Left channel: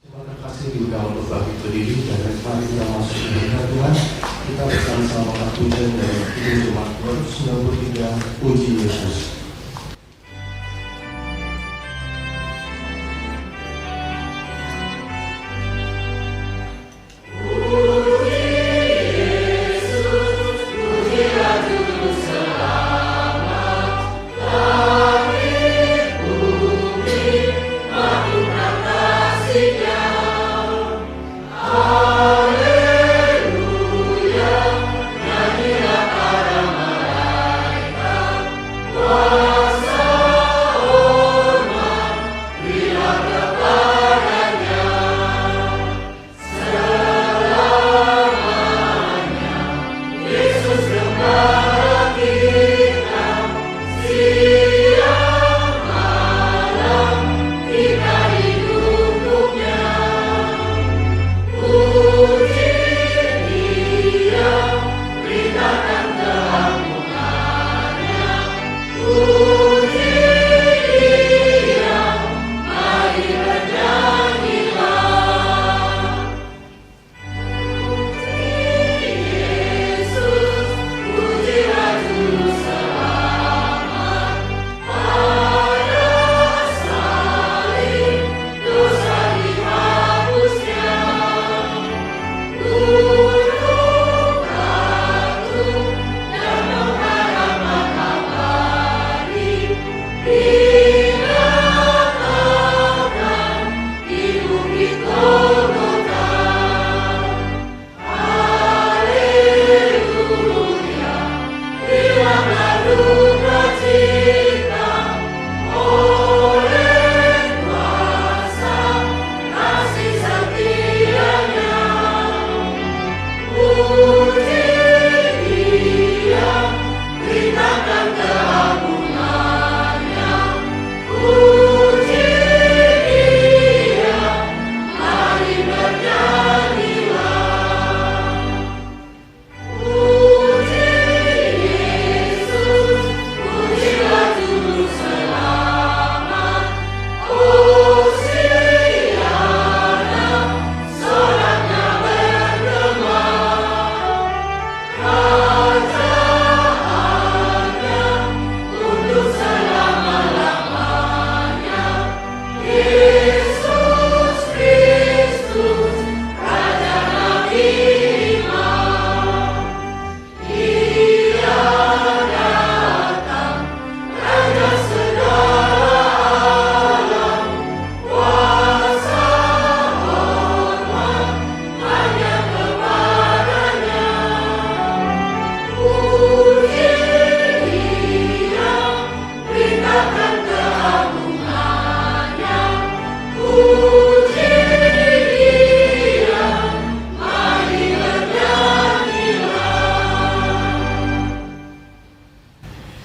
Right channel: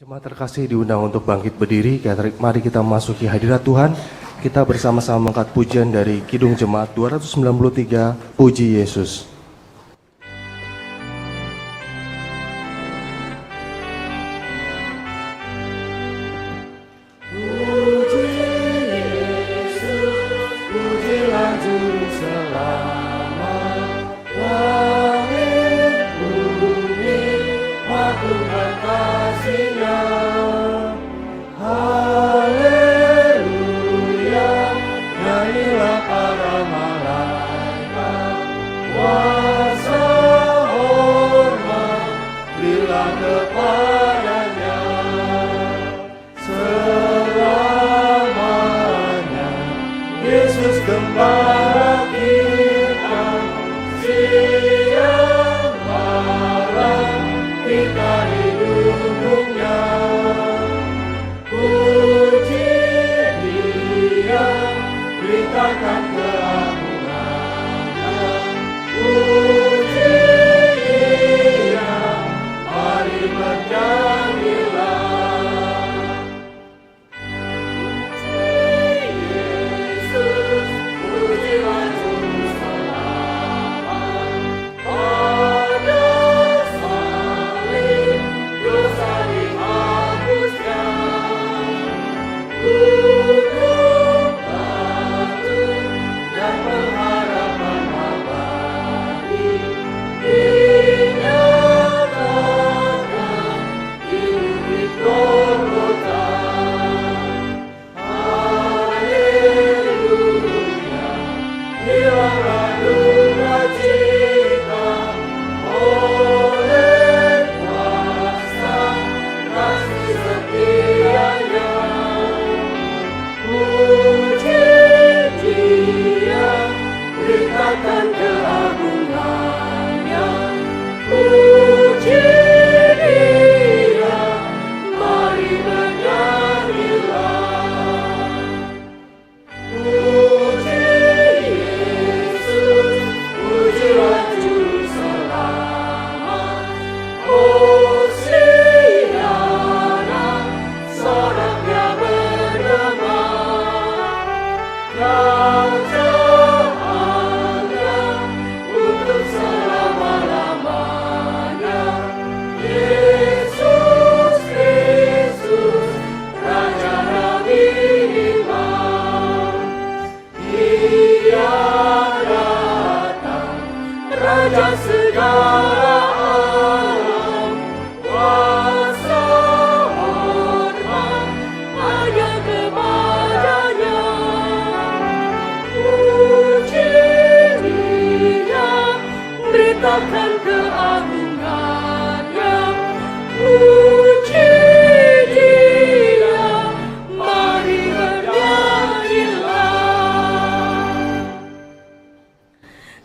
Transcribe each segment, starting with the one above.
Jemaat terkasih diundang untuk bangkit berdiri dan mari kita masuki hadirat Tuhan. Kita bersama-sama mengangkat pujian dari Kidung Jemaat 293, Puji Yesus.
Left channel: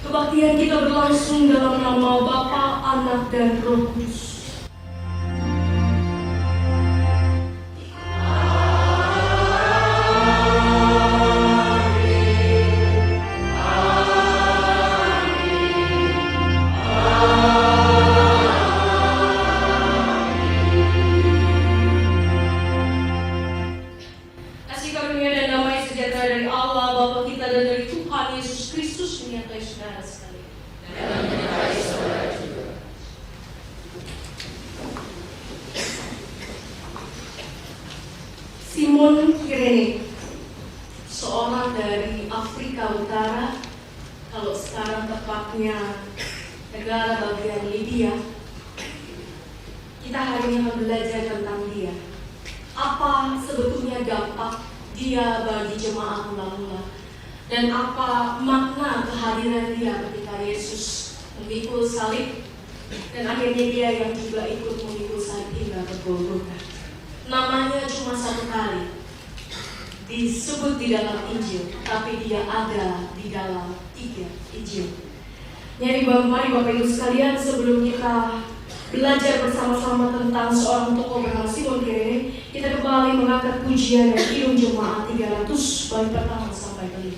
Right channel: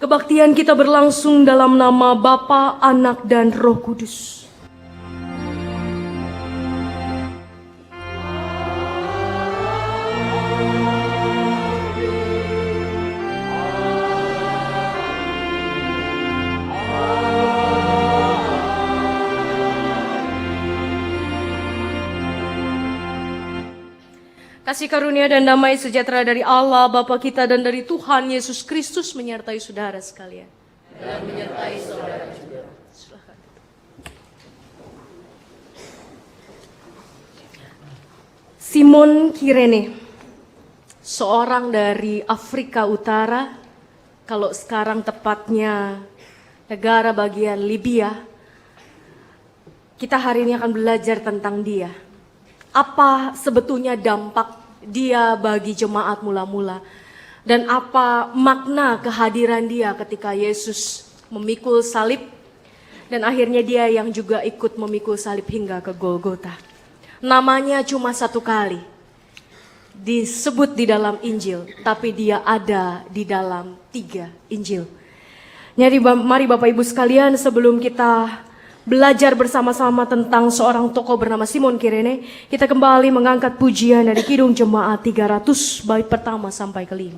Kebaktian kita berlangsung dalam nama Bapa, Anak, dan Roh Kudus. Kasih karunia dan damai sejahtera dari Allah Bapa kita dan dari Tuhan Yesus Kristus menyertai saudara sekalian. Dan menyertai saudara juga. Simon Kirene, seorang dari Afrika Utara, kalau sekarang tepatnya negara bagian Libya. Kita hari ini akan belajar tentang dia. Apa sebetulnya dampak dia bagi jemaat mula-mula, dan apa makna kehadiran dia ketika Yesus memikul salib, dan akhirnya dia yang juga ikut memikul salib hingga ke Golgota. Namanya cuma satu kali disebut di dalam Injil, tapi dia ada di dalam 3 Injil. Jadi mari Bapak Ibu sekalian, sebelum kita belajar bersama-sama tentang seorang tokoh bernama Simon Kirene, kita kembali mengangkat pujian dari Kidung Jemaat 300 bait pertama sampai kelima.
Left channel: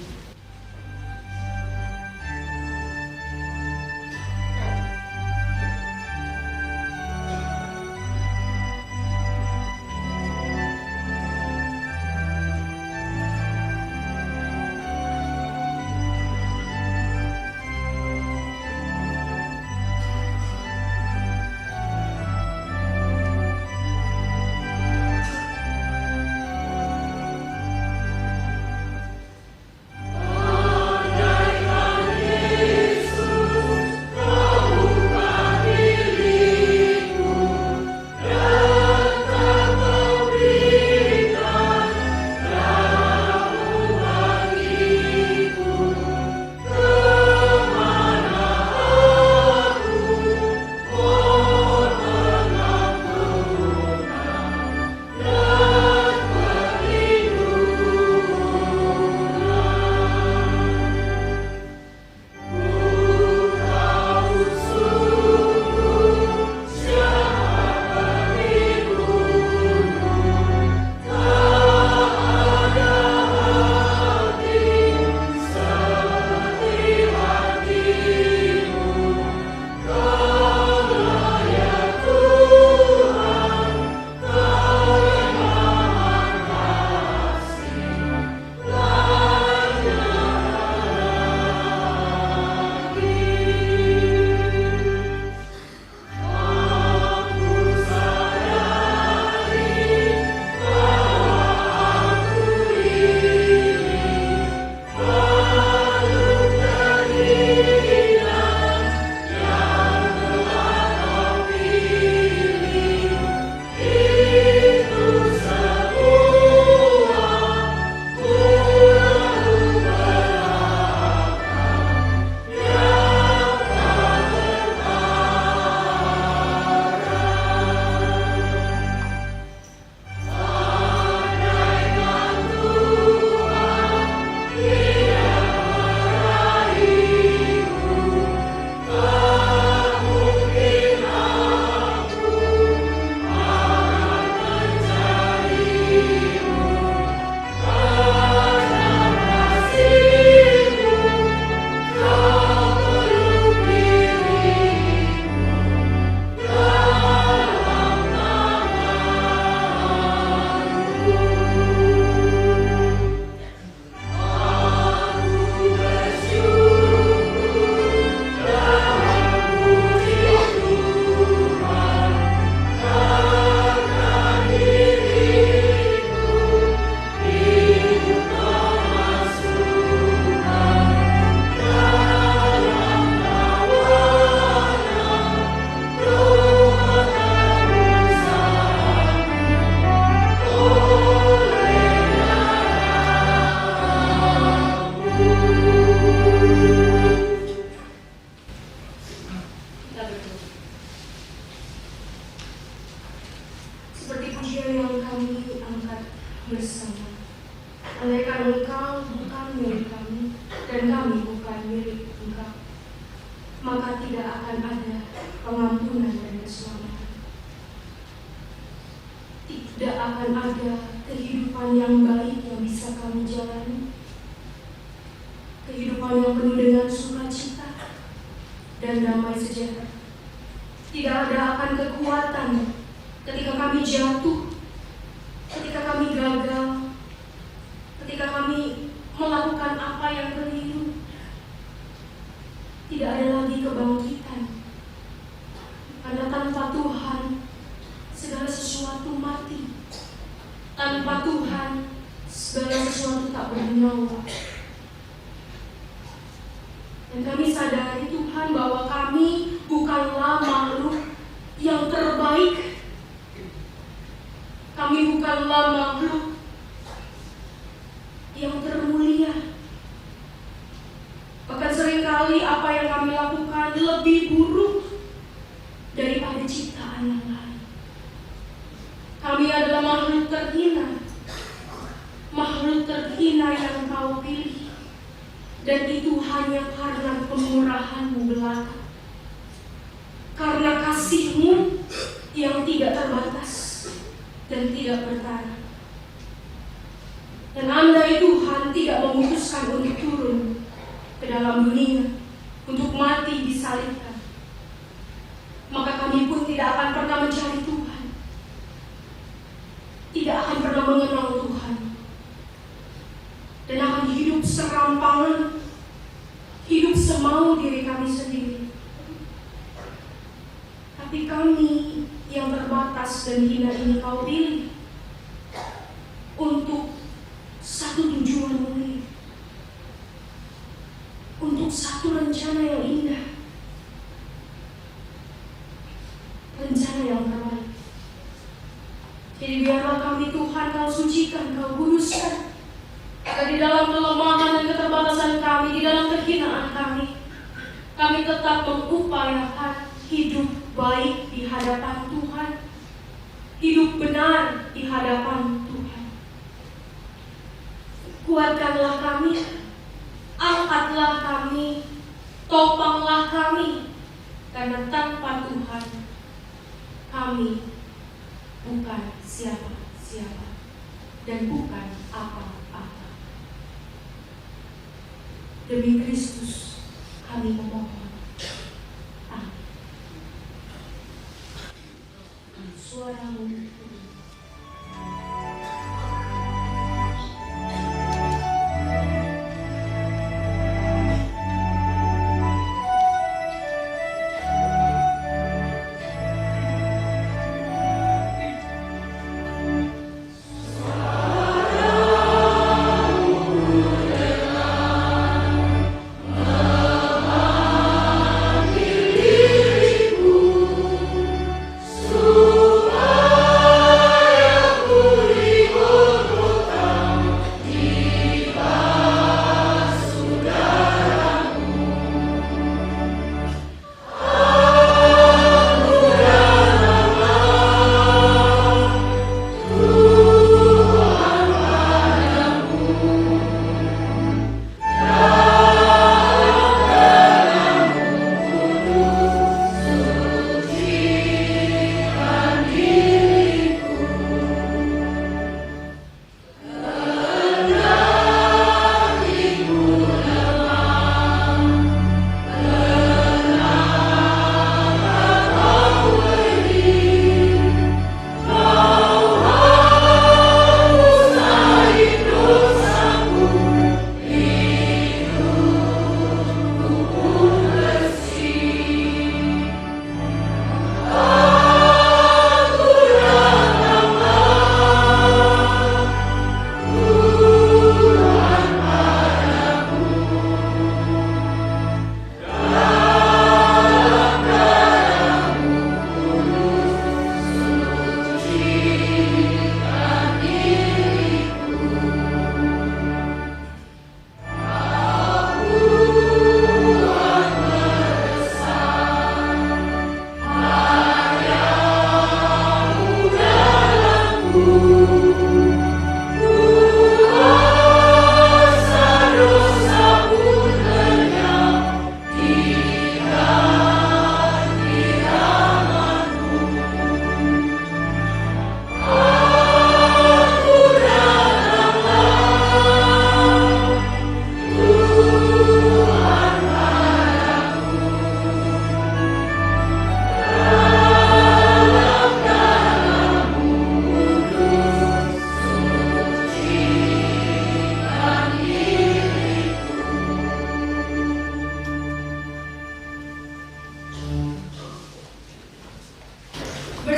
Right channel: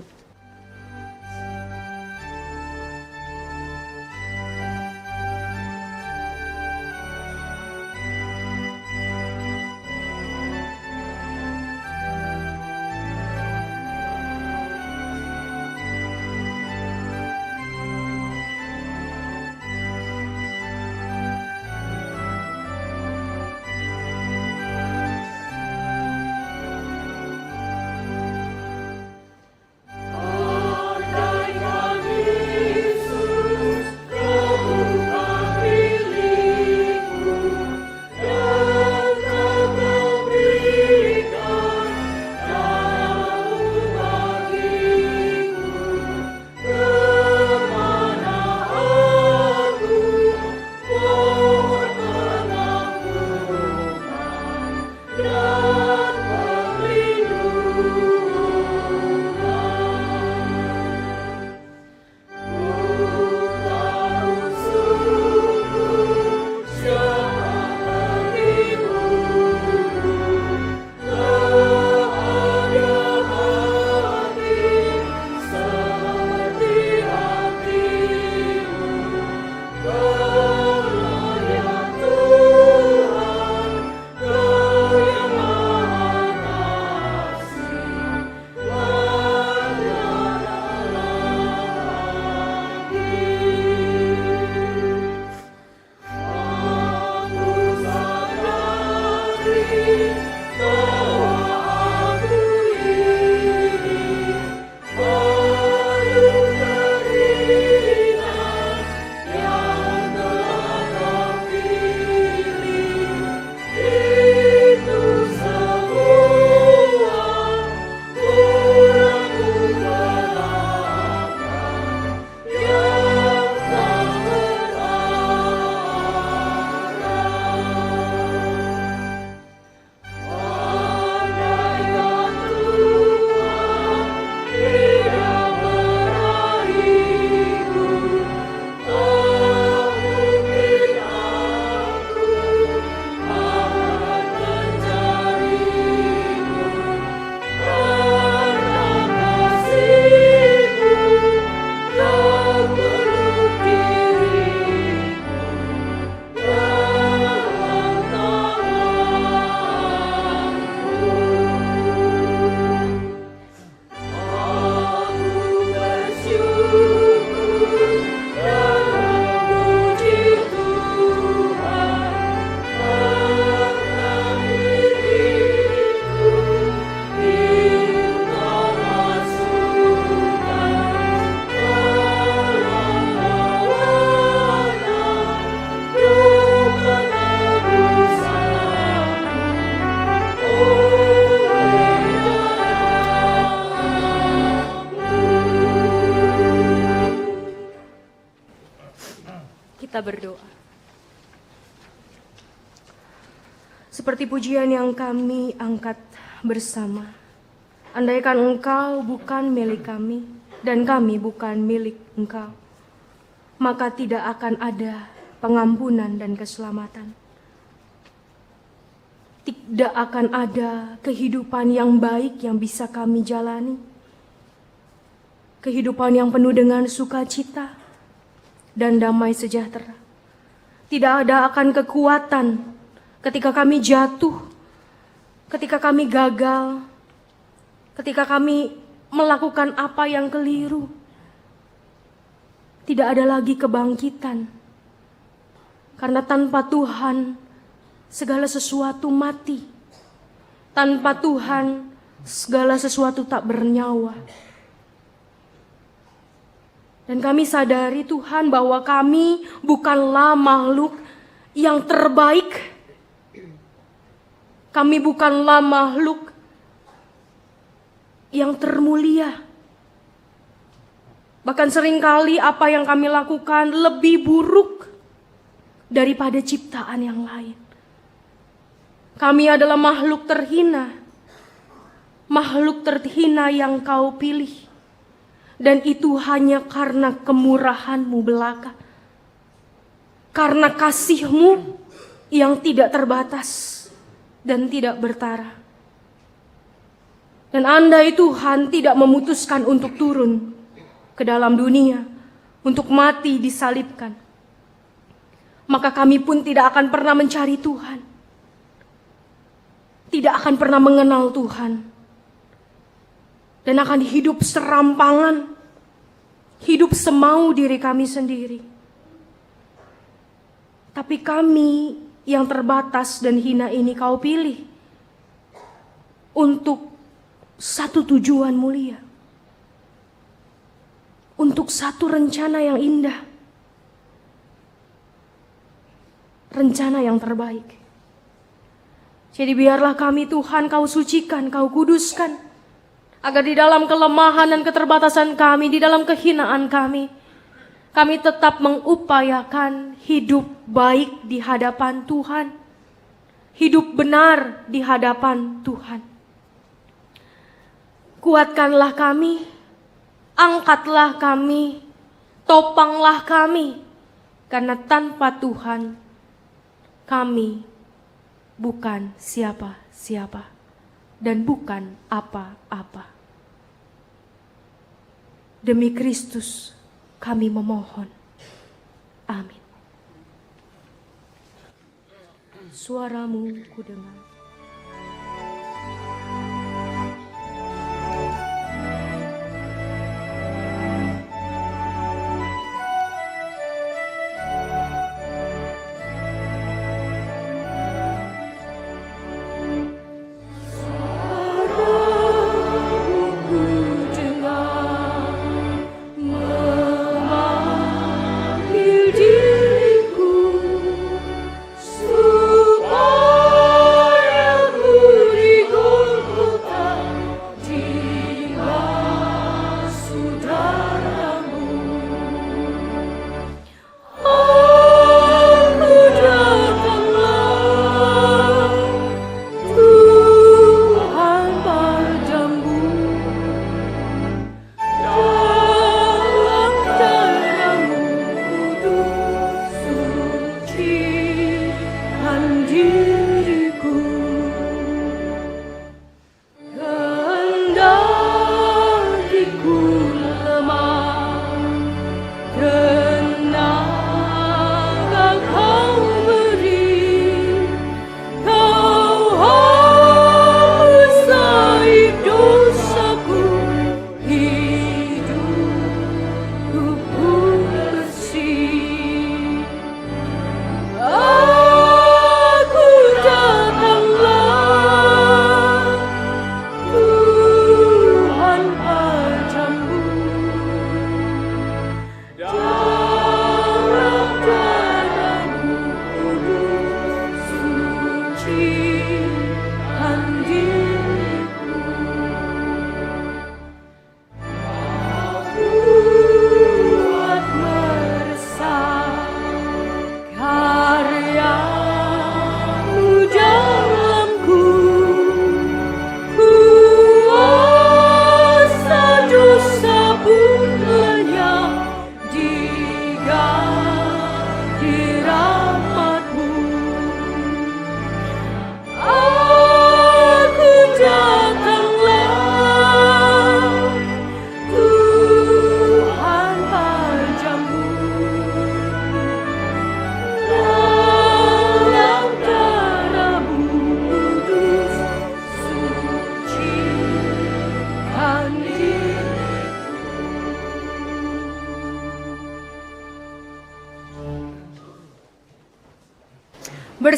Seperti pujian yang kami angkat bersama. Andaikan Engkau bukan milik kami dan kami bukan milik Engkau, maka tidak akan ada pengampunan dan keselamatan. Tidak akan ada kehidupan yang baik yang bisa kami jalani. Kehidupan yang penuh dengan sukacita dan damai sejahtera. Tidak ada akan kekuatan ketika kami jatuh, ketika kami gagal, ketika kami melakukan apa yang keliru. Tidak ada lagi kebangkitan. Karena tanpa Tuhan segala sesuatu mati. Tanpa Tuhan segala sesuatu tak bernyawa. Dan kami sadari Tuhan bahwa kami bukanlah makhluk yang terbaik. Kami bukanlah makhluk yang termulia. Bahkan seringkali apa yang kami lakukan lebih buruk daripada ciptaan yang lain. Kami adalah makhluk terhina. Makhluk terhina yang Kau pilih. Dan itu hanya karena kemurahan-Mu belaka. Karena kasih-Mu yang tidak terbatas dan tidak bertara. Dan andai Tuhan tidak memutuskan untuk turun ke dalam dunia, untuk mati disalibkan, maka kami pun tidak akan pernah mencari Tuhan. Tidak akan pernah mengenal Tuhan. Dan akan hidup serampangan, hidup semau diri kami sendiri. Tapi kami yang terbatas dan hina ini Kau pilih untuk satu tujuan mulia, untuk satu rencana yang indah, rencana yang terbaik. Jadi biarlah kami Tuhan Kau sucikan, Kau kuduskan, agar di dalam kelemahan dan keterbatasan kami, di dalam kehinaan kami tetap mengupayakan hidup baik di hadapan Tuhan, hidup benar di hadapan Tuhan. Kuatkanlah kami, angkatlah kami, topanglah kami, karena tanpa Tuhan kami bukan siapa-siapa dan bukan apa-apa. Demi Kristus kami memohon. Amin. Suaramu kudengar. Memanggil.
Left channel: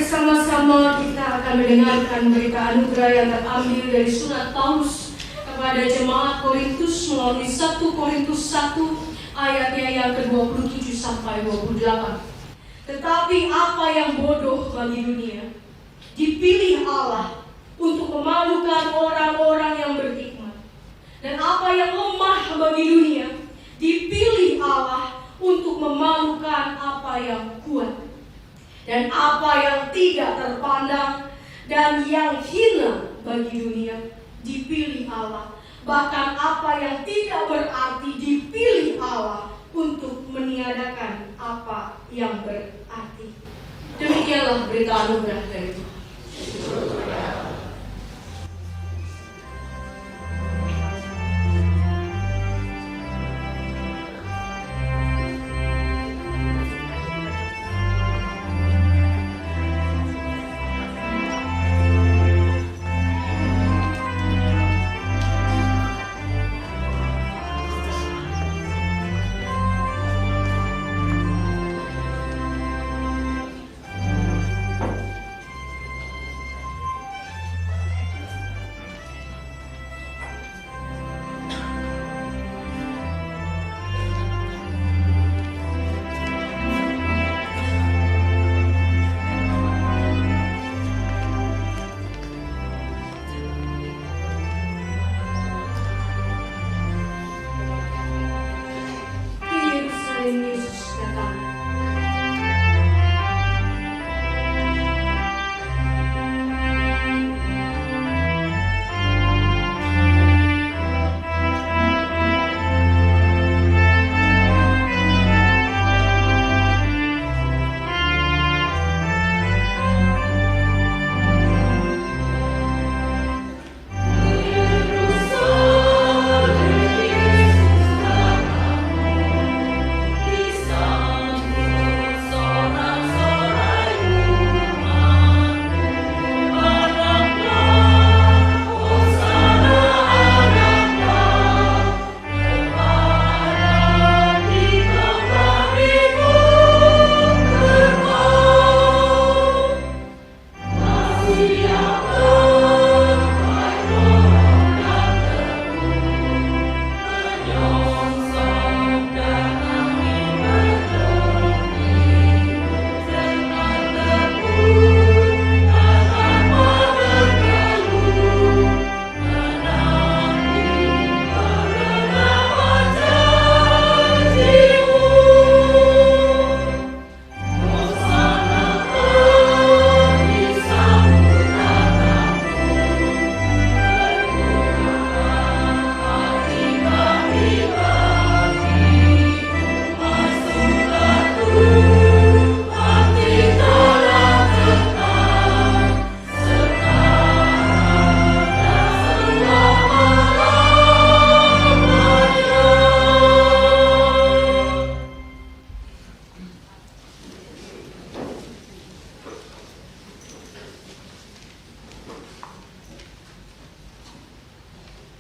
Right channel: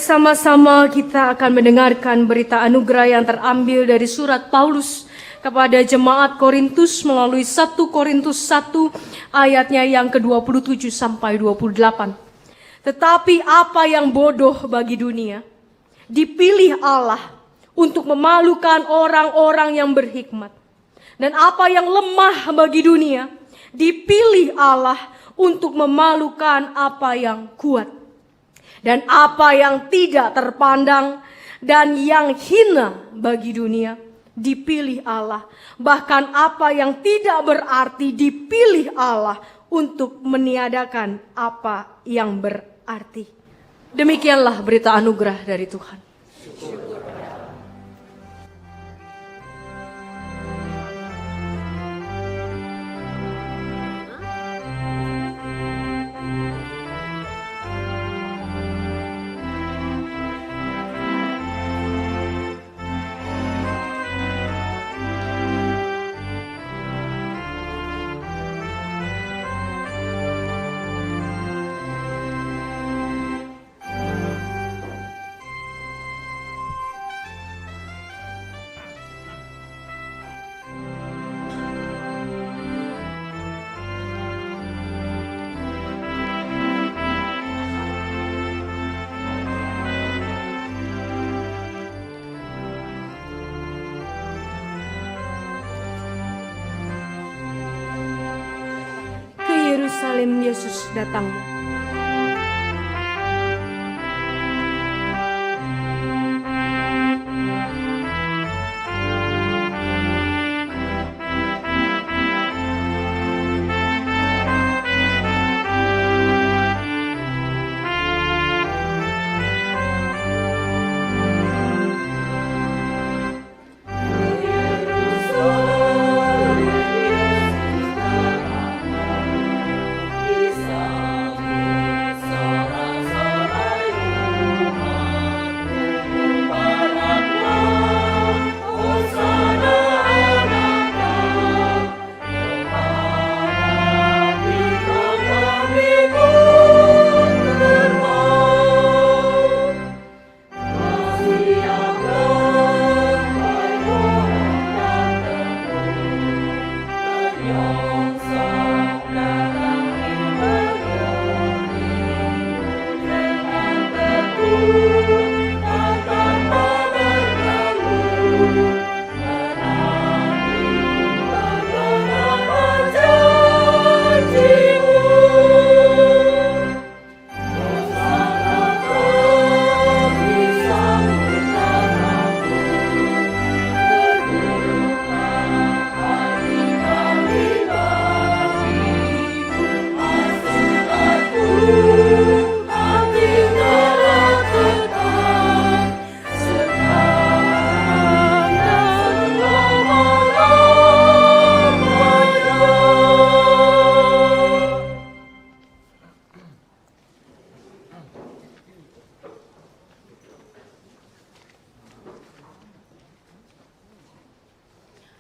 bersama-sama kita akan mendengarkan berita anugerah yang terambil dari surat Paulus kepada jemaat Korintus melalui 1 Korintus 1 ayatnya yang ke-27 sampai 28. Tetapi apa yang bodoh bagi dunia dipilih Allah untuk memalukan orang-orang yang berhikmat. Dan apa yang lemah bagi dunia dipilih Allah untuk memalukan apa yang kuat. Dan apa yang tidak terpandang dan yang hina bagi dunia dipilih Allah. Bahkan apa yang tidak berarti dipilih Allah untuk meniadakan apa yang berarti. Demikianlah berita anugerah dari Tuhan. Yerusalem Yesus datang.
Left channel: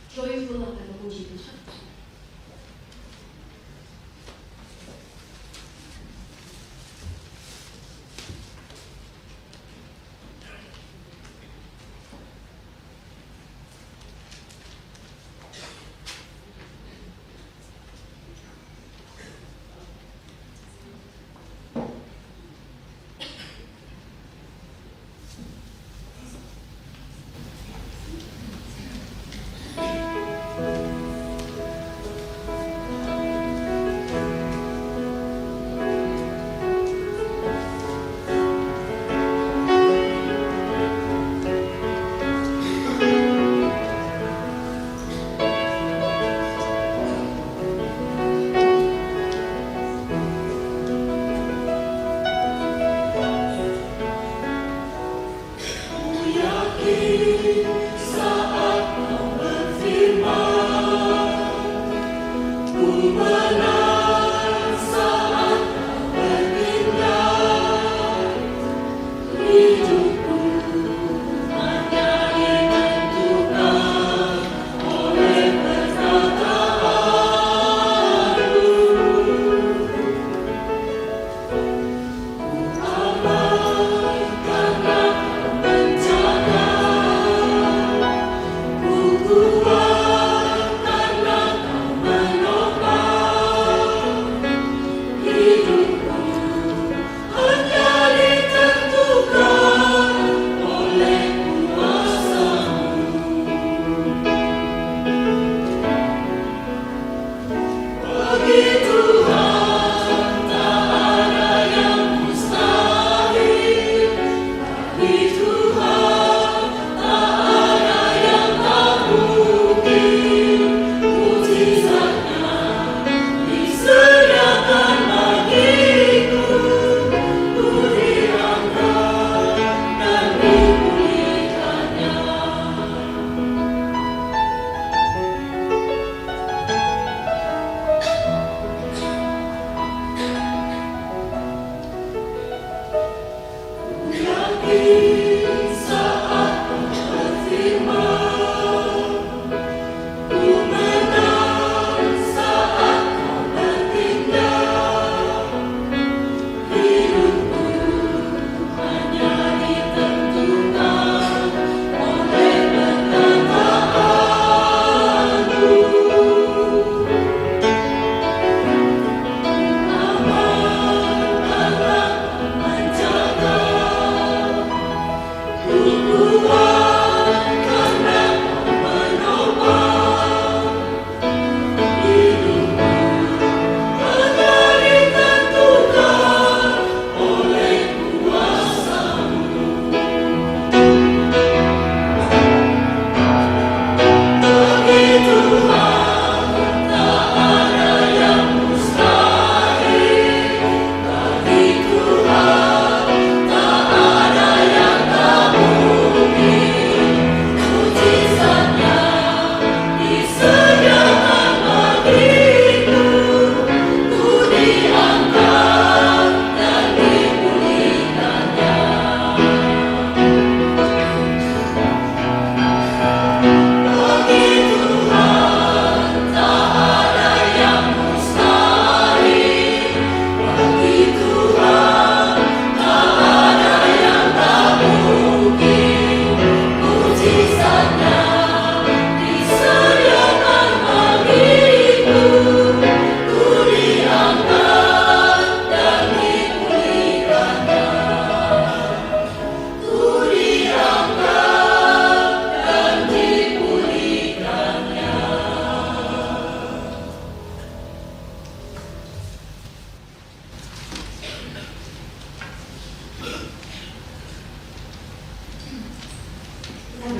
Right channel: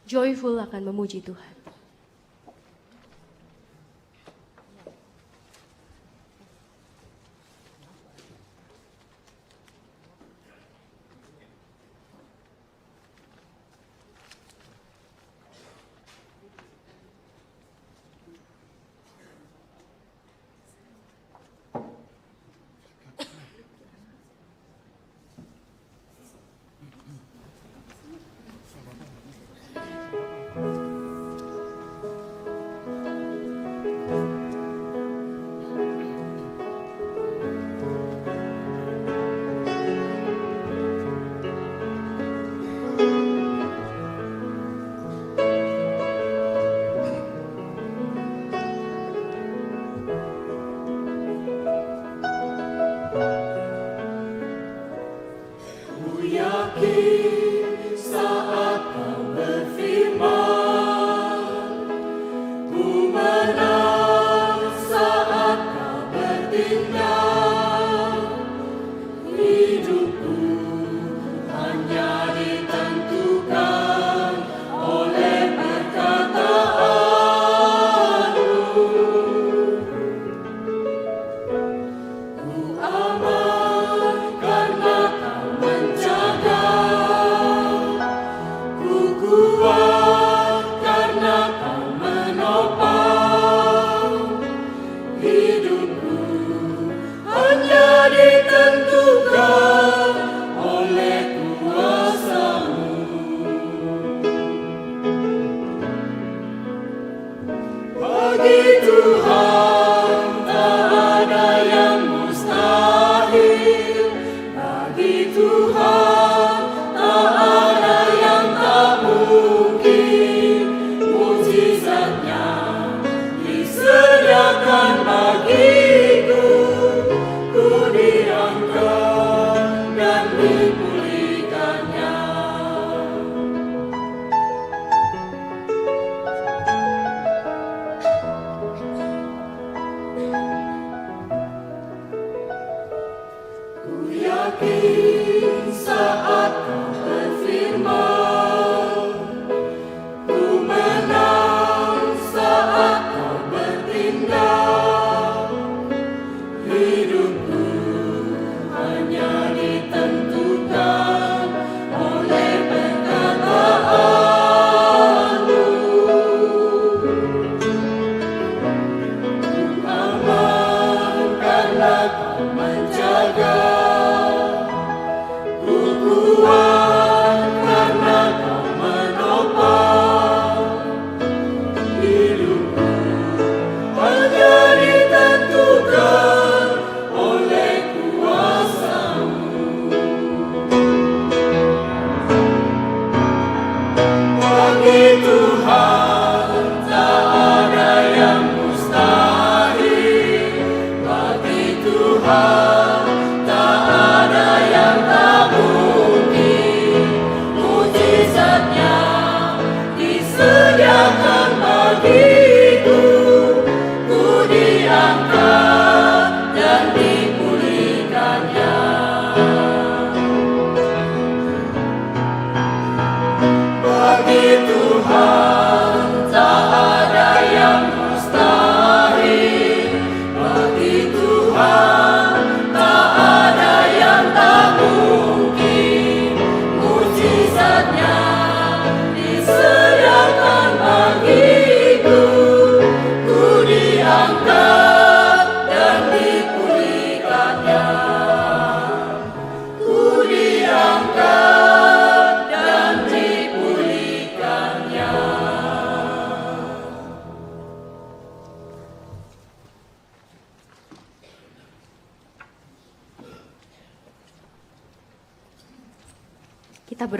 Joyful akan memuji Tuhan.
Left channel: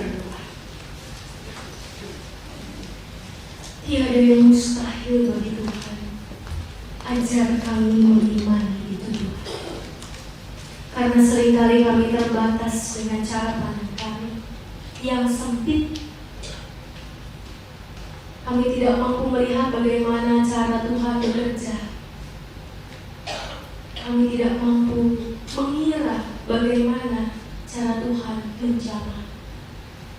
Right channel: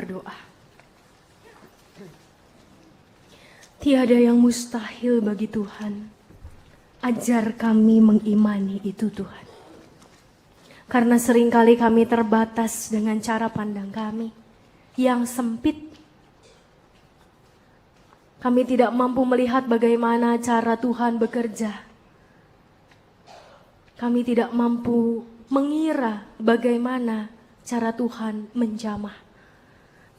berdoa. Tiada yang mustahil bagi Tuhan. Ajar kami mengimani itu Tuhan. Karena seringkali kami terbatas dengan cara pandang kami yang sempit. Kami tidak mampu melihat bagaimana cara Tuhan bekerja. Kami tidak mampu mengira bagaimana cara Tuhan menjamah.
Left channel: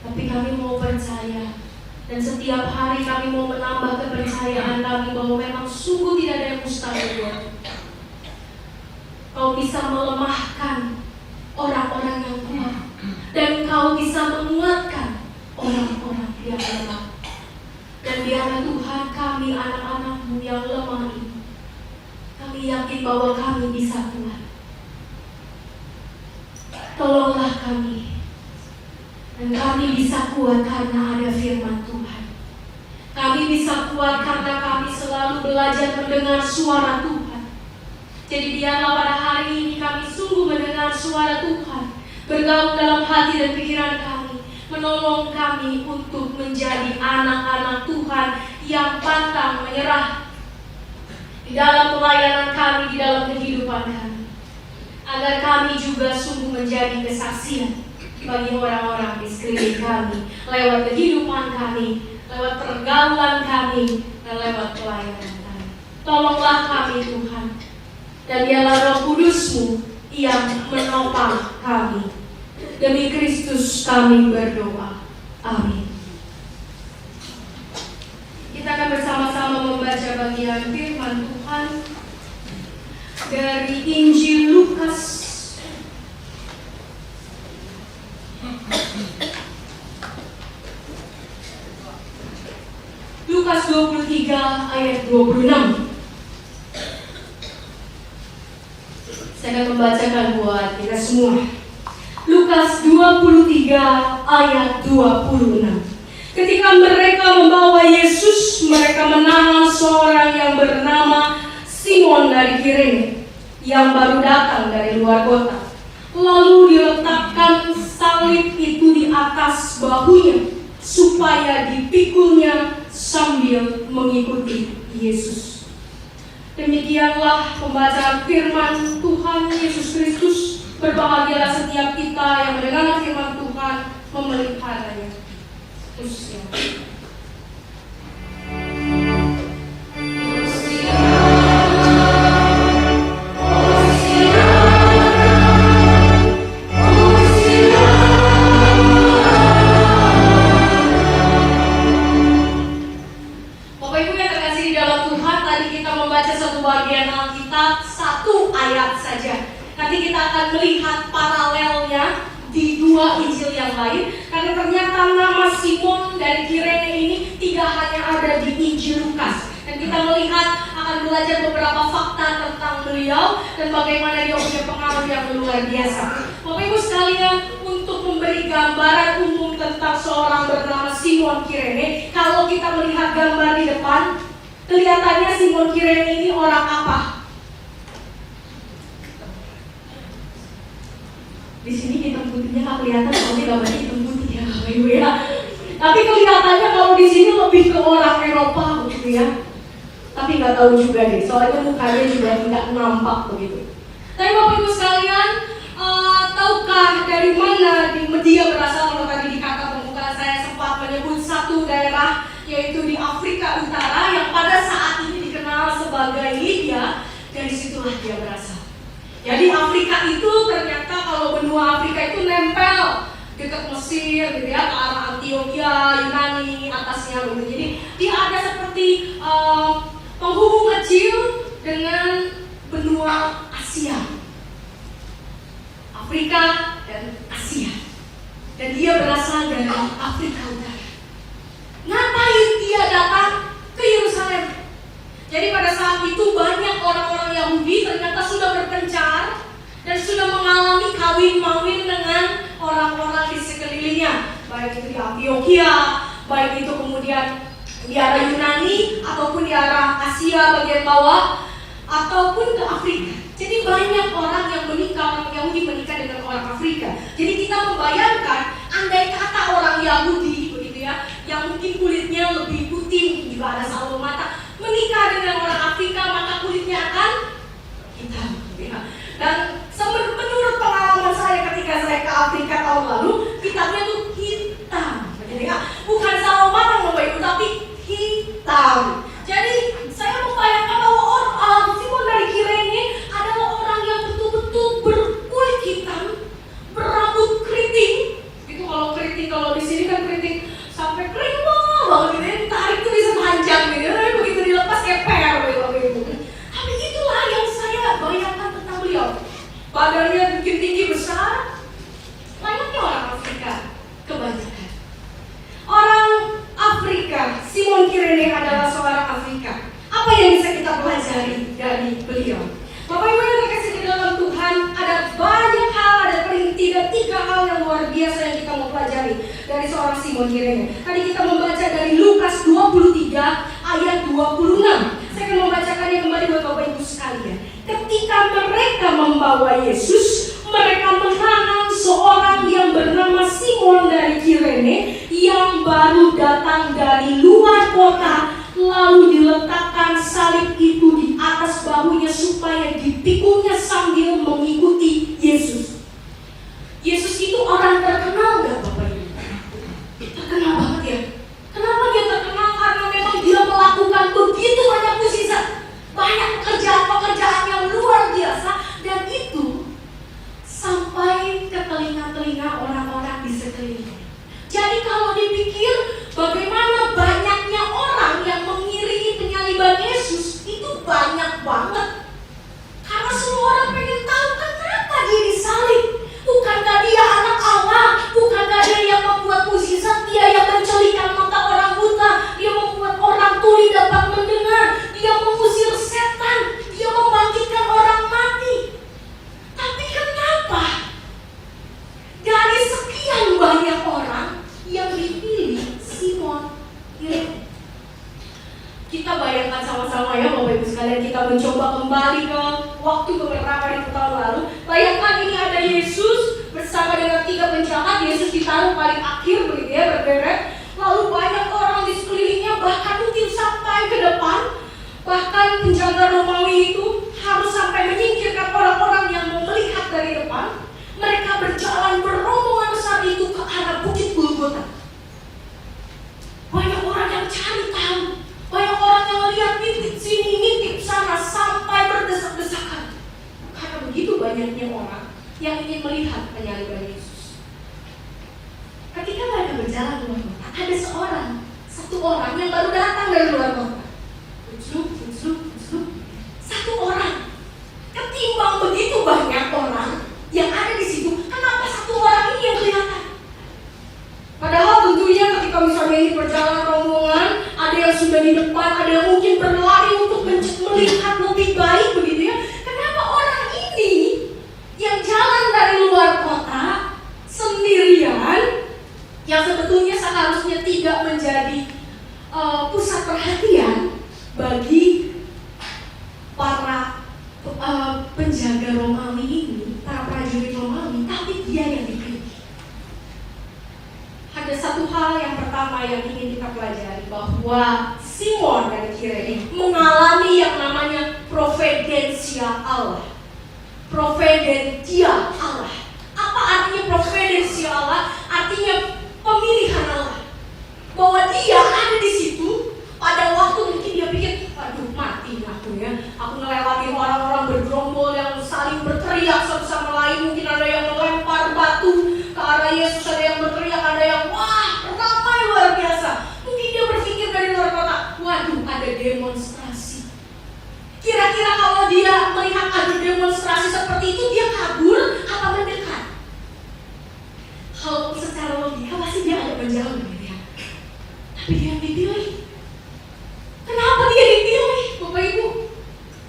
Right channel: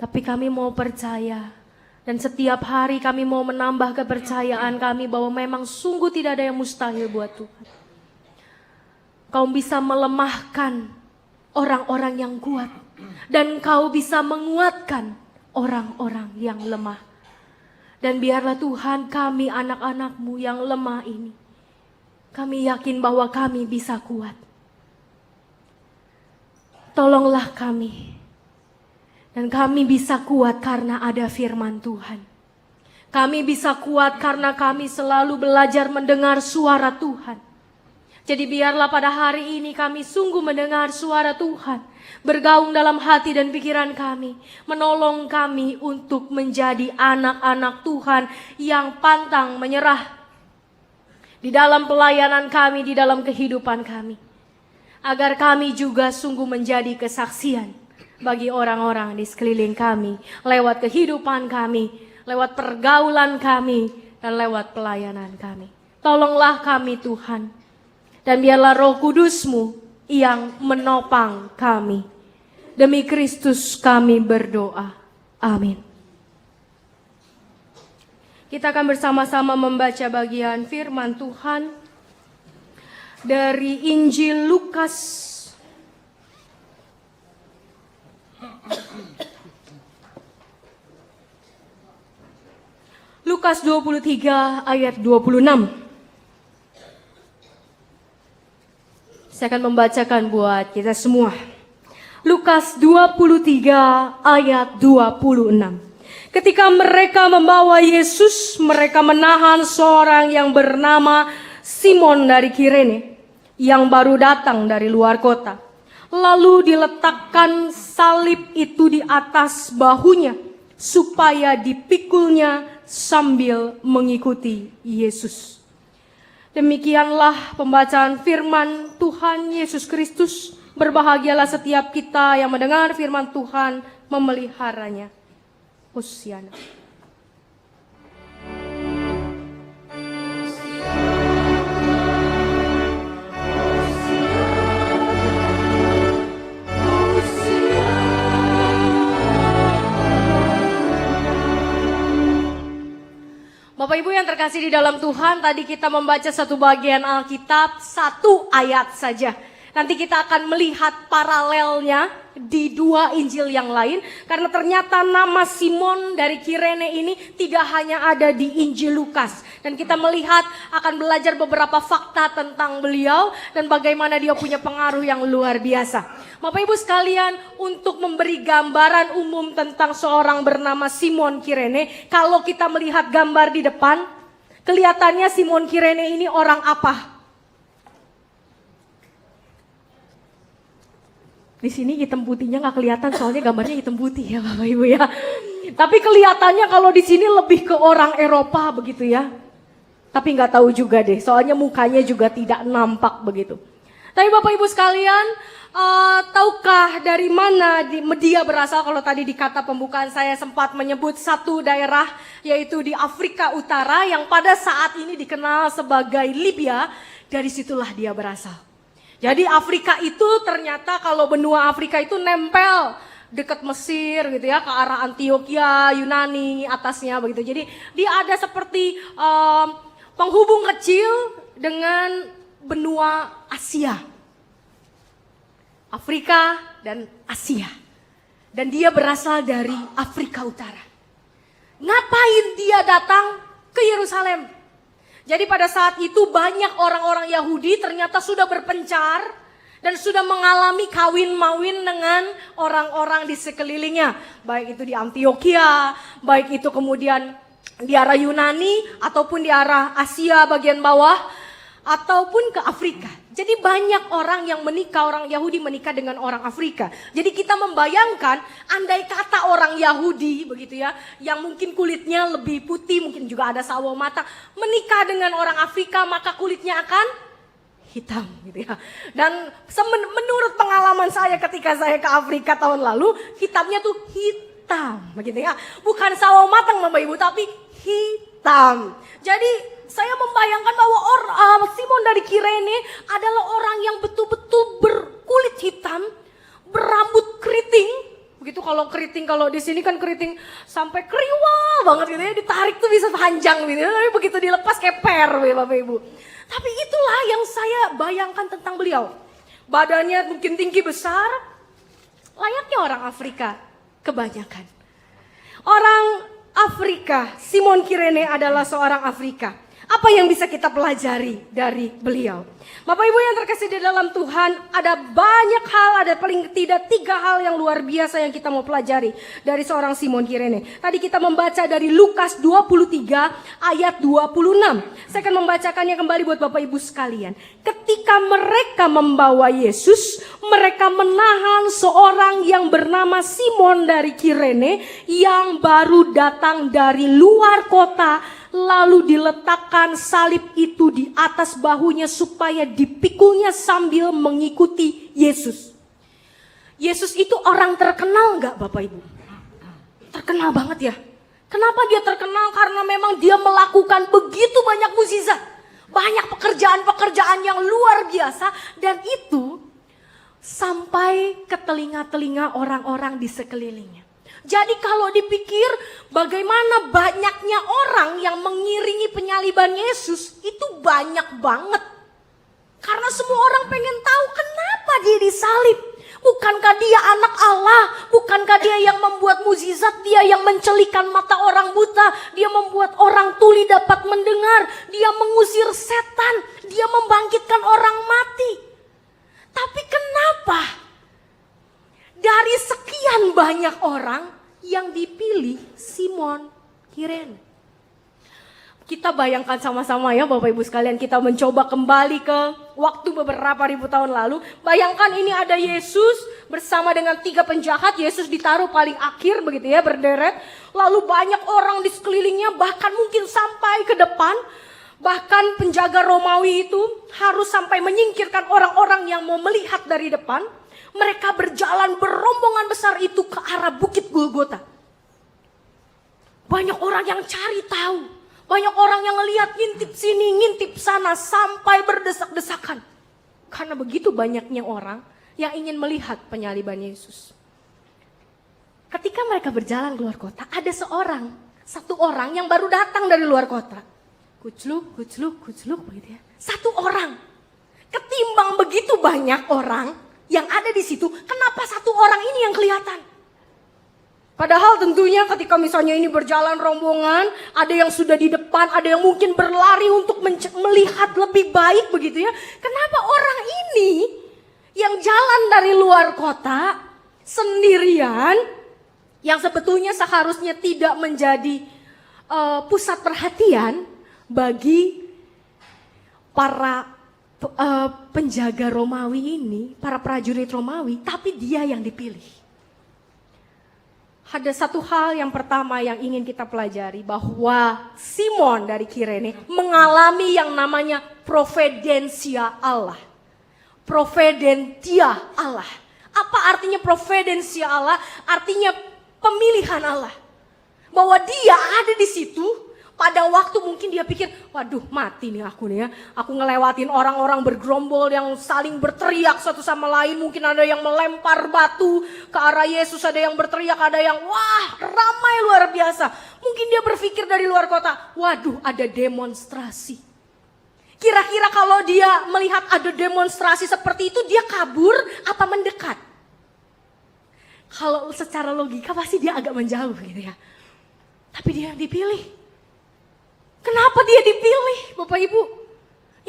Tapi kami mau percaya. Dan setiap hari kami mau menambah kepercayaan kami bahwa memang sungguh tidak ada yang mustahil buatmu. Kau bisa melemahkan orang-orang yang kuat. Dan kau bisa menguatkan orang-orang yang lemah. Dan biarlah Tuhan kami anak-anak-Mu yang lemah ini, kami yakin bahwa kami bisa kuat. Tolonglah kami. Dan kami bisa kuat karena ada firman Tuhan. Kami bisa kuat karena kami selalu belajar mendengar suara Tuhan. Jadi biarlah pada hari ini kami sungguh mendengar suara Tuhan, bergaung dalam hati dan pikiran kami, menolong kami untuk menjadi anak-anak Tuhan yang pantang menyerah di dalam pelayanan kami, di dalam kehidupan kami. Agar kami juga sungguh menjadi kesaksian bagi orang-orang di sekeliling kami, lewat kehidupan kami, lewat pergaulan kami, dan lewat pelayanan kami. Tolonglah kami Tuhan, dan biarlah Roh Kudus-Mu yang menopang kami. Demi Kristus kami berdoa. Amin. Kita akan bersama-sama membaca bagian firman Tuhan dari Injil Lukas Lukas 23 ayat 26. Saya akan membacakan buat kita semua. Lukas 23 ayat 26. Ketika mereka membawa Yesus, mereka menahan seorang yang bernama Simon dari Kirene, yang baru datang dari luar kota. Lalu diletakkan salib itu di atas bahunya, supaya dipikulnya sambil mengikuti Yesus. Demikianlah pembacaan firman Tuhan Yesus Kristus. Berbahagialah setiap kita yang mendengar firman Tuhan, memeliharanya. Hosya. Tadi kita membaca satu bagian Alkitab, satu ayat saja. Nanti kita akan melihat paralelnya di dua Injil yang lain. Karena ternyata nama Simon dari Kirene ini tidak hanya ada di Injil Lukas. Dan kita melihat, akan belajar beberapa fakta tentang beliau dan bagaimana dia punya pengaruh yang luar biasa. Bapak Ibu sekalian, untuk memberi gambaran umum tentang seorang bernama Simon Kirene, kalau kita melihat gambar di depan, kelihatannya Simon Kirene ini orang apa? Di sini hitam putihnya nggak kelihatan, soalnya gambarnya hitam putih ya Bapak Ibu ya. Tapi kelihatannya kalau di sini lebih ke orang Eropa begitu ya. Tapi nggak tahu juga deh, soalnya mukanya juga tidak nampak begitu. Tapi Bapak Ibu sekalian, tahukah dari mana dia berasal? Kalau tadi di kata pembukaan saya sempat menyebut satu daerah, yaitu di Afrika Utara yang pada saat ini dikenal sebagai Libya. Dari situlah dia berasal. Jadi Afrika itu ternyata, kalau benua Afrika itu nempel dekat Mesir gitu ya, ke arah Antioquia, Yunani atasnya begitu. Jadi dia ada seperti penghubung kecil dengan benua Asia, Afrika dan Asia. Dan dia berasal dari Afrika Utara. Ngapain dia datang ke Yerusalem? Jadi pada saat itu banyak orang-orang Yahudi ternyata sudah berpencar dan sudah mengalami kawin-mawin dengan orang-orang di sekelilingnya, baik itu di Antioquia, baik itu kemudian di arah Yunani, ataupun di arah Asia bagian bawah, ataupun ke Afrika. Jadi banyak orang yang menikah, orang Yahudi menikah dengan orang Afrika. Jadi kita membayangkan andai kata orang Yahudi begitu ya, yang mungkin kulitnya lebih putih, mungkin juga ada sawo mata, menikah dengan orang Afrika, maka kulitnya akan hitam ya. Dan menurut pengalaman saya ketika saya ke Afrika tahun lalu, hitamnya tuh hitam begitu ya. Bukan sawo matang Bapak Ibu, tapi hitam. Jadi saya membayangkan bahwa Simon dari Kirene adalah orang yang betul-betul berkulit hitam, berambut keriting. Begitu kalau keriting, kalau di sini kan keriting sampai kering banget gitu ya, ditarik tuh bisa panjang gitu. Begitu dilepas keper Bapak Ibu. Tapi itulah yang saya bayangkan tentang beliau. Badannya mungkin tinggi besar, layaknya orang Afrika kebanyakan. Orang Afrika, Simon Kirene adalah seorang Afrika. Apa yang bisa kita pelajari dari beliau? Bapak Ibu yang terkasih di dalam Tuhan, ada banyak hal, ada paling tidak 3 hal yang luar biasa yang kita mau pelajari dari seorang Simon Kirene. Tadi kita membaca dari Lukas 23 ayat 26. Saya akan membacakannya kembali buat Bapak Ibu sekalian. Ketika mereka membawa Yesus, mereka menahan seorang yang bernama Simon dari Kirene yang baru datang dari luar kota, lalu diletakkan salib itu di atas bahunya supaya dipikulnya sambil mengikuti Yesus. Yesus itu orang terkenal gak Bapak Ibu? Terkenal banget ya. Kenapa dia terkenal? Karena memang dia melakukan begitu banyak mukjizat, banyak pekerjaan-pekerjaan yang luar biasa, dan itu sampai ke telinga-telinga orang-orang di sekelilingnya. Jadi kalau dipikir bagaimana banyaknya orang yang mengiringi penyaliban Yesus, itu banyak banget. Karena semua orang pengen tahu kenapa dia disalib. Bukankah dia anak Allah? Bukankah dia yang membuat mukjizat? Dia yang mencelikan mata orang buta, dia membuat orang tuli dapat mendengar, dia mengusir setan, dia membangkitkan orang mati. Tapi kenapa dari sekian banyak orang yang dipilih Simon Kirene? Kita bayangkan sama-sama ya Bapak Ibu sekalian, kita mencoba kembali ke waktu beberapa ribu tahun lalu. Bayangkan ini ada Yesus bersama dengan 3 penjahat. Yesus ditaruh paling akhir begitu ya, berderet. Lalu banyak orang di sekelilingnya, bahkan mungkin sampai ke depan. Bahkan penjaga Romawi itu harus sampai menyingkirkan orang-orang yang mau melihat dari depan. Mereka berjalan berombongan besar itu ke arah Bukit Golgota. Banyak orang yang cari tahu, banyak orang yang melihat ngintip sini, ngintip sana, sampai berdesak-desakan. Karena begitu banyaknya orang yang ingin melihat penyaliban Yesus. Ketika mereka berjalan keluar kota, ada satu orang yang baru datang dari luar kota. Kucluk. Satu orang. Ketimbang begitu banyak orang yang ada di situ, kenapa satu orang ini yang kelihatan? Padahal tentunya ketika misalnya ini berjalan rombongan, ada yang sudah di depan, ada yang mungkin berlari untuk melihat lebih baik begitu ya. Kenapa orang ini yang jalan dari luar kota sendirian, yang sebetulnya seharusnya tidak menjadi pusat perhatian bagi para penjaga Romawi ini, para prajurit Romawi, tapi dia yang dipilih. Ada satu hal yang pertama yang ingin kita pelajari, bahwa Simon dari Kirene mengalami yang namanya providensia Allah. Providentia Allah. Apa artinya providensia Allah? Artinya pemilihan Allah. Bahwa dia ada di situ pada waktu mungkin dia pikir, waduh mati aku ya. Aku ngelewatin orang-orang bergerombol yang saling berteriak satu sama lain. Mungkin ada yang melempar batu ke arah Yesus, ada yang berteriak, ada yang wah ramai luar biasa. Mungkin dia berpikir dari luar kota, waduh ada demonstrasi. Kira-kira kalau dia melihat ada demonstrasi seperti itu, dia kabur apa mendekat? Kalau secara logika pasti dia agak menjauh gitu ya. Tapi dia yang dipilih. Kenapa dia dipilih Bapak Ibu?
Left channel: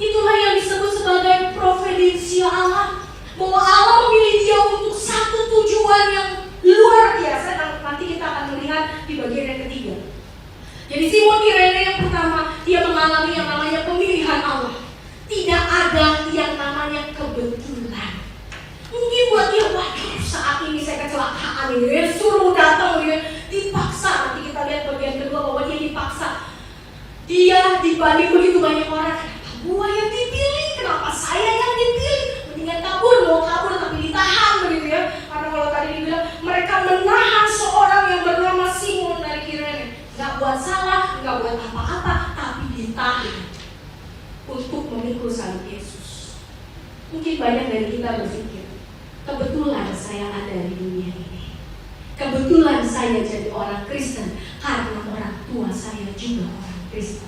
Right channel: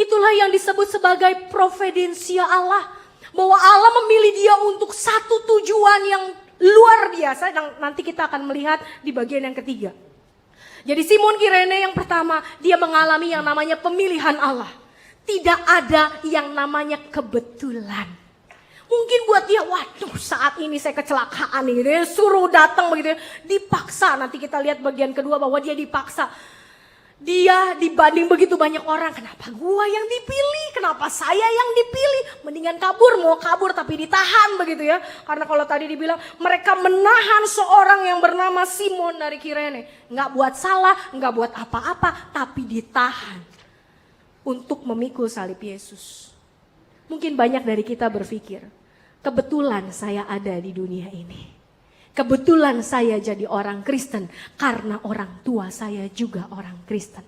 Itulah yang disebut sebagai providensia Allah. Bahwa Allah memilih dia untuk satu tujuan yang luar biasa, dan nanti kita akan melihat di bagian yang ketiga. Jadi Simon Kirene yang pertama, dia mengalami yang namanya pemilihan Allah. Tidak ada yang namanya kebetulan. Mungkin buat dia, waduh saat ini saya kecelakaan ini, dia suruh datang begitu, dipaksa. Nanti kita lihat bagian kedua bahwa dia dipaksa. Dia dibanding begitu banyak orang, kenapa gua yang dipilih, kenapa saya yang dipilih? Mendingan kabur, mau kabur tapi ditahan begitu ya. Karena kalau tadi dibilang mereka menahan seorang yang bernama Simon dari Kirene, nggak buat salah, nggak buat apa-apa, tapi ditahan untuk memikul salib Yesus. Mungkin banyak dari kita berpikir, kebetulan saya ada di dunia ini. Kebetulan saya jadi orang Kristen karena orang tua saya juga orang Kristen.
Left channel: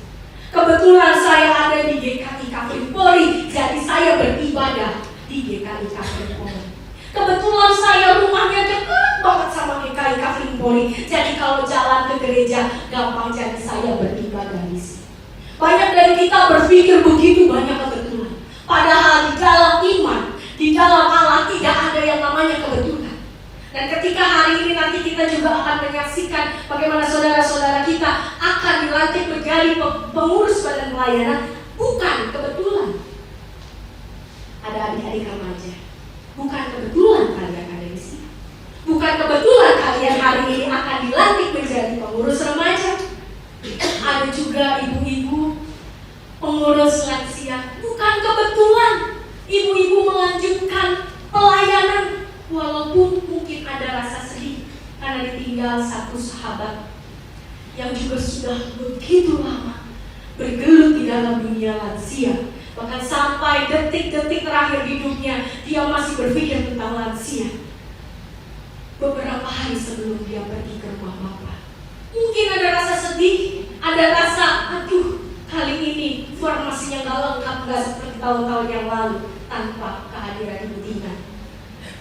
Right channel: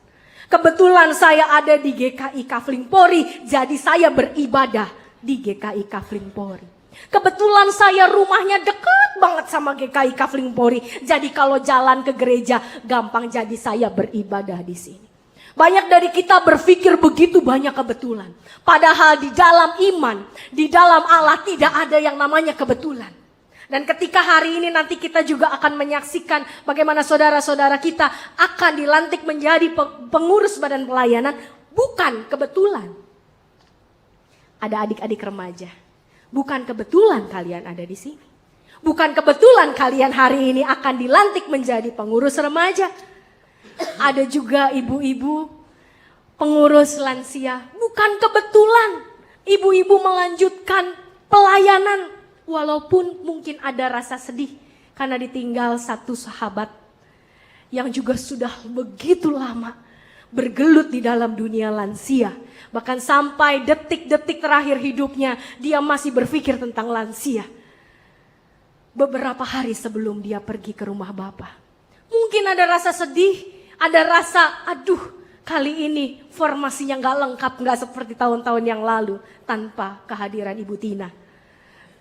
Kebetulan saya ada di GKI Kafling Polri, jadi saya beribadah di GKI Kafling Polri. Kebetulan saya rumahnya dekat banget sama GKI Kafling Polri, jadi kalau jalan ke gereja gampang, jadi saya beribadah di sini. Banyak dari kita berpikir begitu banyak kebetulan. Padahal di dalam iman, di dalam Allah tidak ada yang namanya kebetulan. Dan ketika hari ini nanti kita juga akan menyaksikan bagaimana saudara-saudara kita akan dilantik menjadi pengurus badan pelayanan, bukan kebetulan. Ada adik-adik remaja, bukan kebetulan kalian ada di sini. Bukan kebetulan kalian hari ini akan dilantik menjadi pengurus remaja. Ada juga ibu-ibu pengurus lansia, bukan kebetulan ibu-ibu melanjutkan pelayanan. Walaupun mungkin ada rasa sedih karena ditinggal satu sahabat yang juga sudah begitu lama bergelut di dalam dunia lansia. Bahkan sampai detik-detik terakhir hidupnya dia masih berpikir tentang lansia. Beberapa hari sebelum dia pergi ke rumah Bapa, mungkin ada rasa sedih, ada rasa aduh kali ini formasinya gak lengkap, gak seperti tahun-tahun yang lalu tanpa kehadiran Ibu Tina.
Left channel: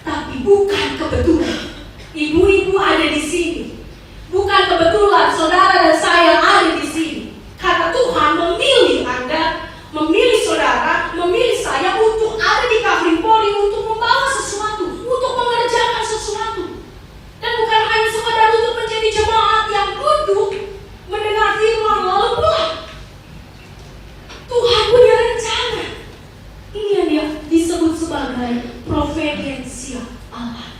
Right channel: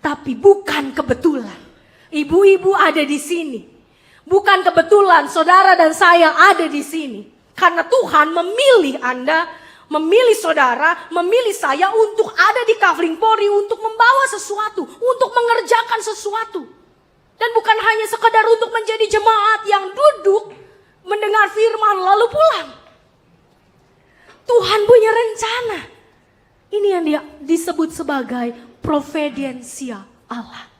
Tapi bukan kebetulan ibu-ibu ada di sini. Bukan kebetulan saudara dan saya ada di sini. Karena Tuhan memilih Anda, memilih saudara, memilih saya untuk ada di Kafling Polri, untuk membawa sesuatu, untuk mengerjakan sesuatu. Dan bukan hanya sekadar untuk menjadi jemaat yang duduk mendengar firman lalu pulang. Tuhan punya rencana. Ini yang dia disebut sebagai providensial Allah.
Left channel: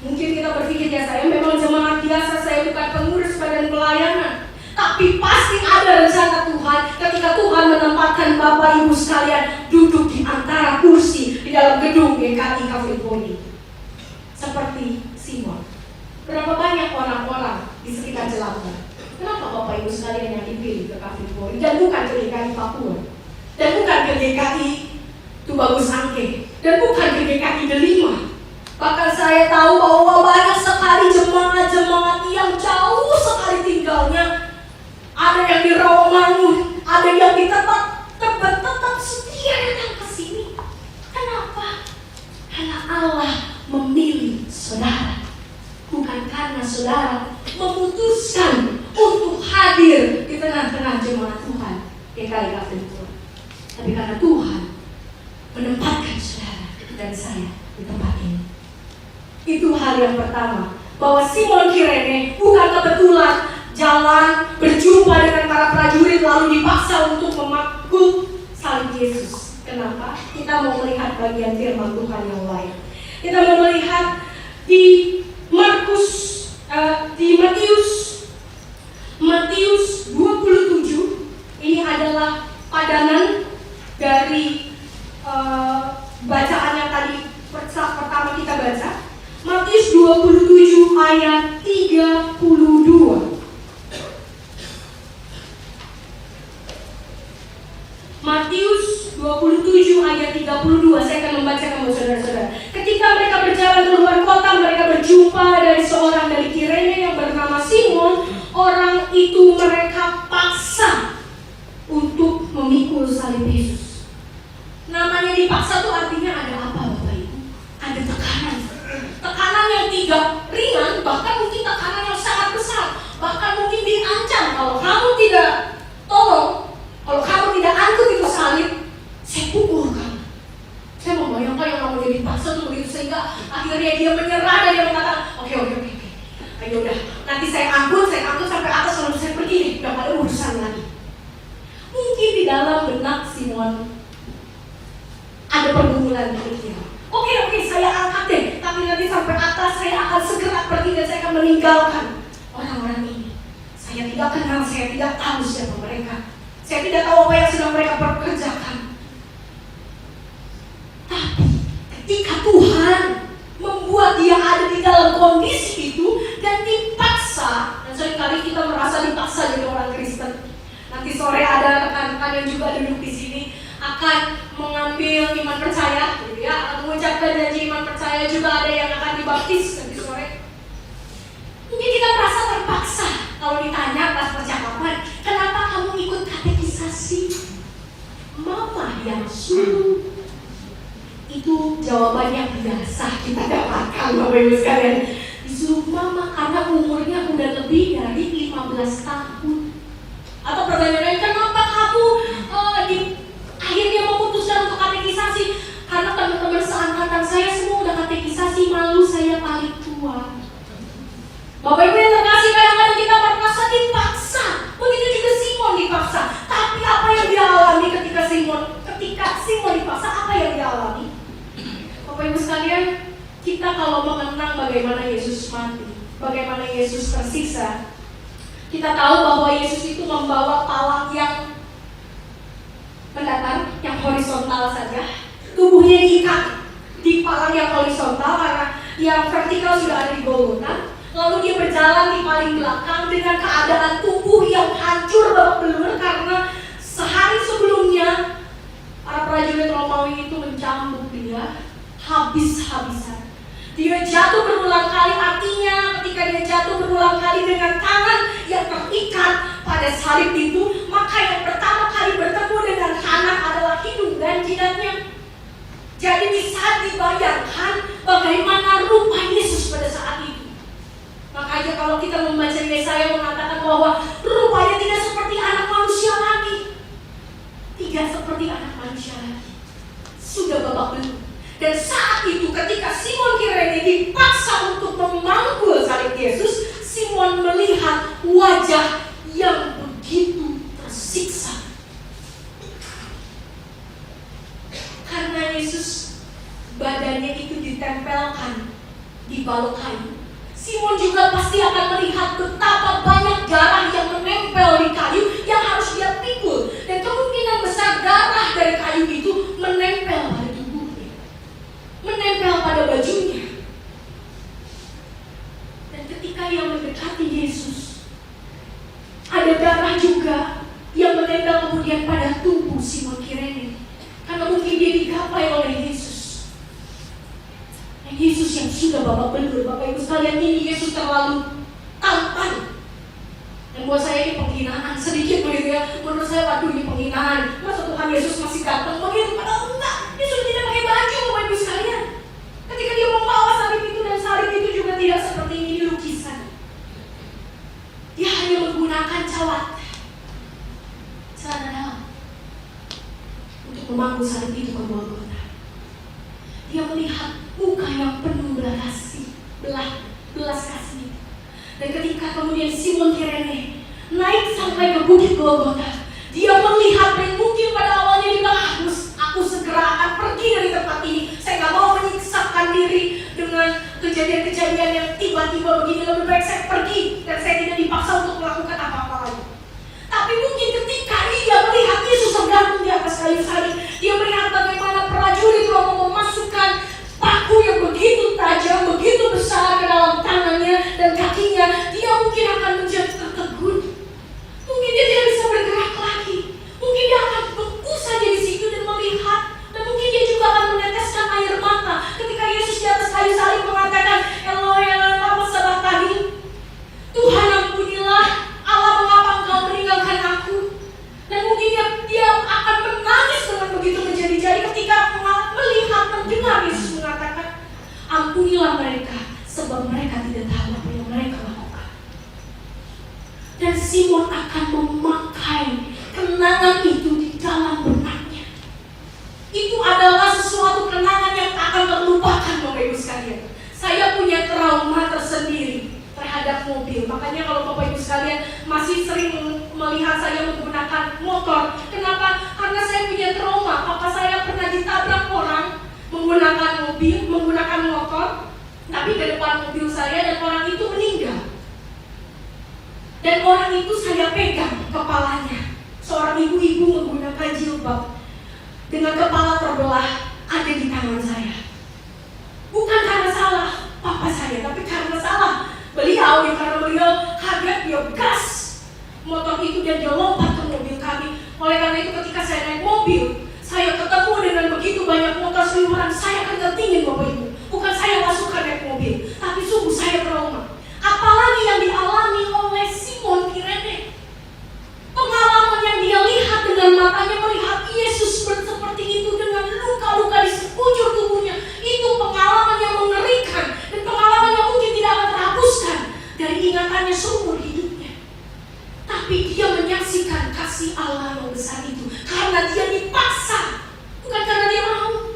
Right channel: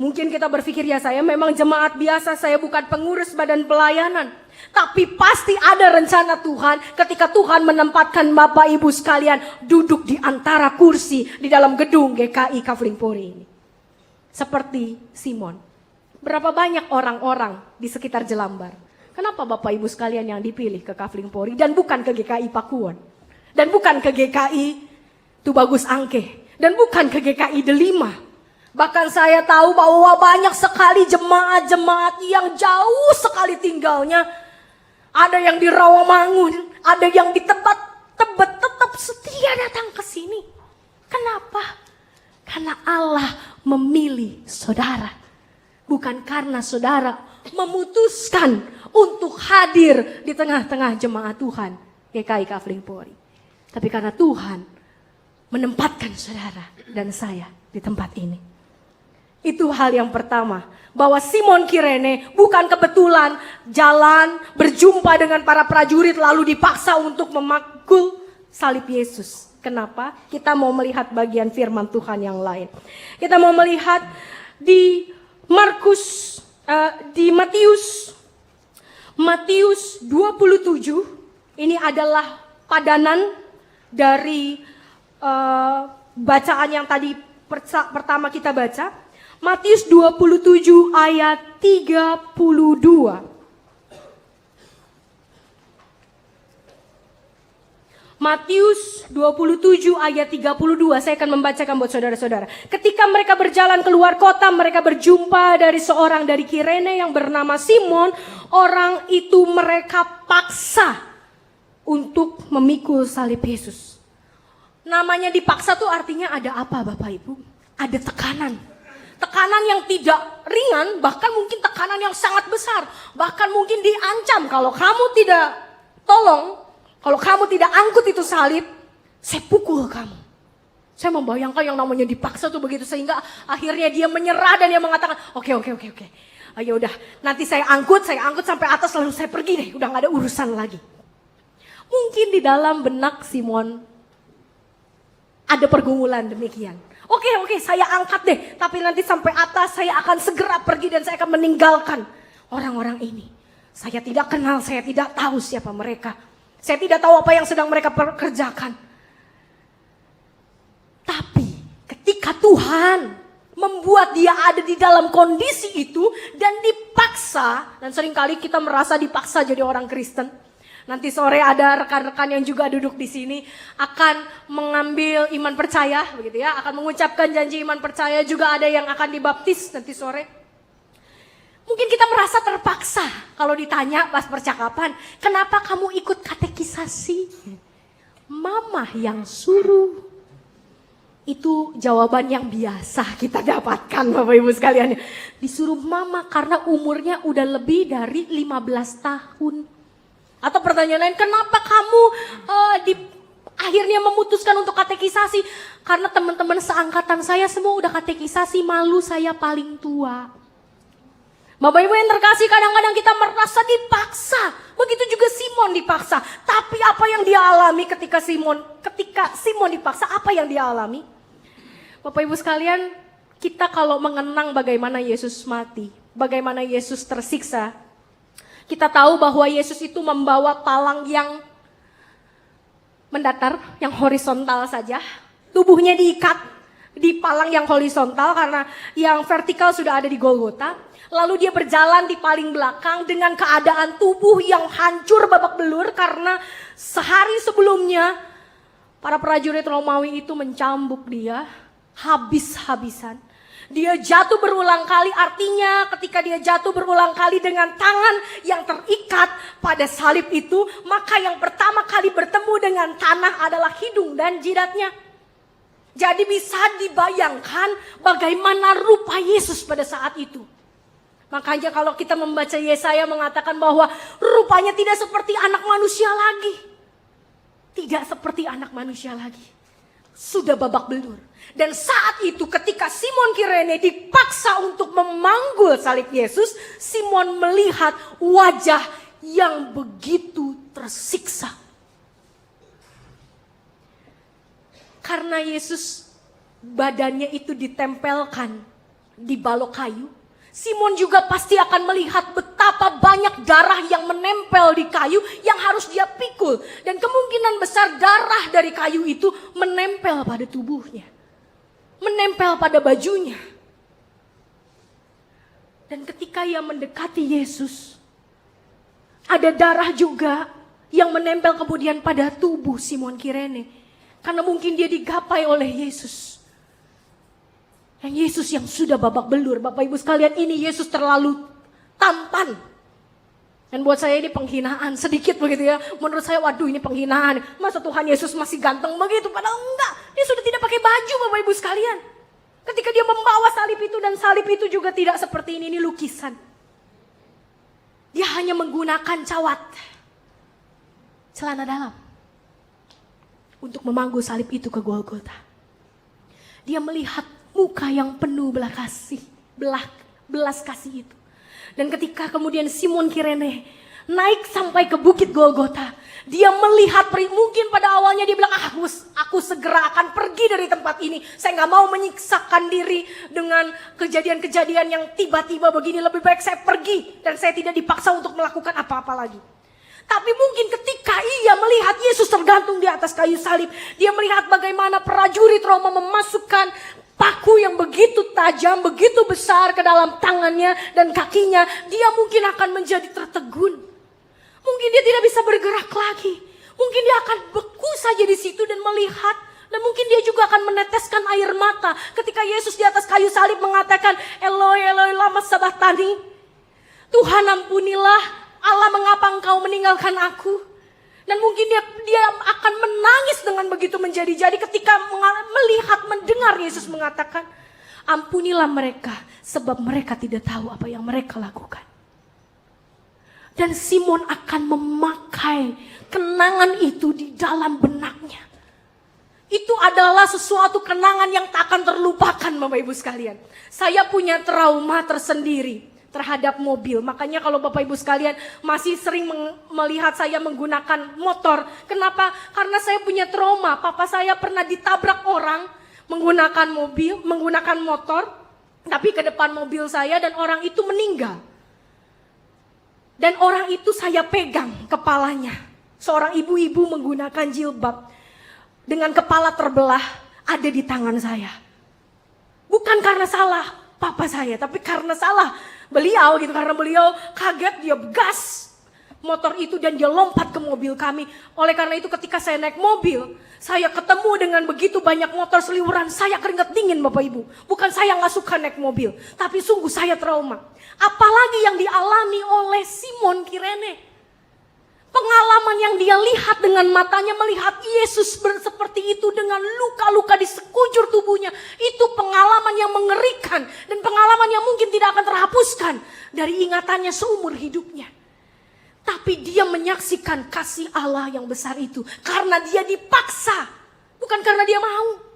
Mungkin kita berpikir, ya saya memang jemaat biasa, saya bukan pengurus badan pelayanan. Tapi pasti ada rencana Tuhan ketika Tuhan menempatkan Bapak Ibu sekalian duduk di antara kursi di dalam gedung GKI Kafling Polri. Seperti Simon. Berapa banyak orang-orang di sekitar Jelambar? Kenapa Bapak Ibu sekalian yang dipilih ke Kafling Polri dan bukan ke GKI Pakuan? Dan bukan ke GKI Tubagus Angke, dan bukan ke GKI Delima. Bahkan saya tahu bahwa banyak sekali jemaat-jemaat yang jauh sekali tinggalnya. Ada yang di Rawamangun, ada yang di tempat Tebet, tetap setia datang ke sini. Kenapa? Karena Allah memilih saudara. Bukan karena saudara memutuskan untuk hadir di tengah-tengah jemaat Tuhan GKI Kafling Polri. Tapi karena Tuhan menempatkan saudara dan saya di tempat ini. Itu hal yang pertama, bahwa Simon Kirene bukan kebetulan jalan berjumpa dengan para prajurit lalu dipaksa untuk memikul salib Yesus. Kenapa? Kita mau melihat bagian firman Tuhan yang lain. Kita mau melihat di Matius 27. Ini adalah padanan dari bacaan yang tadi pertama kita baca. Matius 27 ayat 32. Matius 27 ayat 32. Saya akan membacakan buat saudara-saudara. Ketika mereka berjalan keluar kota, mereka berjumpa dari seorang dari Kirene yang bernama Simon. Orang itu mereka paksa untuk memikul salib Yesus. Namanya dipaksa tuh artinya ada apa Bapak Ibu? Ada tekanan. Tekanan yang tidak ringan, bahkan mungkin tekanan yang sangat besar. Bahkan mungkin diancam, kalau kamu tidak tolong, kalau kamu tidak angkut itu salib, saya pukul kamu. Saya membayangkan yang namanya dipaksa tuh begitu, sehingga akhirnya dia menyerah dan dia mengatakan, oke. Ayo udah, nanti saya angkut sampai atas lalu saya pergi, udah gak ada urusan lagi. Mungkin di dalam benak Simon ada pergumulan demikian. Oke, oke, saya angkat deh. Tapi nanti sampai atas saya akan segera pergi dan saya akan meninggalkan orang-orang ini. Saya tidak kenal, saya tidak tahu siapa mereka. Saya tidak tahu apa yang sedang mereka perkerjakan. Tapi ketika Tuhan membuat dia ada di dalam kondisi itu dan dipaksa, dan seringkali kita merasa dipaksa jadi orang Kristen. Nanti sore ada rekan-rekan yang juga duduk di sini akan mengambil iman percaya, gitu ya, akan mengucapkan janji iman percaya, juga ada yang akan dibaptis nanti sore. Mungkin kita merasa terpaksa kalau ditanya pas percakapan, kenapa kamu ikut katekisasi? Mama yang suruh. Itu jawaban yang biasa kita dapatkan, Bapak Ibu sekalian. Disuruh mama karena umurnya udah lebih dari 15 tahun. Atau pertanyaan lain, kenapa kamu akhirnya memutuskan untuk katekisasi? Karena teman-teman seangkatan saya semua udah katekisasi, malu saya paling tua. Bapak Ibu yang terkasih, kadang-kadang kita merasa dipaksa. Begitu juga Simon dipaksa. Tapi apa yang dia alami ketika Simon dipaksa, apa yang dia alami? Bapak Ibu sekalian, kita kalau mengenang bagaimana Yesus mati, bagaimana Yesus tersiksa, kita tahu bahwa Yesus itu membawa palang yang mendatar, yang horizontal saja. Tubuhnya diikat di palang yang horizontal karena yang vertikal sudah ada di Golgota. Lalu dia berjalan di paling belakang dengan keadaan tubuh yang hancur babak belur karena sehari sebelumnya para prajurit Romawi itu mencambuk dia habis-habisan. Dia jatuh berulang kali, artinya ketika dia jatuh berulang kali dengan tangan yang terikat pada salib itu, maka yang pertama kali bertemu dengan tanah adalah hidung dan jidatnya. Jadi bisa dibayangkan bagaimana rupa Yesus pada saat itu. Makanya kalau kita membaca Yesaya mengatakan bahwa rupanya tidak seperti anak manusia lagi. Tidak seperti anak manusia lagi. Sudah babak belur. Dan saat itu ketika Simon Kirene dipaksa untuk memanggul salib Yesus, Simon melihat wajah yang begitu tersiksa. Karena Yesus badannya itu ditempelkan di balok kayu, Simon juga pasti akan melihat betapa banyak darah yang menempel di kayu yang harus dia pikul. Dan kemungkinan besar darah dari kayu itu menempel pada tubuhnya, menempel pada bajunya. Dan ketika ia mendekati Yesus, ada darah juga yang menempel kemudian pada tubuh Simon Kirene. Karena mungkin dia digapai oleh Yesus. Dan Yesus yang sudah babak belur, Bapak Ibu sekalian, ini Yesus terlalu tampan. Dan buat saya ini penghinaan sedikit begitu ya. Menurut saya, waduh, ini penghinaan. Masa Tuhan Yesus masih ganteng begitu? Padahal enggak. Dia sudah tidak pakai baju, Bapak Ibu sekalian. Ketika dia membawa salib itu, dan salib itu juga tidak seperti ini lukisan. Dia hanya menggunakan cawat, celana dalam, untuk memangku salib itu ke Golgota. Dia melihat muka yang penuh belas kasih. Dan ketika kemudian Simon Kirene naik sampai ke bukit Golgota, dia melihat mungkin pada awalnya dia bilang, aku segera akan pergi dari tempat ini. Saya gak mau menyiksakan diri dengan kejadian-kejadian yang tiba-tiba begini. Lebih baik saya pergi dan saya tidak dipaksa untuk melakukan apa-apa lagi. Tapi mungkin ketika ia melihat Yesus tergantung di atas kayu salib, dia melihat bagaimana prajurit Roma memasukkan paku yang begitu tajam, begitu besar ke dalam tangannya dan kakinya, dia mungkin akan menjadi tertegun. Mungkin dia tidak bisa bergerak lagi. Mungkin dia akan beku saja di situ dan melihat. Dan mungkin dia juga akan meneteskan air mata ketika Yesus di atas kayu salib mengatakan, Eloi, Eloi, lama sabachthani. Tuhan, ampunilah, Allah, mengapa engkau meninggalkan aku? Dan mungkin dia akan menangis dengan begitu menjadi-jadi ketika mendengar Yesus mengatakan, ampunilah mereka, sebab mereka tidak tahu apa yang mereka lakukan. Dan Simon akan memakai kenangan itu di dalam benaknya. Itu adalah sesuatu kenangan yang tak akan terlupakan, Bapak Ibu sekalian. Saya punya trauma tersendiri terhadap mobil. Makanya kalau Bapak Ibu sekalian masih sering melihat saya menggunakan motor. Kenapa? Karena saya punya trauma. Papa saya pernah ditabrak orang menggunakan mobil, menggunakan motor, tapi ke depan mobil saya dan orang itu meninggal. Dan orang itu saya pegang kepalanya. Seorang ibu-ibu menggunakan jilbab dengan kepala terbelah ada di tangan saya. Bukan karena salah papa saya, tapi karena salah beliau. Karena beliau kaget, dia gas motor itu dan dia lompat ke mobil kami. Oleh karena itu ketika saya naik mobil, saya ketemu dengan begitu banyak motor seliweran, saya keringat dingin Bapak Ibu. Bukan saya nggak suka naik mobil, tapi sungguh saya trauma. Apalagi yang dialami oleh Simon Kirene. Pengalaman yang dia lihat dengan matanya, melihat Yesus seperti itu dengan luka-luka di sekujur tubuhnya. Itu pengalaman yang mengerikan dan pengalaman yang mungkin tidak akan terhapuskan dari ingatannya seumur hidupnya. Tapi dia menyaksikan kasih Allah yang besar itu karena dia dipaksa, bukan karena dia mau.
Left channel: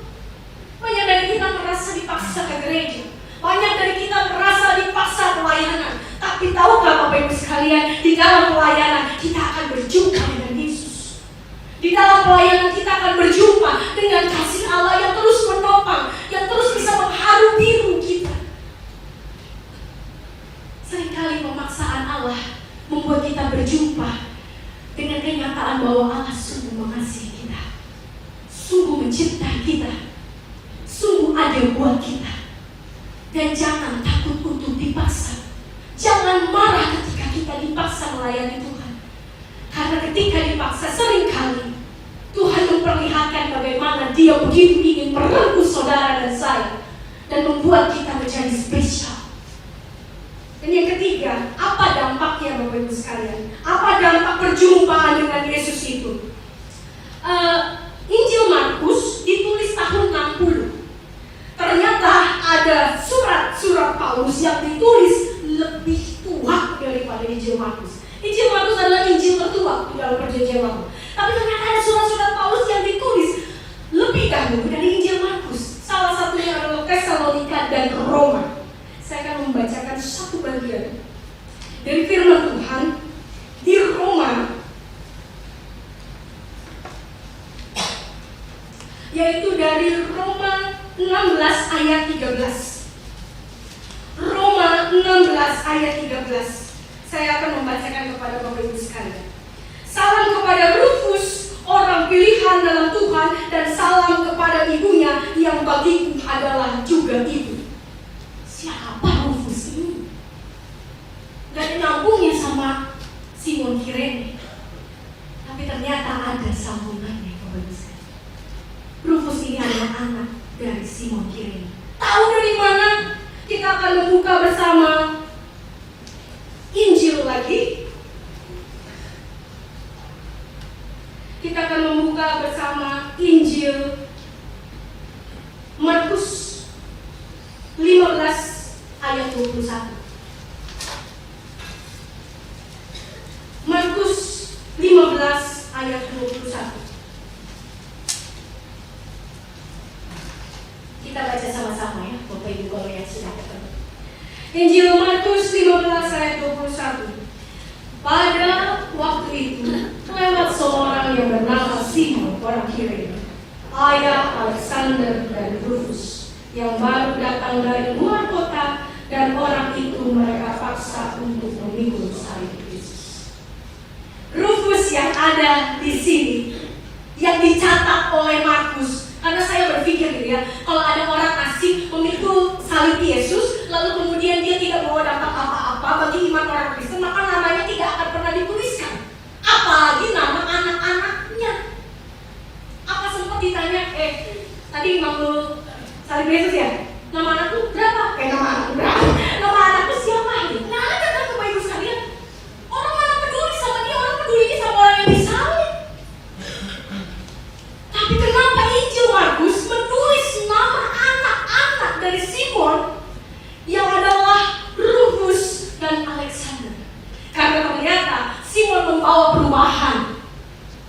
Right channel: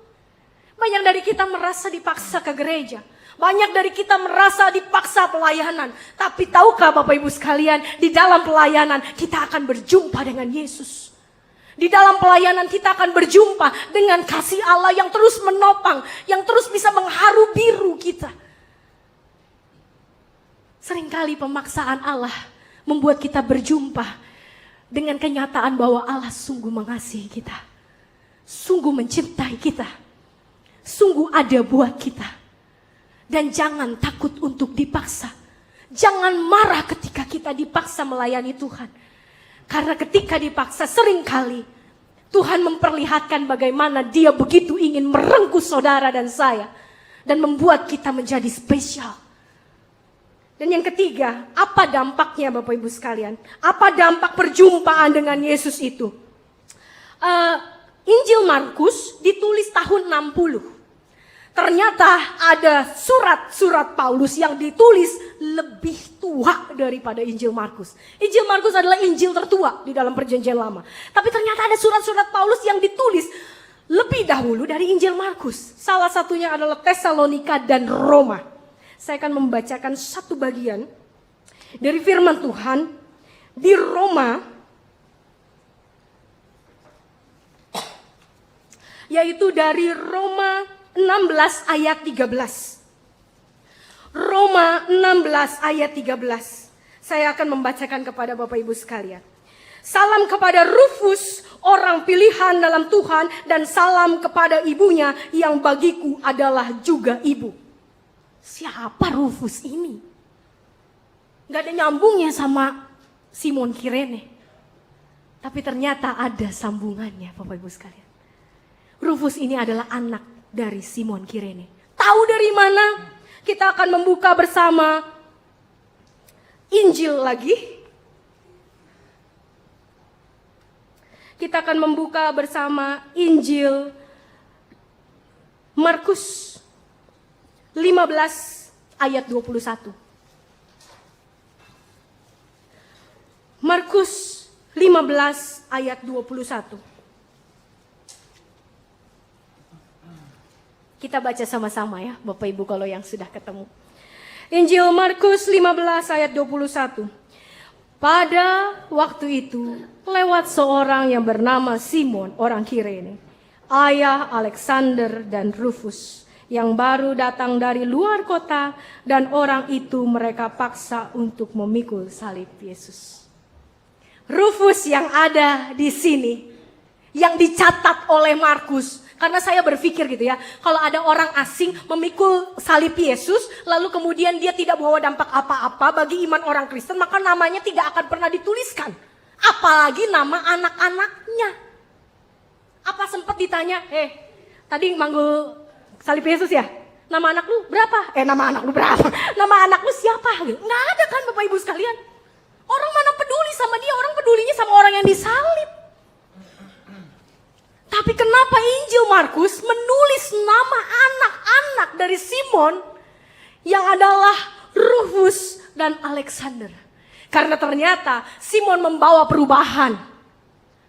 Banyak dari kita merasa dipaksa ke gereja. Banyak dari kita merasa dipaksa pelayanan. Tapi tahukah Bapak Ibu sekalian, di dalam pelayanan kita akan berjumpa dengan Yesus. Di dalam pelayanan kita akan berjumpa dengan kasih Allah yang terus menopang, yang terus bisa mengharu biru kita. Seringkali pemaksaan Allah membuat kita berjumpa dengan kenyataan bahwa Allah sungguh mengasihi kita, sungguh mencintai kita, sungguh ada buat kita. Dan jangan takut untuk dipaksa. Jangan marah ketika kita dipaksa melayani Tuhan. Karena ketika dipaksa seringkali Tuhan memperlihatkan bagaimana Dia begitu ingin merengkuh saudara dan saya dan membuat kita menjadi spesial. Dan yang ketiga, apa dampaknya Bapak Ibu sekalian? Apa dampak perjumpaan dengan Yesus itu? Injil Markus ditulis tahun 60. Ternyata ada surat-surat Paulus yang ditulis lebih tua daripada Injil Markus. Injil Markus adalah Injil tertua di dalam Perjanjian Lama. Tapi ternyata ada surat-surat Paulus yang ditulis lebih dahulu dari Injil Markus. Salah satunya adalah Tesalonika dan Roma. Saya akan membacakan satu bagian dari firman Tuhan di Roma, yaitu dari Roma 16 ayat 13. Roma 16 ayat 13. Saya akan membacakan kepada Bapak Ibu sekalian. Salam kepada Rufus, orang pilihan dalam Tuhan, dan salam kepada ibunya yang bagiku adalah juga ibu. Siapa Rufus ini? Gak ada nyambungnya sama Simon Kirene. Tapi ternyata ada sambungannya Bapak Ibu sekalian. Rufus ini adalah anak dari Simon Kirene. Tahu dari mana? Kita akan membuka bersama Injil lagi. Kita akan membuka bersama Injil Markus 15 ayat 21. Markus 15 ayat 21. Kita baca sama-sama ya Bapak Ibu kalau yang sudah ketemu. Injil Markus 15 ayat 21. Pada waktu itu lewat seorang yang bernama Simon orang Kirene, ayah Alexander dan Rufus, yang baru datang dari luar kota, dan orang itu mereka paksa untuk memikul salib Yesus. Rufus yang ada di sini, yang dicatat oleh Markus. Karena saya berpikir gitu ya, kalau ada orang asing memikul salib Yesus, lalu kemudian dia tidak bawa dampak apa-apa bagi iman orang Kristen, maka namanya tidak akan pernah dituliskan. Apalagi nama anak-anaknya. Apa sempat ditanya, tadi manggul salib Yesus ya? Nama anakku berapa? Nama anakku berapa? Nama anakku siapa? Nggak ada kan Bapak Ibu sekalian. Orang mana peduli sama dia, orang pedulinya sama orang yang disalib. Tapi kenapa Injil Markus menulis nama anak-anak dari Simon yang adalah Rufus dan Alexander? Karena ternyata Simon membawa perubahan.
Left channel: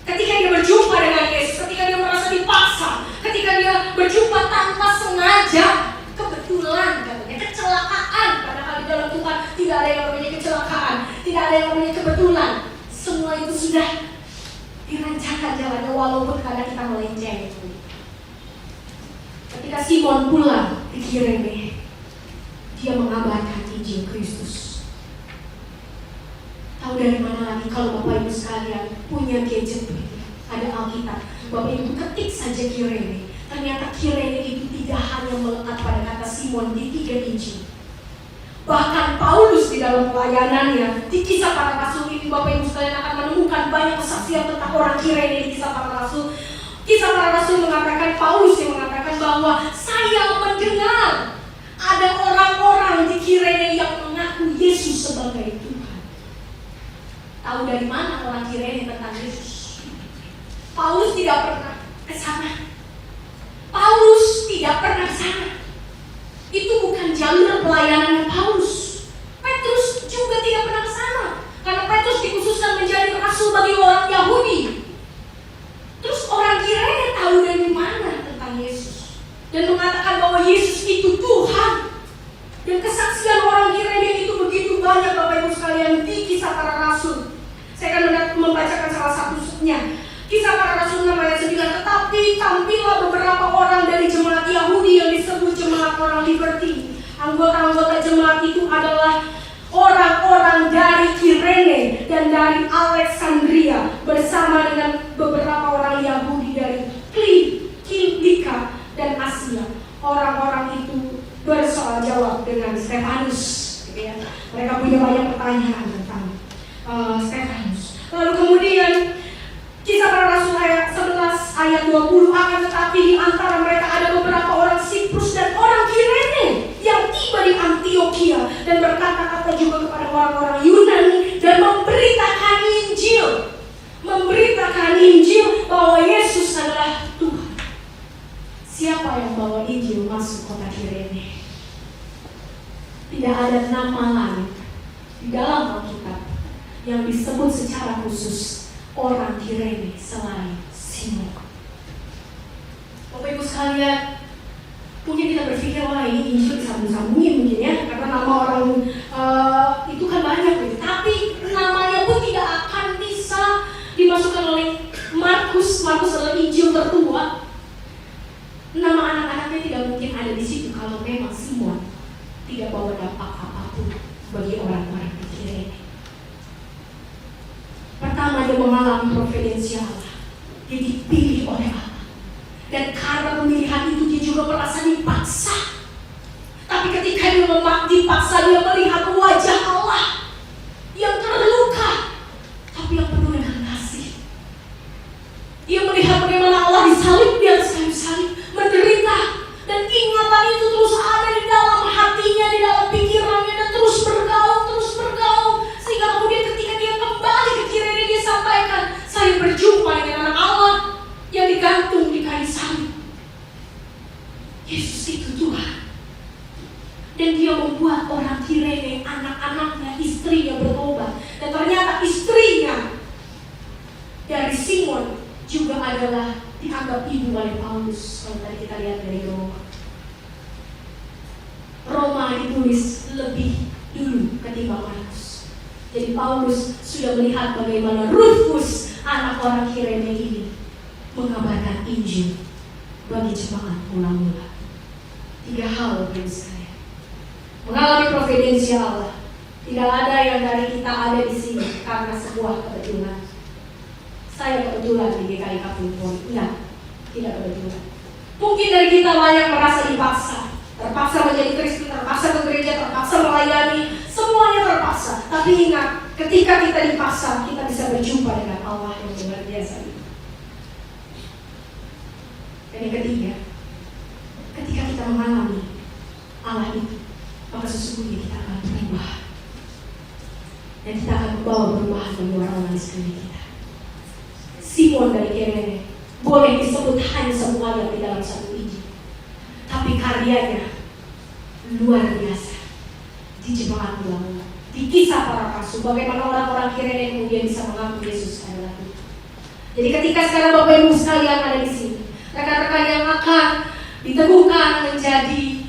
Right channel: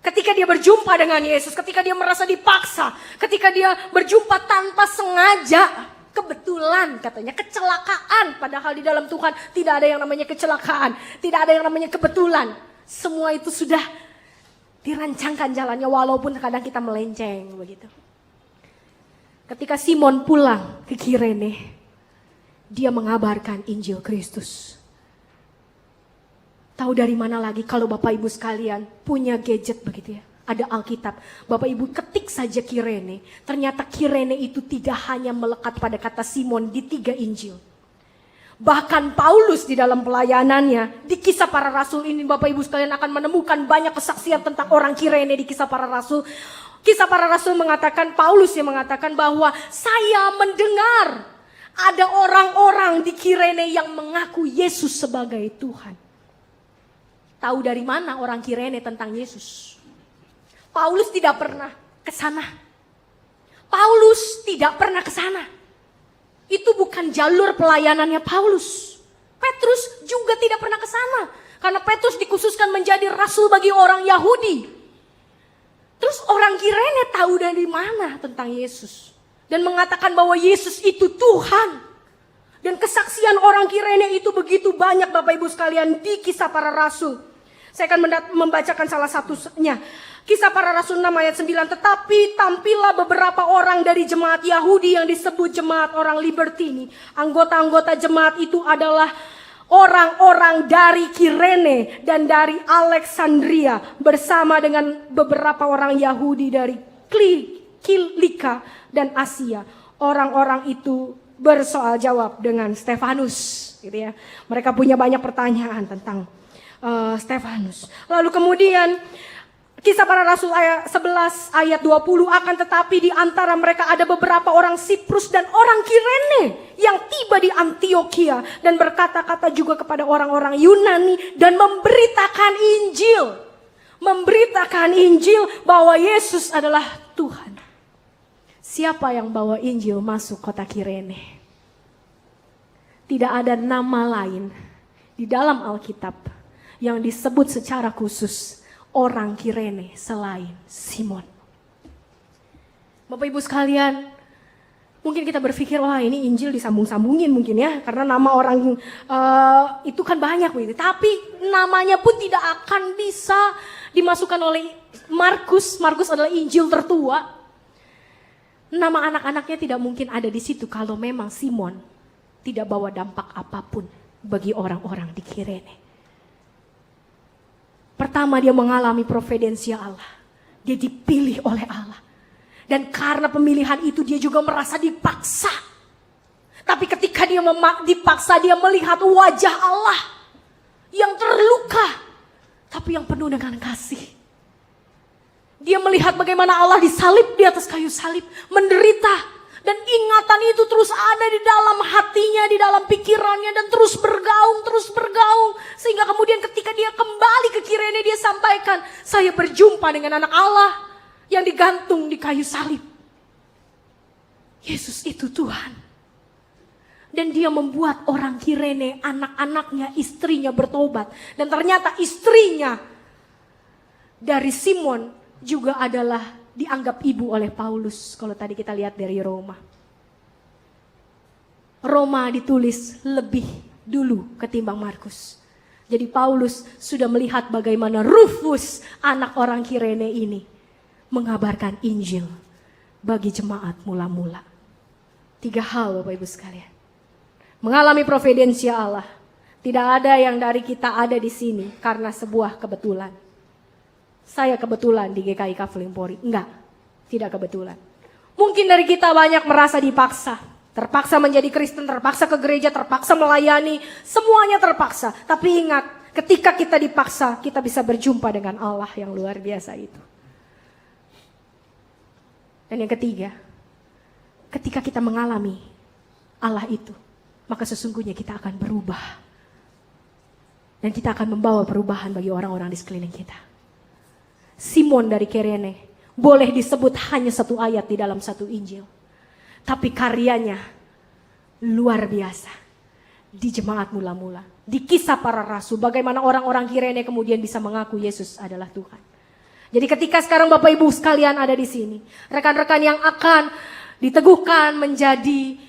Ketika dia berjumpa dengan Yesus, ketika dia merasa dipaksa, ketika dia berjumpa tanpa sengaja, kebetulan katanya, kecelakaan. Padahal di dalam Tuhan tidak ada yang namanya kecelakaan, tidak ada yang namanya kebetulan. Semua itu sudah dirancangkan jalannya walaupun kadang kita melenceng. Ketika Simon pulang ke Kirene, dia mengabarkan Injil Kristus. Tahu dari mana lagi kalau Bapak Ibu sekalian punya gadget begitu ya? Ada Alkitab, Bapak Ibu ketik saja Kirene. Ternyata Kirene itu tidak hanya melekat pada kata Simon di 3 Injil. Bahkan Paulus di dalam pelayanannya di Kisah Para Rasul ini, Bapak Ibu sekalian akan menemukan banyak kesaksian tentang orang Kirene di Kisah Para Rasul. Kisah Para Rasul mengatakan, Paulus yang mengatakan bahwa saya mendengar ada orang-orang di Kirene yang mengaku Yesus sebagai Tuhan. Tahu dari mana orang Kirene tentang Yesus? Paulus tidak pernah ke sana. Paulus tidak pernah ke sana. Itu bukan jalur pelayanannya Paulus. Petrus juga tidak pernah ke sana, karena Petrus dikhususkan menjadi rasul bagi orang Yahudi. Terus orang Kirene tahu dari mana tentang Yesus dan mengatakan bahwa Yesus itu Tuhan. Dan kesaksian orang Kirene itu begitu banyak, Bapak Ibu sekalian, di Kisah Para Rasul. Saya akan membacakan salah satunya. Kisah Para Rasul 6 ayat 9. Tetapi tampillah beberapa orang dari jemaat Yahudi yang disebut jemaat orang Liberty. Anggota-anggota jemaat itu adalah orang-orang dari Kirene dan dari Alexandria, bersama dengan beberapa orang Yahudi dari Kilika dan Asia. Orang-orang itu bersoal jawab dengan Stefanus, gitu ya. Mereka punya banyak pertanyaan tentang Stefanus. Lalu kemudian Kisah Para Rasul ayat 11 ayat 20, akan tetapi di antara mereka ada beberapa orang Siprus dan orang Kirene yang tiba di Antioquia dan berkata-kata juga kepada orang-orang Yunani dan memberitakan Injil bahwa Yesus adalah Tuhan. Siapa yang bawa Injil masuk kota Kirene? Tidak ada nama lain di dalam Alkitab yang disebut secara khusus orang Kirene selain Simon. Bapak Ibu sekalian, mungkin kita berpikir, wah ini Injil disambung-sambungin mungkin ya, karena nama orang itu kan banyak gitu. Tapi namanya pun tidak akan bisa dimasukkan oleh Markus. Markus adalah Injil tertua. Nama anak-anaknya tidak mungkin ada di situ kalau memang Simon tidak bawa dampak apapun bagi orang-orang di Kirene. Pertama, dia mengalami providensial Allah. Dia dipilih oleh Allah. Dan karena pemilihan itu dia juga merasa dipaksa. Tapi ketika dia dipaksa, dia melihat wajah Allah yang terluka, tapi yang penuh dengan kasih. Dia melihat bagaimana Allah disalib di atas kayu salib, menderita. Dan ingatan itu terus ada di dalam hatinya, di dalam pikirannya, dan terus bergaung. Sehingga kemudian ketika dia kembali ke Kirene, dia sampaikan, saya berjumpa dengan anak Allah yang digantung di kayu salib. Yesus itu Tuhan. Dan dia membuat orang Kirene, anak-anaknya, istrinya bertobat. Dan ternyata istrinya dari Simon juga adalah dianggap ibu oleh Paulus. Kalau tadi kita lihat dari Roma ditulis lebih dulu ketimbang Markus. Jadi Paulus sudah melihat bagaimana Rufus, anak orang Kirene ini, mengabarkan Injil bagi jemaat mula-mula. 3 hal Bapak Ibu sekalian. Mengalami providensial Allah. Tidak ada yang dari kita ada di sini karena sebuah kebetulan. Saya kebetulan di GKI Cafe Pori. Enggak, tidak kebetulan. Mungkin dari kita banyak merasa dipaksa. Terpaksa menjadi Kristen, terpaksa ke gereja, terpaksa melayani. Semuanya terpaksa. Tapi ingat, ketika kita dipaksa, kita bisa berjumpa dengan Allah yang luar biasa ini. Dan yang ketiga, ketika kita mengalami Allah itu, maka sesungguhnya kita akan berubah. Dan kita akan membawa perubahan bagi orang-orang di sekeliling kita. Simon dari Kirene boleh disebut hanya 1 ayat di dalam 1 Injil, tapi karyanya luar biasa di jemaat mula-mula, di Kisah Para Rasul. Bagaimana orang-orang Kirene kemudian bisa mengaku Yesus adalah Tuhan. Jadi ketika sekarang Bapak Ibu sekalian ada di sini, rekan-rekan yang akan diteguhkan menjadi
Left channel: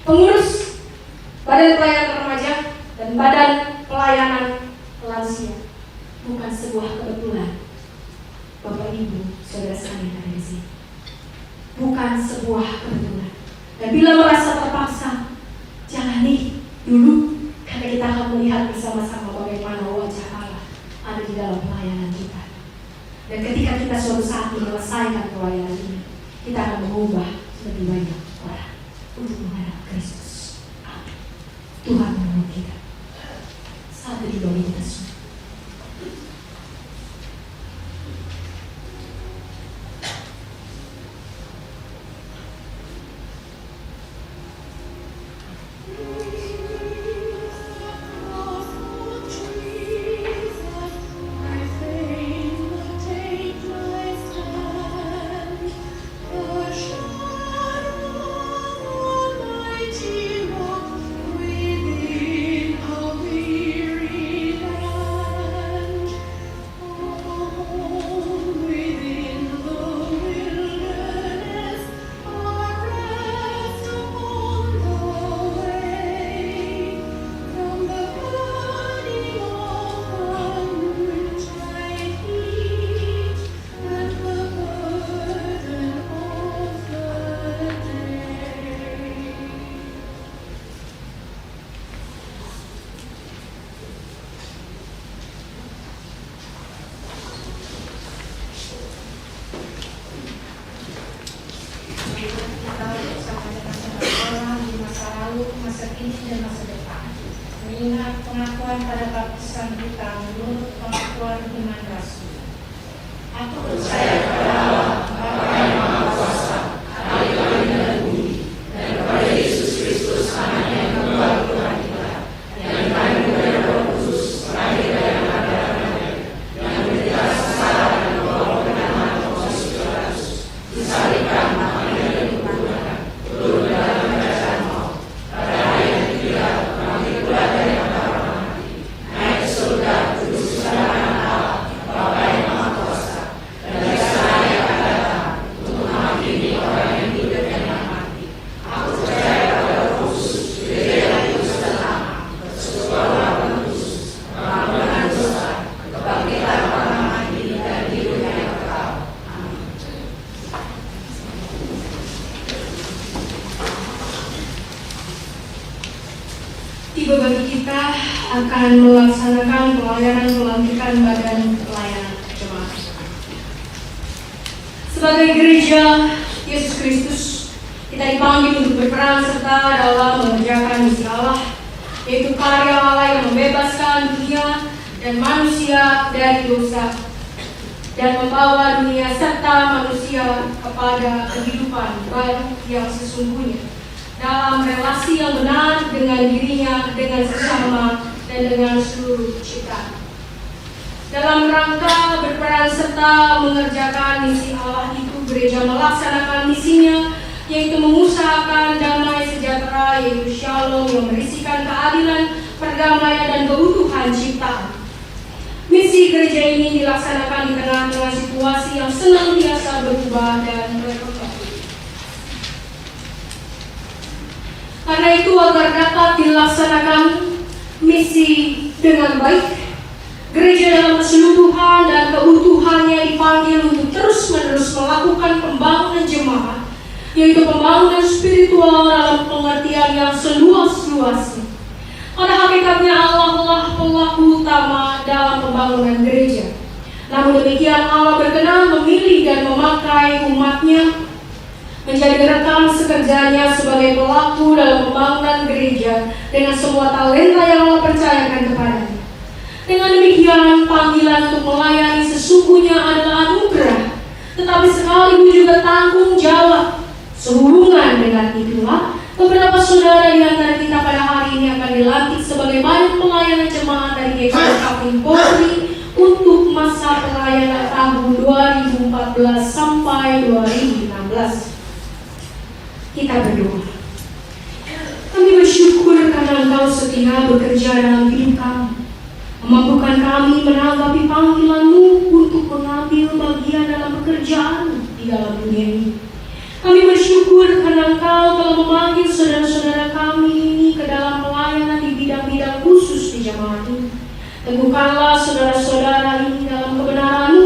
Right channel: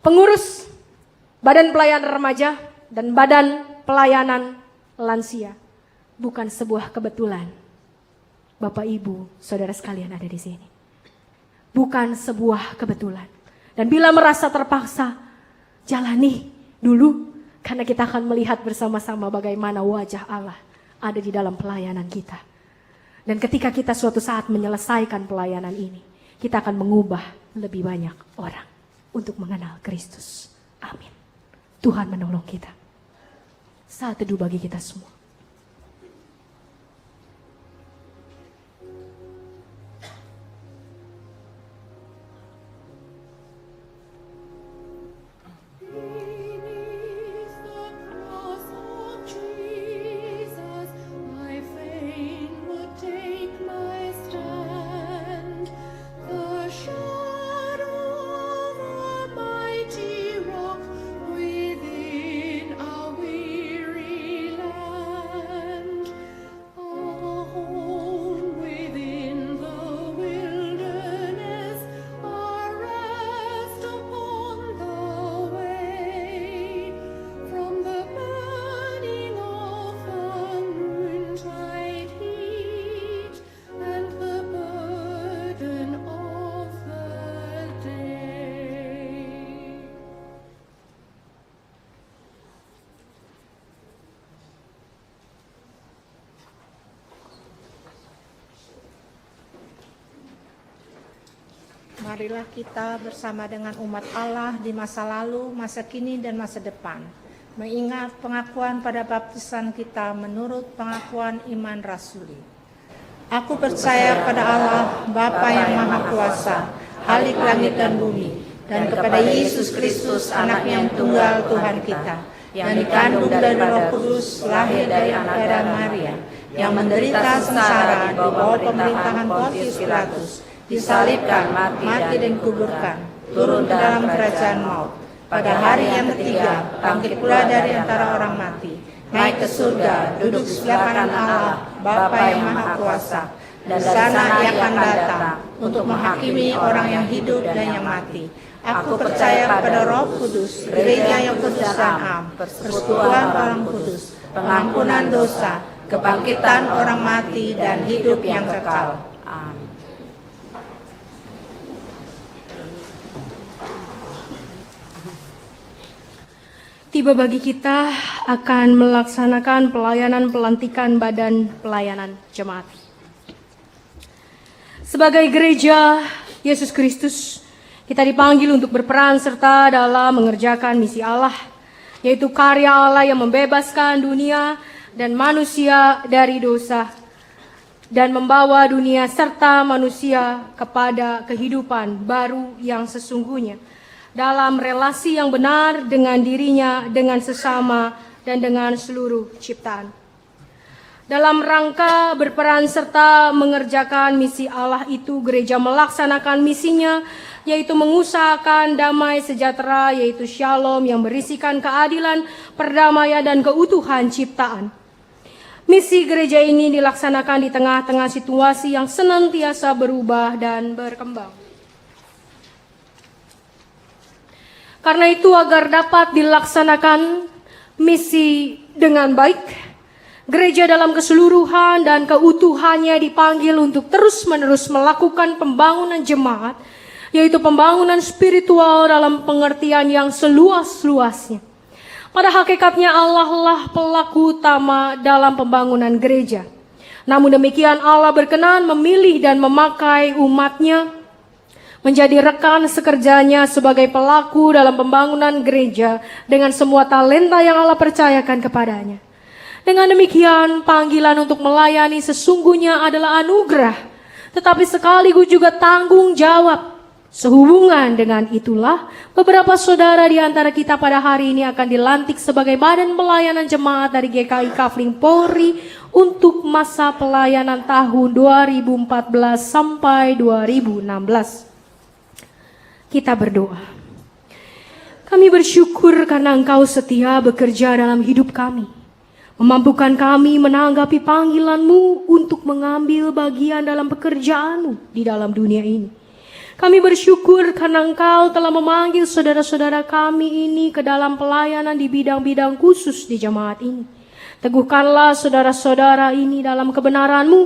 pengurus Badan Pelayanan Remaja dan Badan Pelayanan Lansia, bukan sebuah kebetulan Bapak Ibu, saudara sekalian ada di sini. bukan sebuah kebetulan. Dan bila merasa terpaksa, jalani dulu, karena kita akan melihat bersama-sama bagaimana wajah Allah ada di dalam pelayanan kita. Dan ketika kita suatu saat menyelesaikan pelayanan ini, kita akan mengubah lebih banyak orang untuk mengenal Kristus. Amin. Tuhan menolong kita. Saat itu bagi kita semua. Kita bersama dengan umat Allah di masa lalu, masa kini, dan masa depan, mengingat pengakuan pada baptisan kita menurut pengakuan iman Rasul. Aku percaya pada Allah, Bapa yang Maha Kuasa, Ahli langit dan bumi, dan kepada Yesus Kristus, Anaknya yang tunggal Tuhan kita, yang dikandung dari Roh Kudus, lahir dari Maria, yang menderita secara di bawah pemerintahan Pontius Pilatus, disalibkan, mati dan dikuburkan, turun dalam kerajaan maut. Pada hari yang ketiga, bangkit pula dari antara orang mati, naik ke surga, duduk sebelah kanan Allah, Bapa yang Maha Kuasa, dan di sana Dia akan datang untuk menghakimi orang yang hidup dan yang mati. Aku percaya pada Roh Kudus, gereja yang kudus dan am, persekutuan Roh Kudus, pengampunan dosa, kebangkitan orang mati, dan hidup yang kekal. Tiba bagi kita akan melaksanakan pelayanan pelantikan badan pelayanan jemaat. Sebagai gereja Yesus Kristus, kita dipanggil untuk berperan serta dalam mengerjakan misi Allah, yaitu karya Allah yang membebaskan dunia dan manusia dari dosa dan membawa dunia serta manusia kepada kehidupan baru yang sesungguhnya, dalam relasi yang benar dengan dirinya, dengan sesama, dan dengan seluruh ciptaan. Dalam rangka berperan serta mengerjakan misi Allah itu, gereja melaksanakan misinya, yaitu mengusahakan damai sejahtera, yaitu shalom yang berisikan keadilan, perdamaian, dan keutuhan ciptaan. Misi gereja ini dilaksanakan di tengah-tengah situasi yang senantiasa berubah dan berkembang. Karena itu, agar dapat dilaksanakan misi dengan baik, gereja dalam keseluruhan dan keutuhannya dipanggil untuk terus-menerus melakukan pembangunan jemaat, yaitu pembangunan spiritual dalam pengertian yang seluas-luasnya. Pada hakikatnya Allah lah pelaku utama dalam pembangunan gereja. Namun demikian, Allah berkenan memilih dan memakai umatnya menjadi rekan sekerjanya sebagai pelaku dalam pembangunan gereja dengan semua talenta yang Allah percayakan kepadanya. Dengan demikian, panggilan untuk melayani sesungguhnya adalah anugerah, tetapi sekaligus juga tanggung jawab. Sehubungan dengan itulah, beberapa saudara di antara kita pada hari ini akan dilantik sebagai badan pelayanan jemaat dari GKP Kapling Polri untuk masa pelayanan tahun 2014 sampai 2016. Kita berdoa. Kami bersyukur karena Engkau setia bekerja dalam hidup kami, memampukan kami menanggapi panggilan-Mu untuk mengambil bagian dalam pekerjaan-Mu di dalam dunia ini. Kami bersyukur karena Engkau telah memanggil saudara-saudara kami ini ke dalam pelayanan di bidang-bidang khusus di jemaat ini. Teguhkanlah saudara-saudara ini dalam kebenaran-Mu,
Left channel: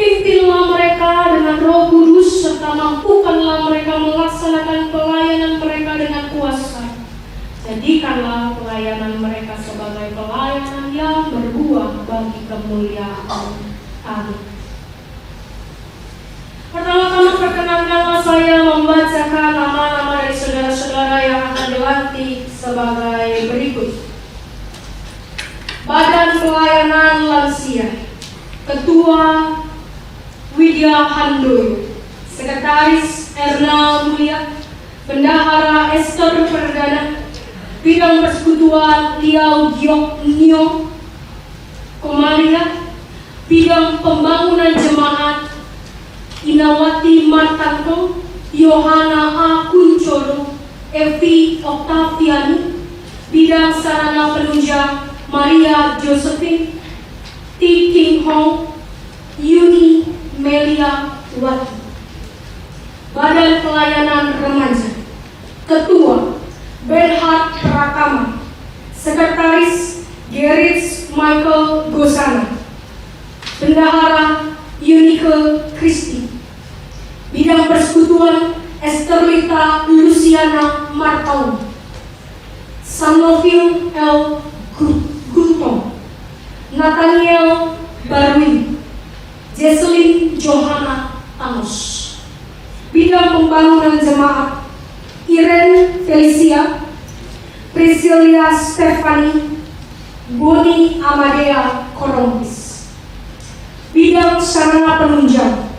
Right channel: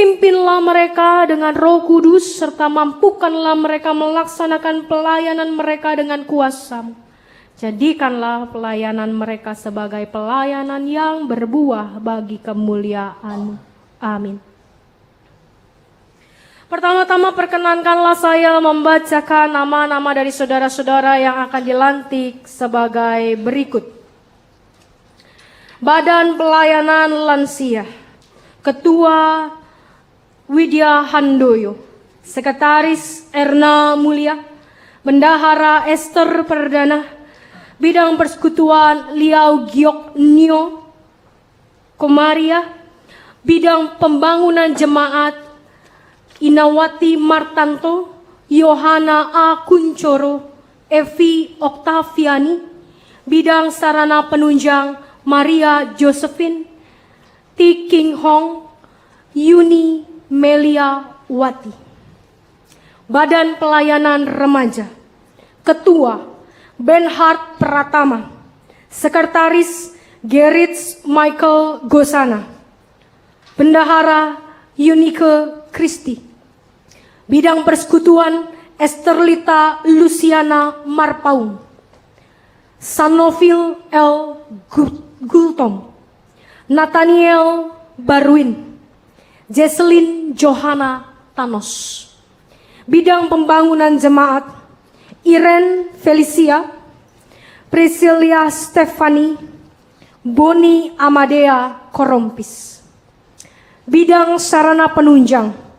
Pimpinlah mereka dengan Roh Kudus, serta mampukanlah mereka melaksanakan pelayanan mereka dengan kuasa. Jadikanlah pelayanan mereka sebagai pelayanan yang berbuah bagi kemuliaan. Amin. Pertama-tama perkenankanlah saya membacakan nama-nama dari saudara-saudara yang akan dilantik sebagai berikut. Badan Pelayanan Lansia, Ketua Widya Handoyo, Sekretaris Erna Mulia, Bendahara Esther Perdana, Bidang Persekutuan Liao Giok Nyo Komaria, Bidang Pembangunan Jemaat Inawati Martanto, Yohana A. Kuncoro, Evi Oktaviani, Bidang Sarana Penunjang Maria Josephine, T. King Hong, Yuni Melia Wati. Badan Pelayanan Remaja, Ketua Benhard Pratama, Sekretaris Gerrit Michael Gosana, Bendahara Yunike Kristi. Bidang Persekutuan Esterlita Luciana Marpau, Sanovil L. Gultom, Nathaniel Barwin, Jesselyn Johanna Thanos. Bidang Pembangunan Jemaat Irene Felicia, Priscilia Stefani, Boni Amadea Korompis. Bidang Sarana Penunjang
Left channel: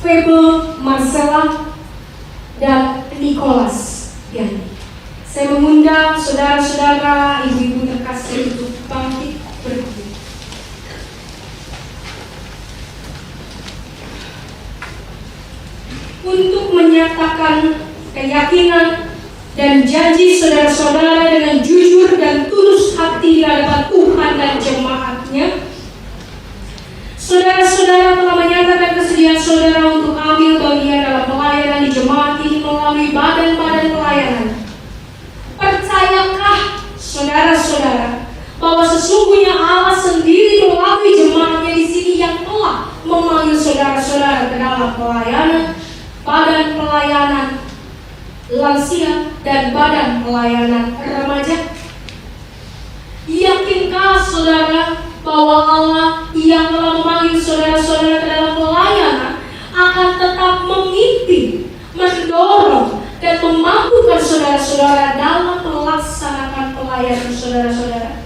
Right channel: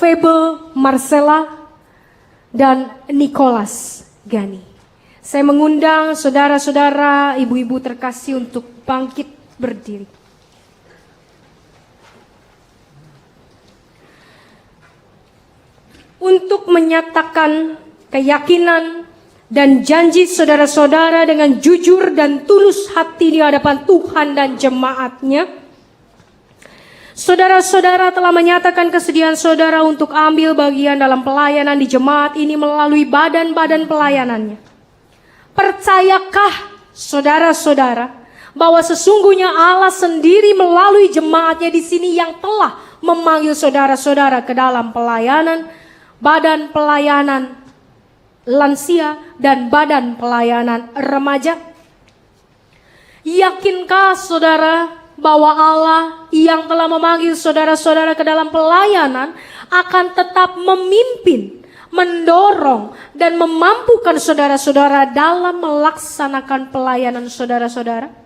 Febe Marcella dan Nicholas Ganti. Saya mengundang saudara-saudara, ibu-ibu terkasih untuk bangkit berdiri. Untuk menyatakan keyakinan dan janji saudara-saudara dengan jujur dan tulus hati di hadapan Tuhan dan jemaatnya, saudara-saudara telah menyatakan kesediaan saudara untuk ambil bagian dalam pelayanan di jemaat ini melalui badan-badan pelayanan. Percayakah saudara-saudara bahwa sesungguhnya Allah sendiri melalui jemaatnya di sini yang telah memanggil saudara-saudara ke dalam pelayanan, badan pelayanan lansia dan badan pelayanan remaja? Yakinkah saudara bahwa Allah yang telah memanggil saudara-saudara ke dalam pelayanan akan tetap memimpin, mendorong, dan memampukan saudara-saudara dalam melaksanakan pelayanan saudara-saudara?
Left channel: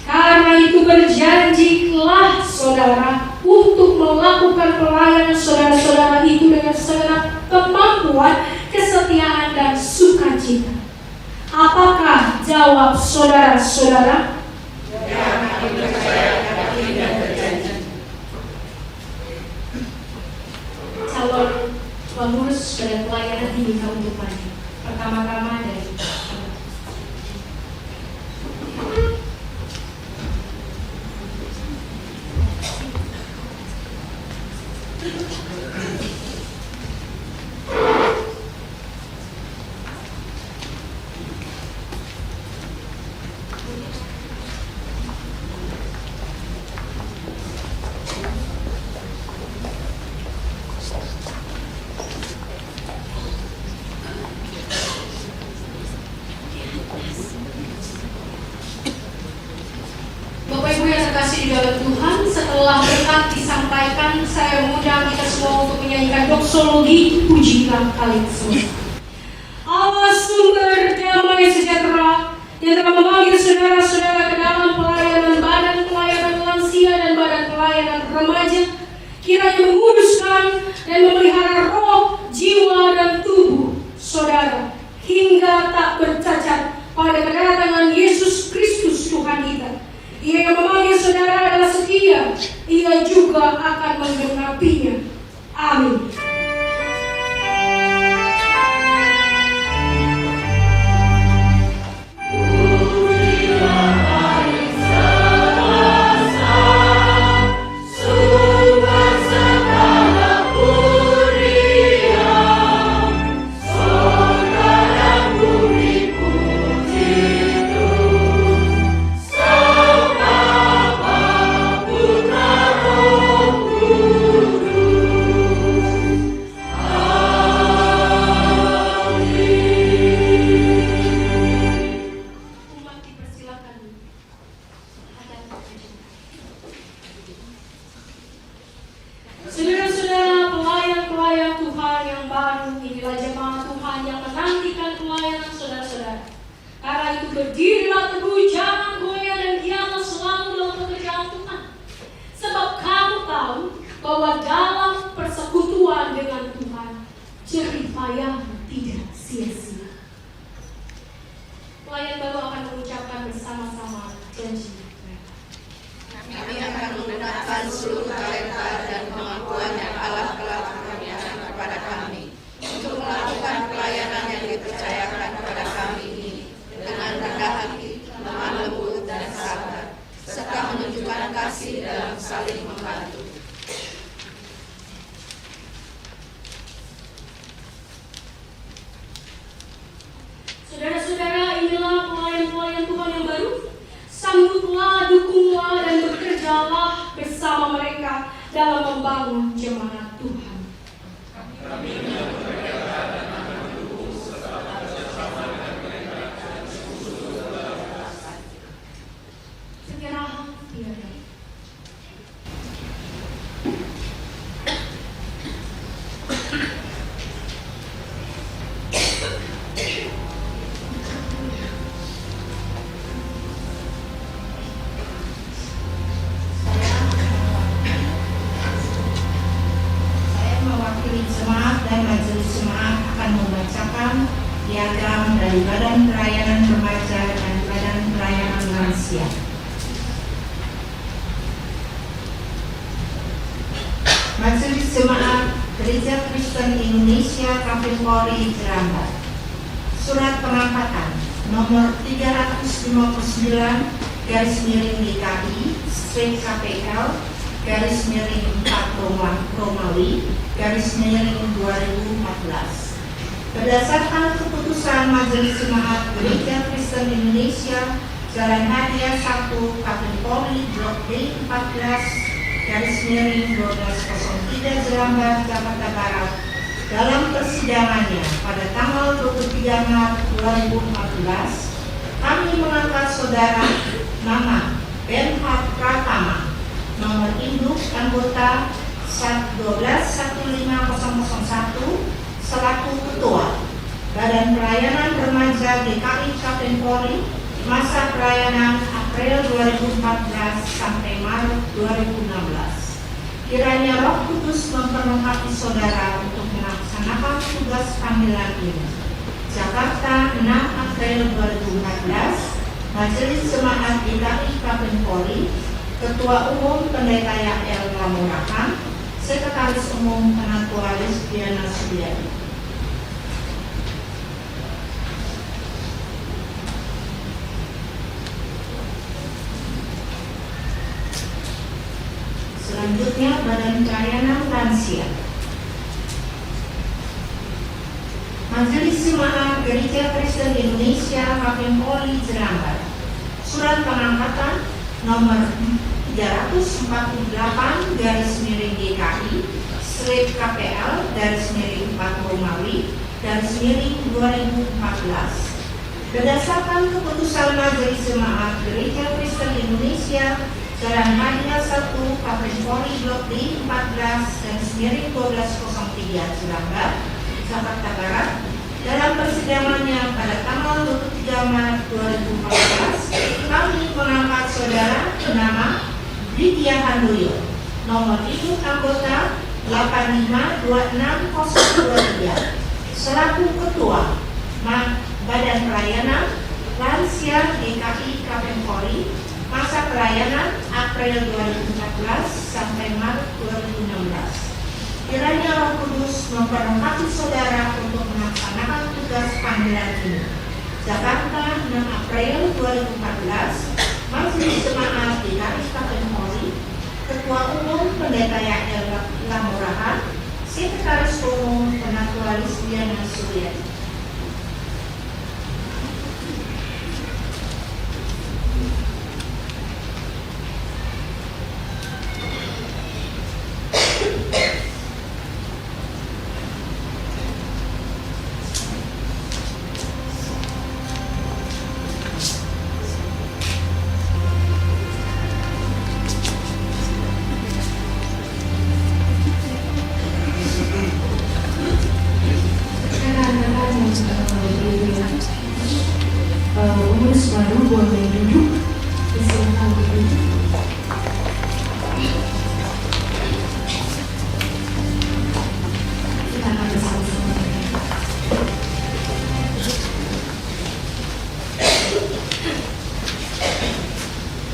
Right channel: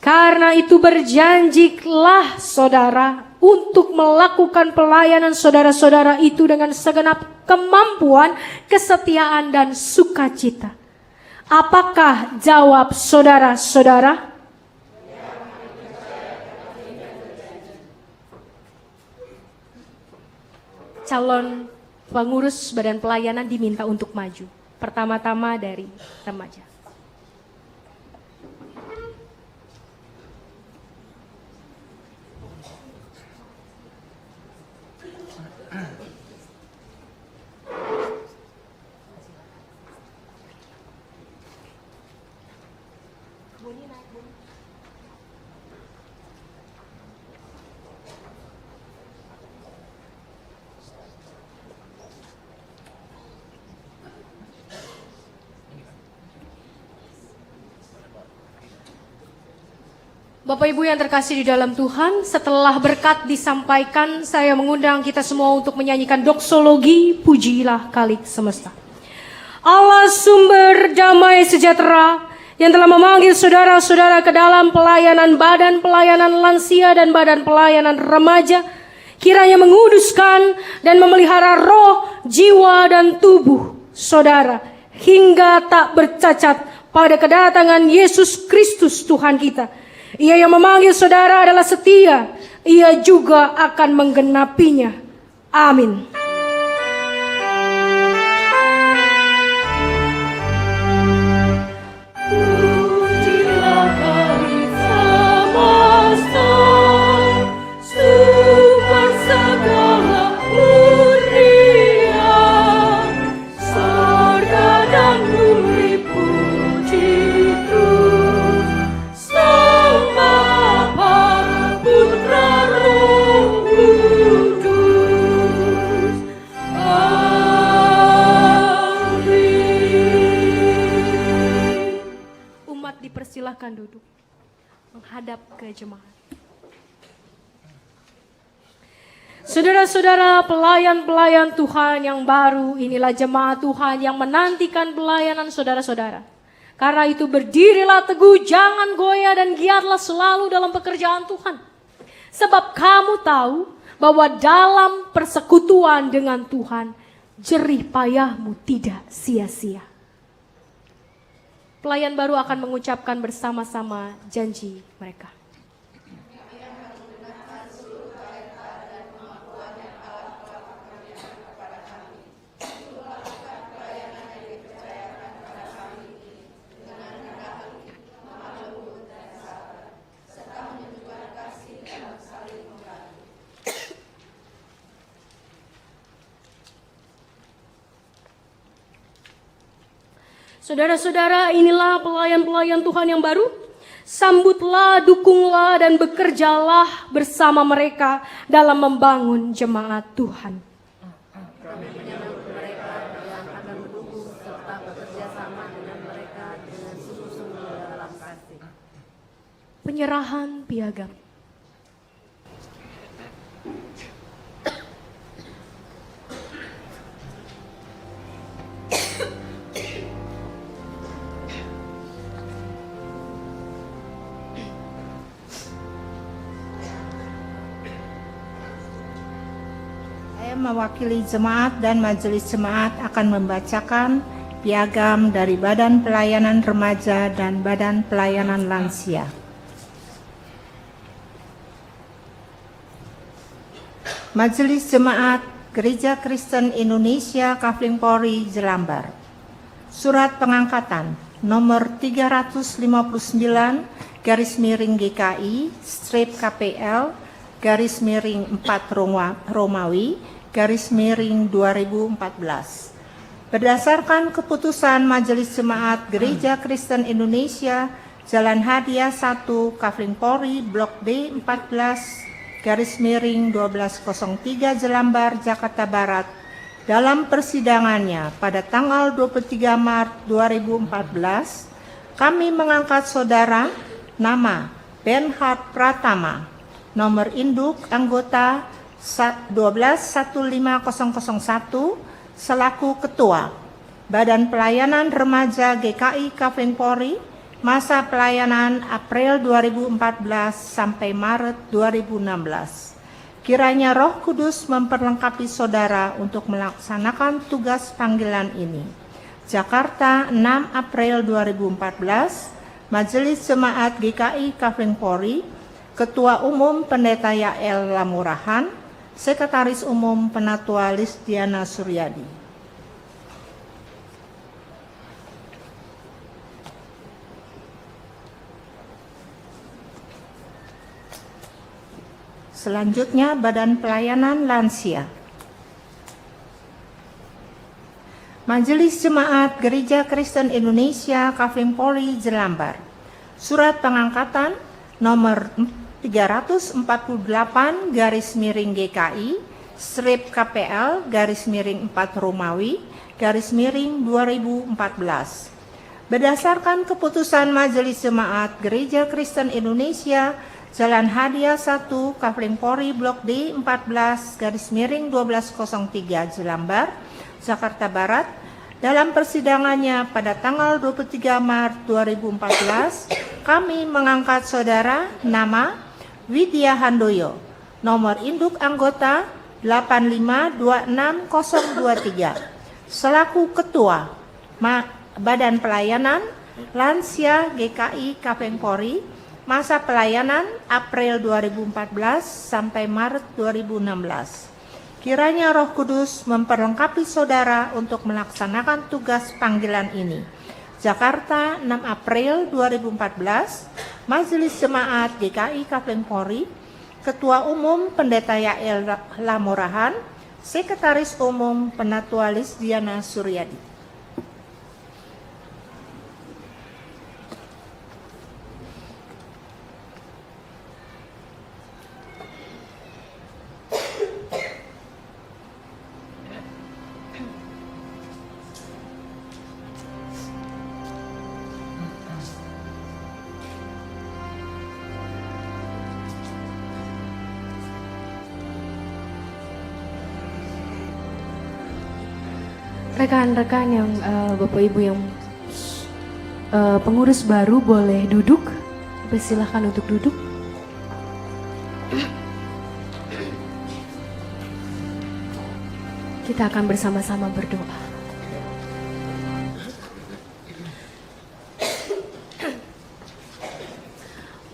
Karena itu berjanjilah saudara untuk melakukan pelayanan saudara-saudara itu dengan segenap kemampuan, kesetiaan, dan sukacita. Apakah jawab saudara-saudara? Calon pengurus badan pelayanan diminta untuk maju. Pertama-tama dari teman. Bapak Ibu yang terkasih di dalam Tuhan, setelah berkat disampaikan, saya mengundang kita semua untuk menyanyikan doksologi Pujilah Kali Semesta. Allah sumber damai sejahtera yang telah memanggil saudara-saudara ke dalam pelayanan badan pelayanan lansia dan badan pelayanan remaja, kiranya menguduskan dan memelihara roh, jiwa, dan tubuh saudara hingga tak bercacat pada kedatangan Yesus Kristus Tuhan kita. Ia yang memanggil saudara adalah setia, ia juga akan menggenapinya. Amin. Putra Roh Kudus. Saudara-saudara, pelayan-pelayan Tuhan yang baru, inilah jemaat Tuhan yang menantikan pelayanan saudara-saudara. Karena itu berdirilah teguh, jangan goyah dan giatlah selalu dalam pekerjaan Tuhan. Sebab kamu tahu bahwa dalam persekutuan dengan Tuhan, jerih payahmu tidak sia-sia. Pelayan baru akan mengucapkan bersama-sama janji mereka. Kami akan menggunakan seluruh talenta dan kemampuan yang Allah telah karuniakan kepada kami untuk melakukan pelayanan yang dipercayakan kepada kami ini dengan rendah hati, lemah lembut dan sabar, serta menunjukkan kasih dalam saling membantu. Saudara-saudara, inilah pelayan-pelayan Tuhan yang baru. Sambutlah, dukunglah, dan bekerjalah bersama mereka dalam membangun jemaat Tuhan. Penyerahan piagam. Mewakili jemaat dan majelis jemaat akan membacakan piagam dari Badan Pelayanan Remaja dan Badan Pelayanan Lansia. Majelis Jemaat Gereja Kristen Indonesia Kafling Polri Jerambar. Surat pengangkatan nomor 359/DKI/KPL /4 Romawi /2014. Berdasarkan keputusan Majelis Jemaat Gereja Kristen Indonesia Jalan Hadiah 1 Kafling Polri Blok D 14/1203 Jelambar, Jakarta Barat dalam persidangannya pada tanggal 23 Maret 2014, kami mengangkat saudara nama Benhard Pratama, nomor induk anggota 12-15001 selaku Ketua Badan Pelayanan Remaja GKI Kafling Polri, masa pelayanan April 2014 sampai Maret 2016. Kiranya Roh Kudus memperlengkapi saudara untuk melaksanakan tugas panggilan ini. Jakarta, 6 April 2014, Majelis Jemaat GKI Kafling Polri, Ketua Umum Pendeta Yael Lamurahan, Sekretaris Umum Penatua Lisdiana Suryadi. Selanjutnya Badan Pelayanan Lansia. Majelis Jemaat Gereja Kristen Indonesia Kafling Polri Jelambar. Surat pengangkatan nomor 304/GKI/KPL/4 Romawi /2014. Berdasarkan keputusan Majelis Jemaat Gereja Kristen Indonesia Jalan Hadiah 1 Kafling Polri Blok D 14/1203 Jelambar, Jakarta Barat dalam persidangannya pada tanggal 23 Maret 2014, kami mengangkat saudara nama Widya Handoyo, nomor induk anggota 8526023 selaku Ketua Badan Pelayanan Lansia GKI Kafling Polri, masa pelayanan April 2014 sampai Maret 2016. Kiranya Roh Kudus memperlengkapi saudara untuk melaksanakan tugas panggilan ini. Jakarta, 6 April 2014, Majelis Jemaat GKI Kafling Polri, Ketua Umum Pendeta Yael Lamurahan, Sekretaris Umum Penatua Lisdiana Suryadi. rekan-rekan yang Bapak Ibu yang pengurus baru boleh duduk. Silakan untuk duduk. Kita akan bersama-sama berdoa.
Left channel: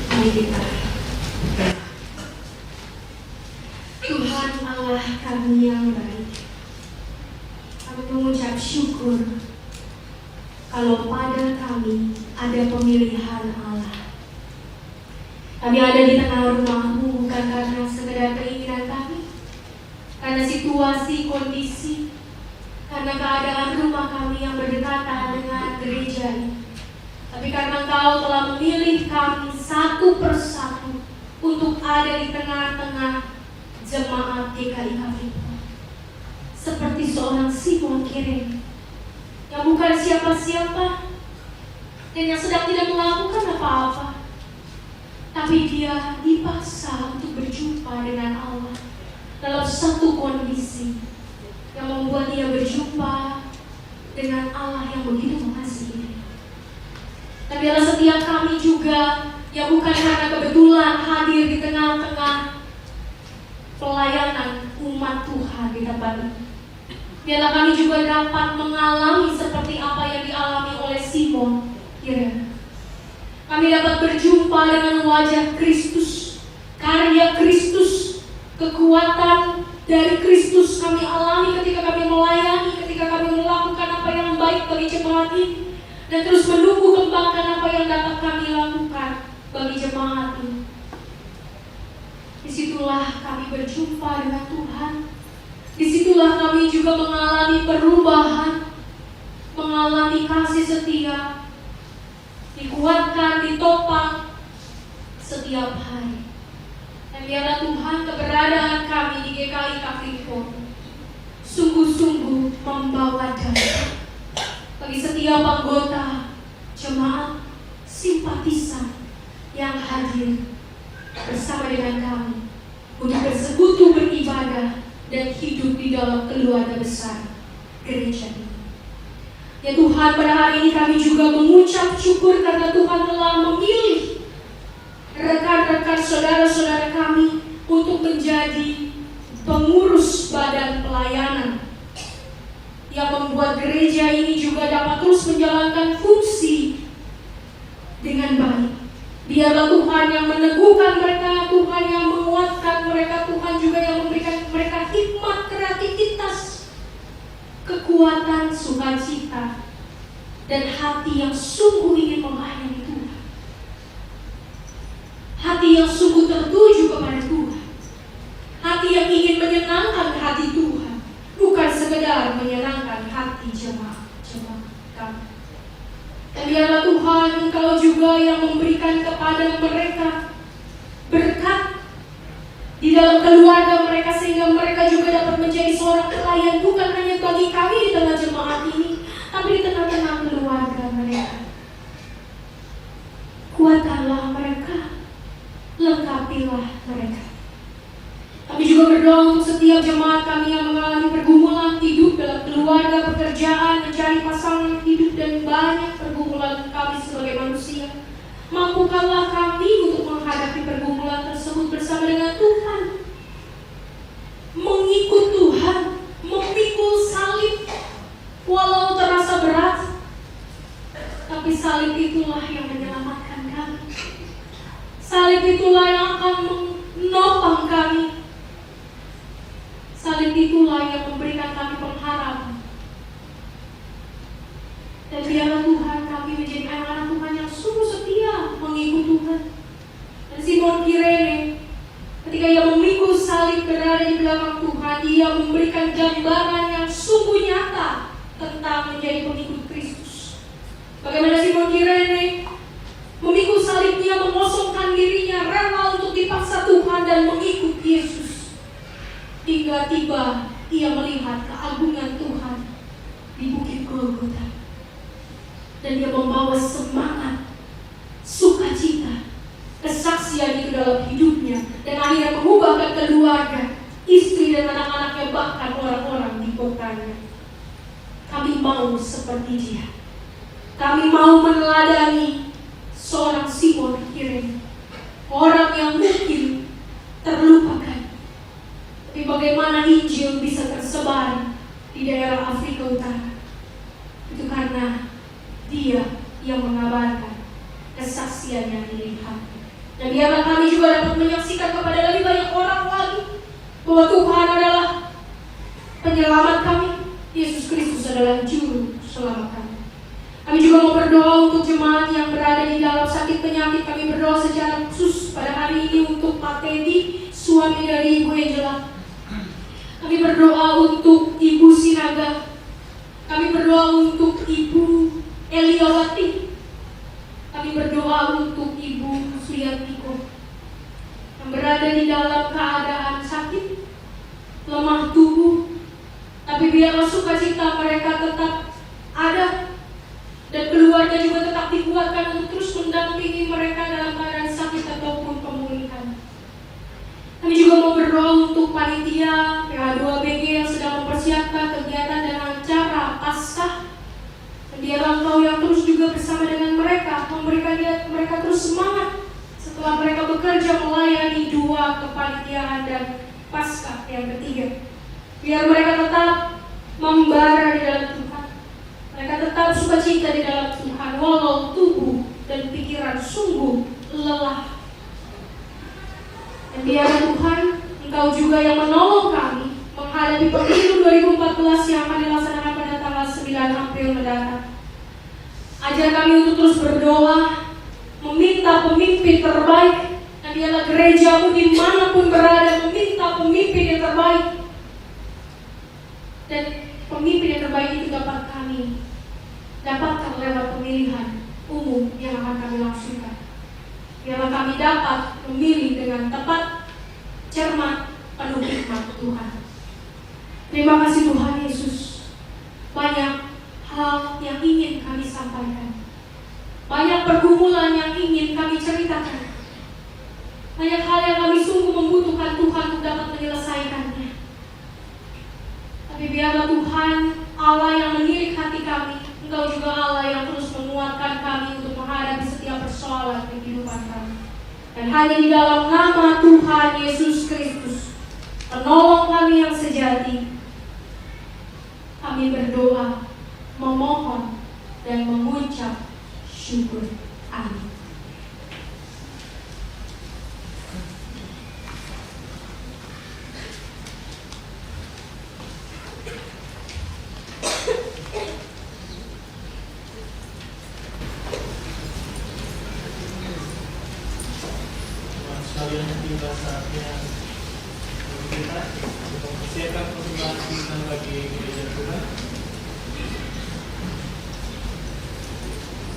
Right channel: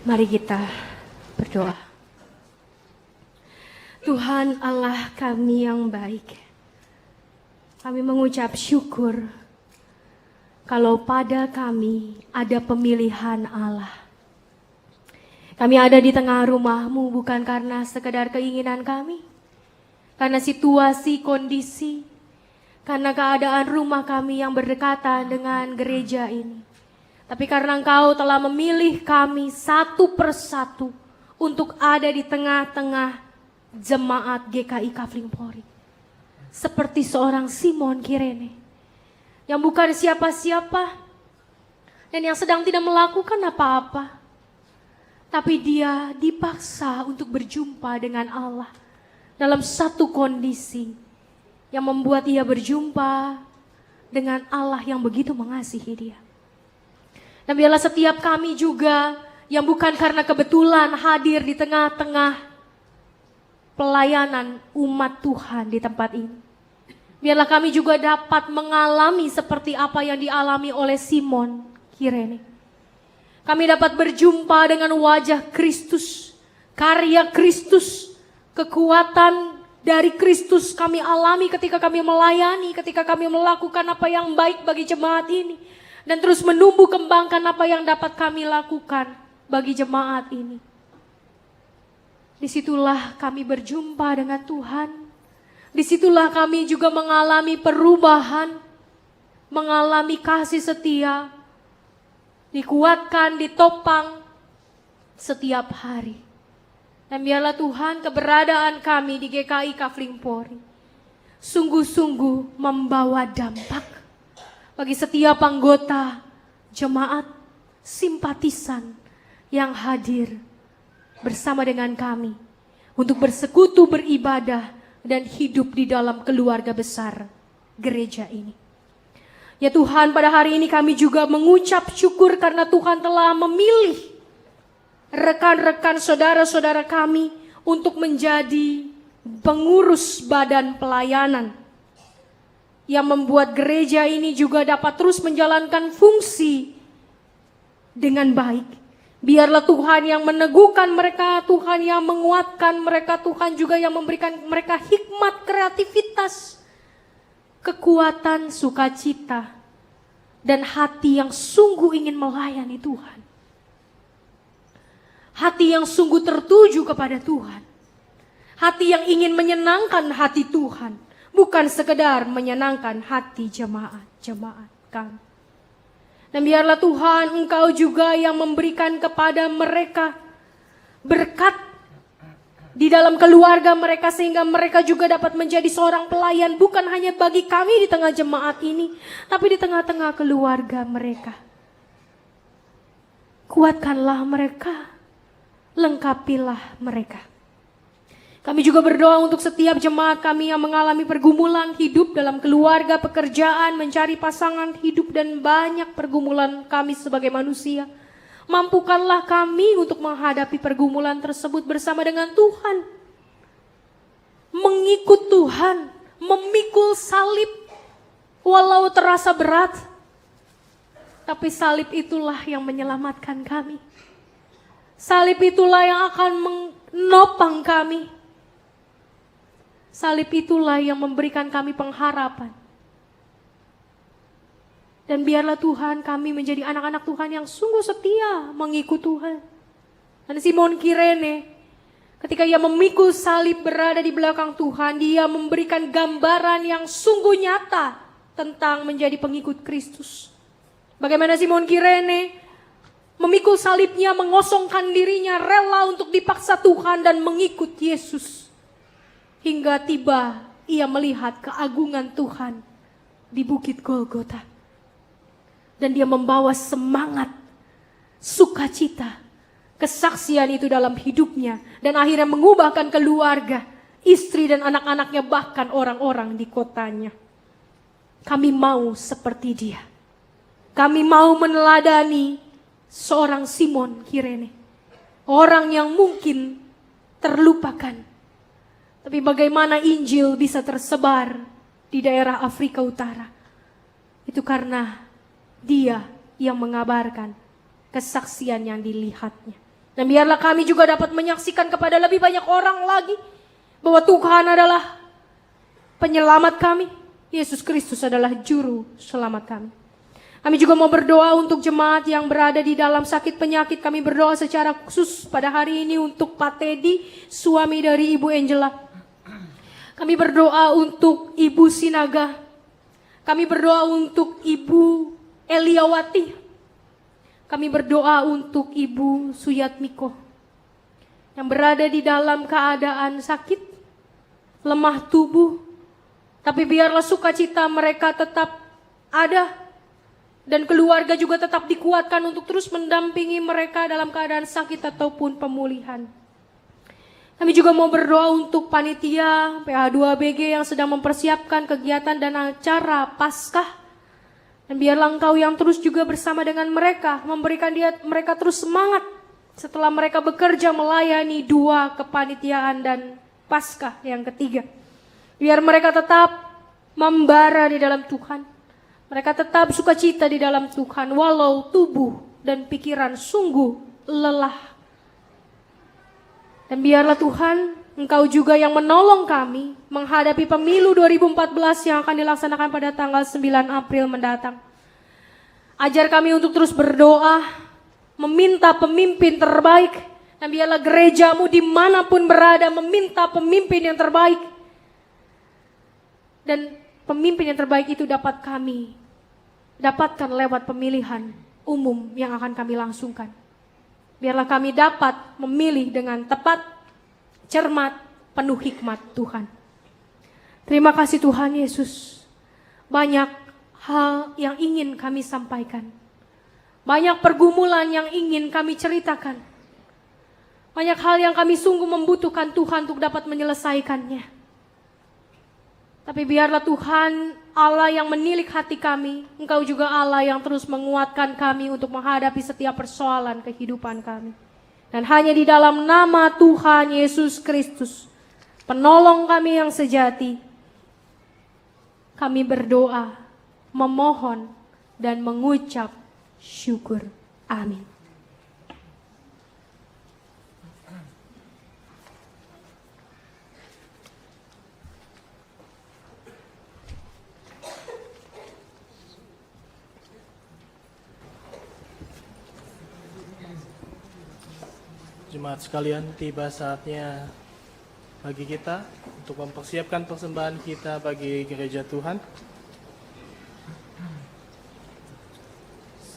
Mari kita berdoa. Tuhan Allah kami yang baik, kami mengucap syukur kalau pada kami ada pemilihan Allah. Kami ada di tengah rumah-Mu bukan karena sekedar keinginan kami, karena situasi, kondisi, karena keadaan rumah kami yang berdekatan dengan gereja ini, tapi karena Engkau telah memilih kami satu persatu untuk ada di tengah-tengah jemaat GKI Kaflipor. Seperti seorang Simon Kirene yang bukan siapa-siapa dan yang sedang tidak melakukan apa-apa, tapi dia dipaksa untuk berjumpa dengan Allah dalam satu kondisi yang membuat dia berjumpa dengan Allah yang begitu mengasihi dia. Dan biarlah setiap kami juga yang bukan karena kebetulan hadir di tengah-tengah pelayanan umat Tuhan di tempat ini, biarlah kami juga dapat mengalami seperti apa yang dialami oleh Simon Kirene. Kami dapat berjumpa dengan wajah Kristus, karya Kristus, kekuatan dari Kristus kami alami ketika kami melayani, ketika kami melakukan apa yang baik bagi jemaat ini, dan terus menumbuh kembangkan apa yang dapat kami lakukan bagi jemaat ini. Disitulah kami berjumpa dengan Tuhan. Disitulah kami juga mengalami perubahan, mengalami kasih setia, dikuatkan, ditopang setiap hari. Dan biarlah Tuhan keberadaan kami di GKI Kaflipor sungguh-sungguh membawa dampak bagi setiap anggota jemaat, simpatisan yang hadir bersama dengan kami untuk bersekutu, beribadah, dan hidup di dalam keluarga besar gereja ini. Ya Tuhan, pada hari ini kami juga mengucap syukur karena Tuhan telah memilih rekan-rekan saudara-saudara kami untuk menjadi pengurus badan pelayanan yang membuat gereja ini juga dapat terus menjalankan fungsi dengan baik. Biarlah Tuhan yang meneguhkan mereka, Tuhan yang menguatkan mereka, Tuhan juga yang memberikan mereka hikmat, kreativitas, kekuatan, sukacita, dan hati yang sungguh ingin melayani Tuhan. Hati yang sungguh tertuju kepada Tuhan. Hati yang ingin menyenangkan hati Tuhan, bukan sekedar menyenangkan hati jemaat kami. Dan biarlah Tuhan Engkau juga yang memberikan kepada mereka berkat di dalam keluarga mereka, sehingga mereka juga dapat menjadi seorang pelayan bukan hanya bagi kami di tengah jemaat ini, tapi di tengah-tengah keluarga mereka. Kuatkanlah mereka, lengkapilah mereka. Kami juga berdoa untuk setiap jemaat kami yang mengalami pergumulan hidup dalam keluarga, pekerjaan, mencari pasangan hidup, dan banyak pergumulan kami sebagai manusia. Mampukanlah kami untuk menghadapi pergumulan tersebut bersama dengan Tuhan. Mengikut Tuhan, memikul salib walau terasa berat, tapi salib itulah yang menyelamatkan kami. Salib itulah yang akan menopang kami. Salib itulah yang memberikan kami pengharapan. Dan biarlah Tuhan kami menjadi anak-anak Tuhan yang sungguh setia mengikut Tuhan. Dan Simon Kirene, ketika ia memikul salib berada di belakang Tuhan, dia memberikan gambaran yang sungguh nyata tentang menjadi pengikut Kristus. Bagaimana Simon Kirene memikul salibnya, mengosongkan dirinya, rela untuk dipaksa Tuhan dan mengikut Yesus. Hingga tiba ia melihat keagungan Tuhan di Bukit Golgota. Dan dia membawa semangat, sukacita, kesaksian itu dalam hidupnya. Dan akhirnya mengubahkan keluarga, istri dan anak-anaknya, bahkan orang-orang di kotanya. kami mau seperti dia. Kami mau meneladani seorang Simon Kirene, orang yang mungkin terlupakan. Tapi bagaimana Injil bisa tersebar di daerah Afrika Utara? Itu karena dia yang mengabarkan kesaksian yang dilihatnya. Dan biarlah kami juga dapat menyaksikan kepada lebih banyak orang lagi bahwa Tuhan adalah penyelamat kami. Yesus Kristus adalah juru selamat kami. Kami juga mau berdoa untuk jemaat yang berada di dalam sakit penyakit. Kami berdoa secara khusus pada hari ini untuk Pak Teddy, suami dari Ibu Angela. Kami berdoa untuk Ibu Sinaga. Kami berdoa untuk Ibu Eliawati. Kami berdoa untuk Ibu Suyatmiko yang berada di dalam keadaan sakit, lemah tubuh. Tapi biarlah sukacita mereka tetap ada, dan keluarga juga tetap dikuatkan untuk terus mendampingi mereka dalam keadaan sakit ataupun pemulihan. Kami juga mau berdoa untuk panitia PH2BG yang sedang mempersiapkan kegiatan dan acara Paskah. Dan biarlah Engkau yang terus juga bersama dengan mereka, memberikan mereka terus semangat setelah mereka bekerja melayani 2 kepanitiaan dan Paskah yang ketiga. Biar mereka tetap membara di dalam Tuhan. Mereka tetap sukacita di dalam Tuhan walau tubuh dan pikiran sungguh lelah. Dan biarlah Tuhan, Engkau juga yang menolong kami menghadapi pemilu 2014 yang akan dilaksanakan pada tanggal 9 April mendatang. Ajar kami untuk terus berdoa, meminta pemimpin terbaik, dan biarlah gerejamu dimanapun berada meminta pemimpin yang terbaik. Dan pemimpin yang terbaik itu dapat kami dapatkan lewat pemilihan umum yang akan kami langsungkan. Biarlah kami dapat memilih dengan tepat, cermat, penuh hikmat Tuhan. Terima kasih Tuhan Yesus. Banyak hal yang ingin kami sampaikan. Banyak pergumulan yang ingin kami ceritakan. Banyak hal yang kami sungguh membutuhkan Tuhan untuk dapat menyelesaikannya. Tapi biarlah Tuhan, Allah yang menilik hati kami, Engkau juga Allah yang terus menguatkan kami untuk menghadapi setiap persoalan kehidupan kami. Dan hanya di dalam nama Tuhan Yesus Kristus, penolong kami yang sejati, kami berdoa, memohon, dan mengucap syukur. Amin. Sekalian, tiba saatnya bagi kita untuk mempersiapkan persembahan kita bagi gereja Tuhan.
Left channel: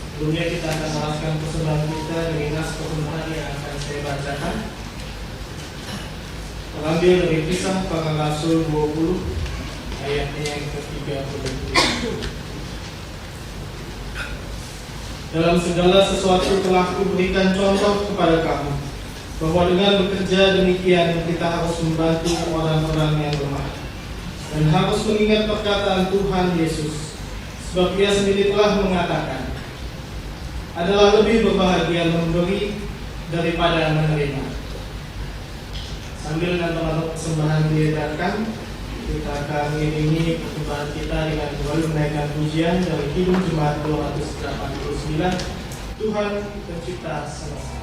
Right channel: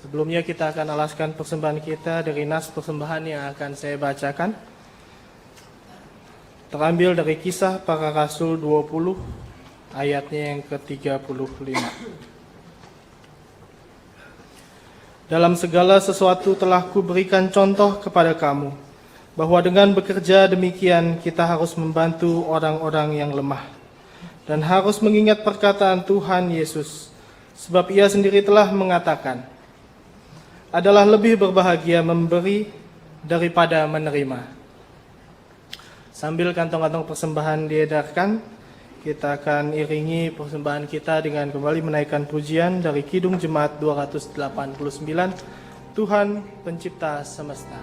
Sebelumnya kita akan alaskan persembahan kita dari nas persembahan yang akan saya bacakan. Terambil dari Kisah Para Rasul 20 ayatnya yang ke-35. Dalam segala sesuatu telah kuberikan contoh kepada kamu, bahwa dengan bekerja demikian kita harus membantu orang-orang yang lemah dan harus mengingat perkataan Tuhan Yesus, sebab Ia sendiri telah mengatakan, adalah lebih berbahagia memberi daripada menerima. Sambil kantong-kantong persembahan diedarkan, kita akan iringi persembahan kita dengan kembali menaikkan pujian dari Kidung Jemaat 289, Tuhan Pencipta Semesta.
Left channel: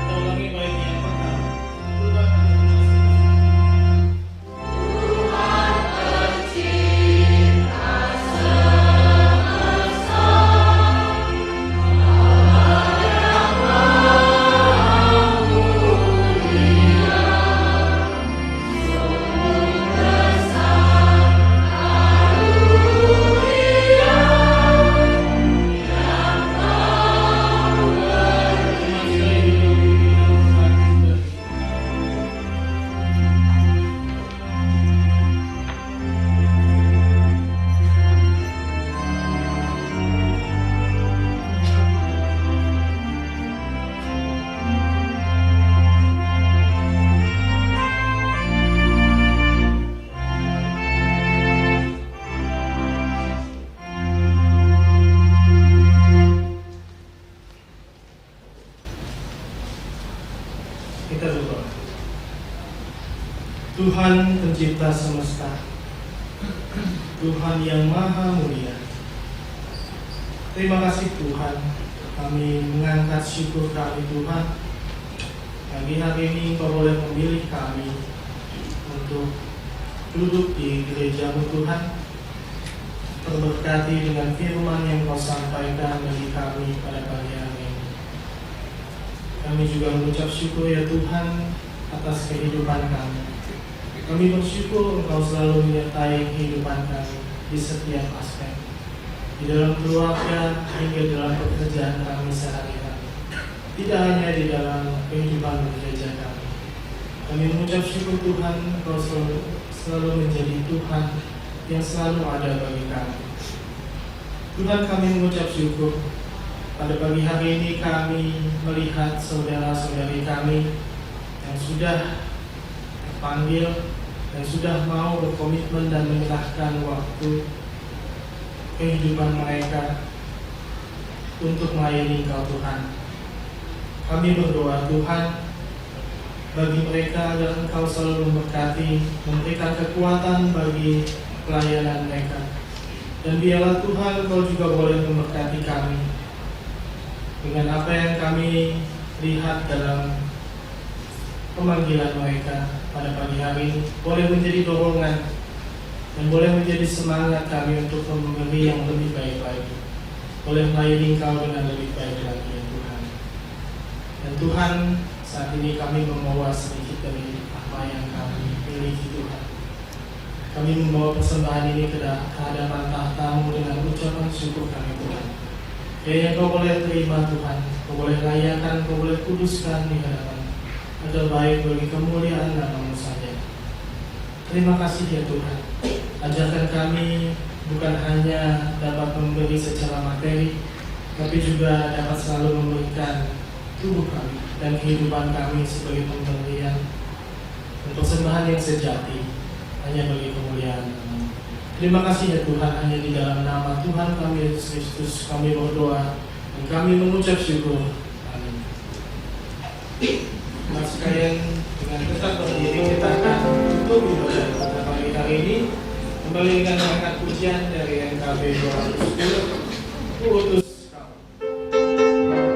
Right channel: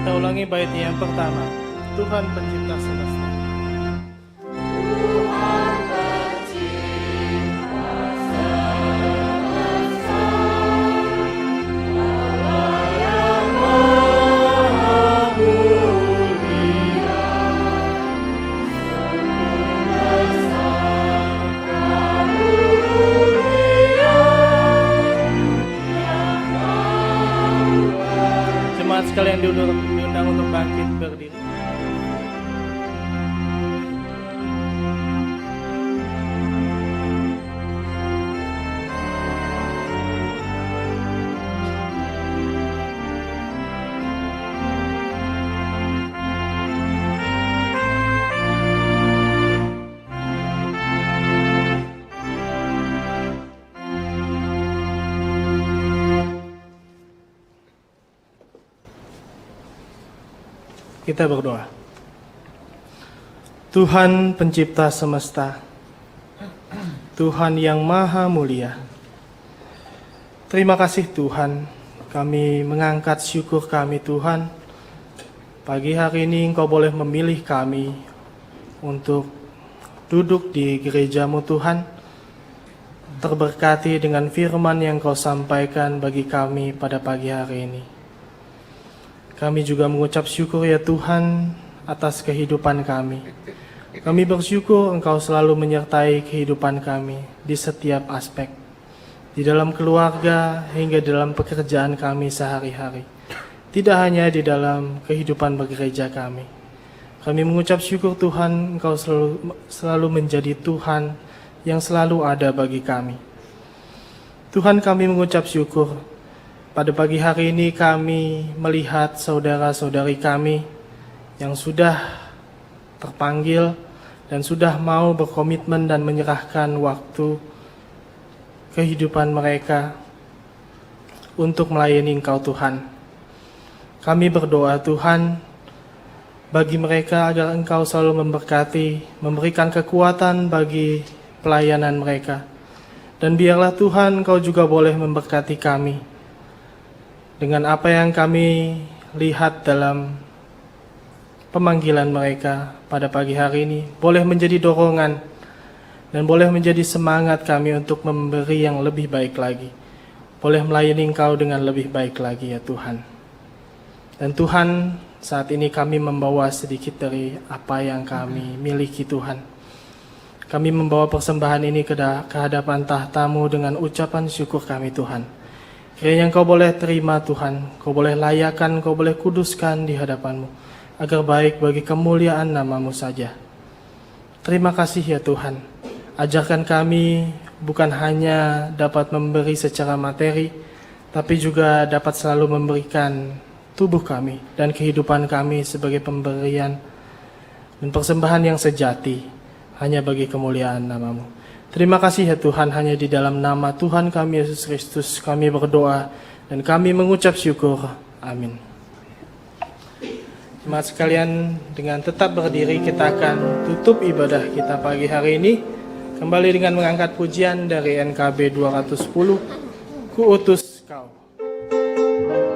Kita ulangi baitnya yang pertama. Tuhan pencipta semesta. Jemaat sekalian duduk untuk bangkit berdiri. Kita berdoa. Tuhan pencipta semesta, Tuhan yang maha mulia, terima kasih Tuhan, kami mengangkat syukur kami Tuhan. Pagi hari ini Engkau boleh memilih kami untuk duduk di gereja-Mu Tuhan, terberkati dengan firman yang Kau sampaikan bagi kami pada pagi hari ini. Kami juga mengucap syukur ya Tuhan atas kehidupan kami. Kami bersyukur Engkau selalu menyertai kehidupan kami di setiap aspek, di dalam keluarga hingga dalam pekerjaan kami sehari-hari. Tidak hanya di dalam kehidupan bergereja kami. Kami mengucap syukur Tuhan Engkau selalu menjadi Tuhan yang selalu ada bagi kami. Tuhan, kami mengucap syukur. Pada pagi hari ini kami melihat saudara-saudari kami yang sudah terpanggil dan sudah mau berkomitmen dan menyerahkan waktu kehidupan mereka untuk melayani Engkau Tuhan. Kami berdoa Tuhan bagi mereka agar Engkau selalu memberkati, memberikan kekuatan bagi pelayanan mereka. Dan biarlah Tuhan Engkau juga boleh memberkati kami dengan apa yang kami lihat dalam pemanggilan mereka pada pagi hari ini, boleh menjadi dorongan dan boleh menjadi semangat kami untuk memberi yang lebih baik lagi, boleh melayani Engkau dengan lebih baik lagi ya Tuhan. Dan Tuhan, saat ini kami membawa sedikit dari apa yang kami miliki Tuhan. Kami membawa persembahan ini ke hadapan tahta-Mu dengan ucapan syukur kami Tuhan. Kiranya Kau boleh terima Tuhan, Kau boleh layakkan, Kau boleh kuduskan di hadapan-Mu, agar baik bagi kemuliaan nama-Mu saja. Terima kasih ya Tuhan. Ajarkan kami bukan hanya dapat memberi secara materi, tapi juga dapat selalu memberikan tubuh kami dan kehidupan kami sebagai pemberian dan persembahan yang sejati hanya bagi kemuliaan nama-Mu. Terima kasih ya Tuhan, hanya di dalam nama Tuhan kami Yesus Kristus kami berdoa dan kami mengucap syukur. Amin. Jemaat sekalian, dengan tetap berdiri kita akan tutup ibadah kita pagi hari ini kembali dengan mengangkat pujian dari NKB 210, Ku utus Kau. Terima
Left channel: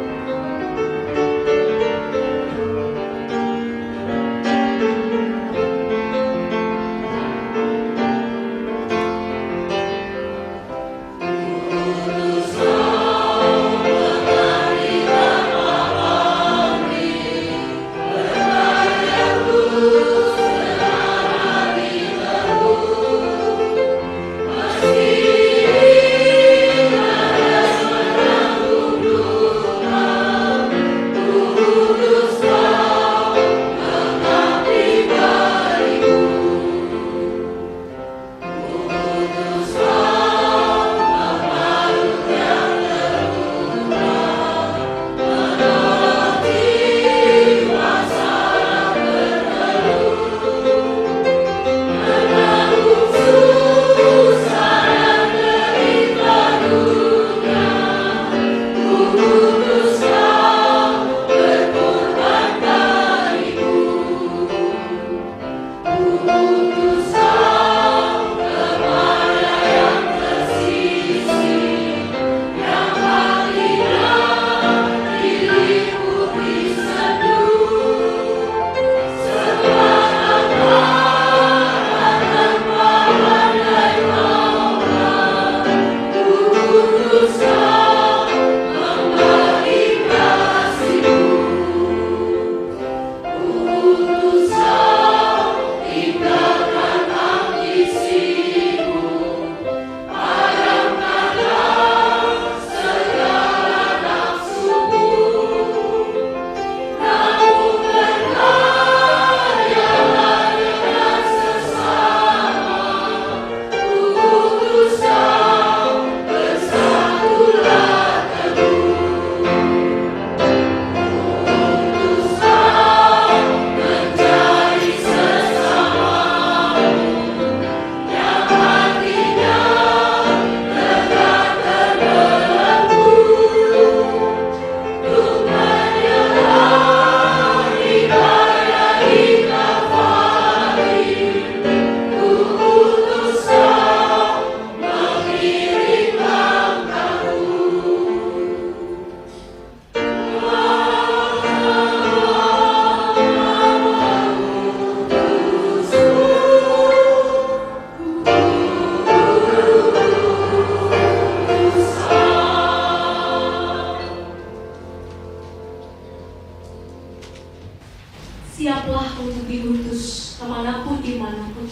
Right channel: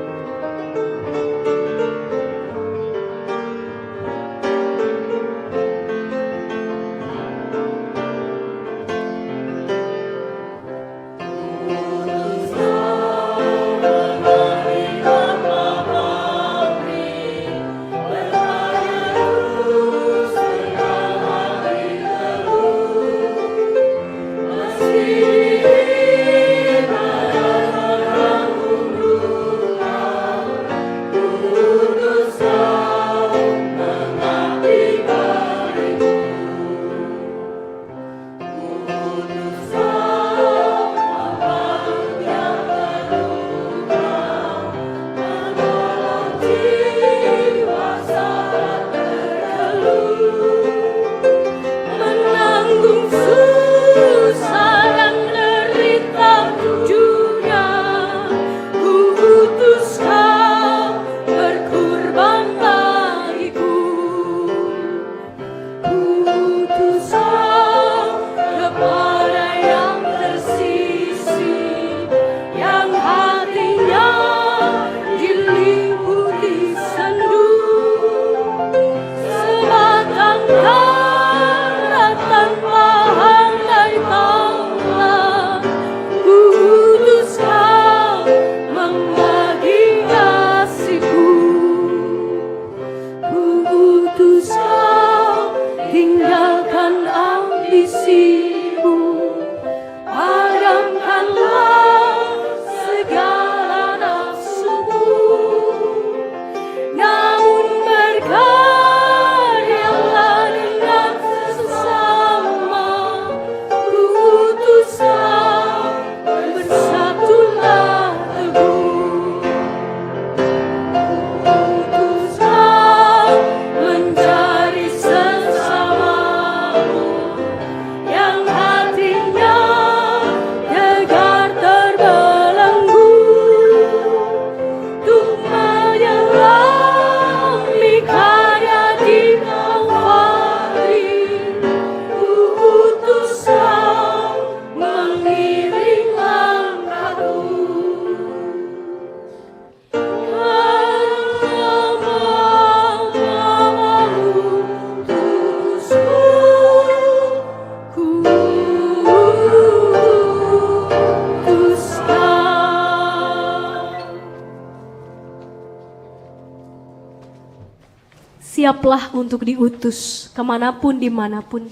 siaplah untuk diutus kemanapun dimanapun.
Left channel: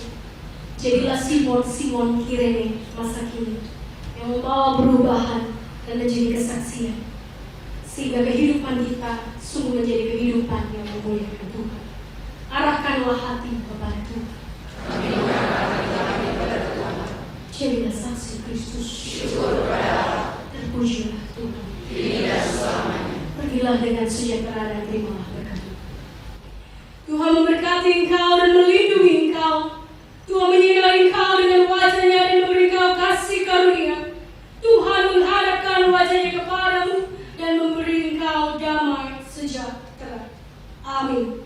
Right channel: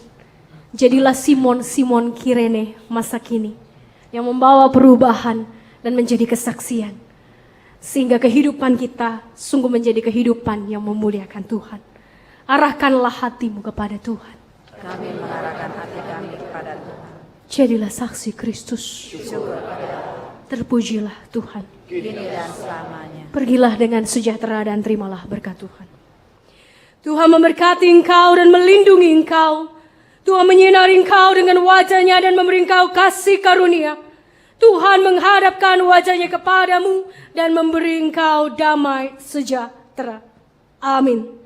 Jadilah Simon Kirene masa kini yang membawa perubahan dan menjadi kesaksian, sehingga kehidupan kita sungguh menjadi kehidupan yang memuliakan Tuhan. Arahkanlah hatimu kepada Tuhan. Jadilah saksi Kristus. Terpujilah Tuhan. Pergilah dengan sejahtera dan terimalah berkat Tuhan. Tuhan memberkati engkau dan melindungi engkau. Tuhan menyinari engkau dengan wajah-Nya dan memberi engkau kasih karunia. Tuhan menghadapkan wajah-Nya kepadamu dan memberi engkau damai sejahtera. Amin.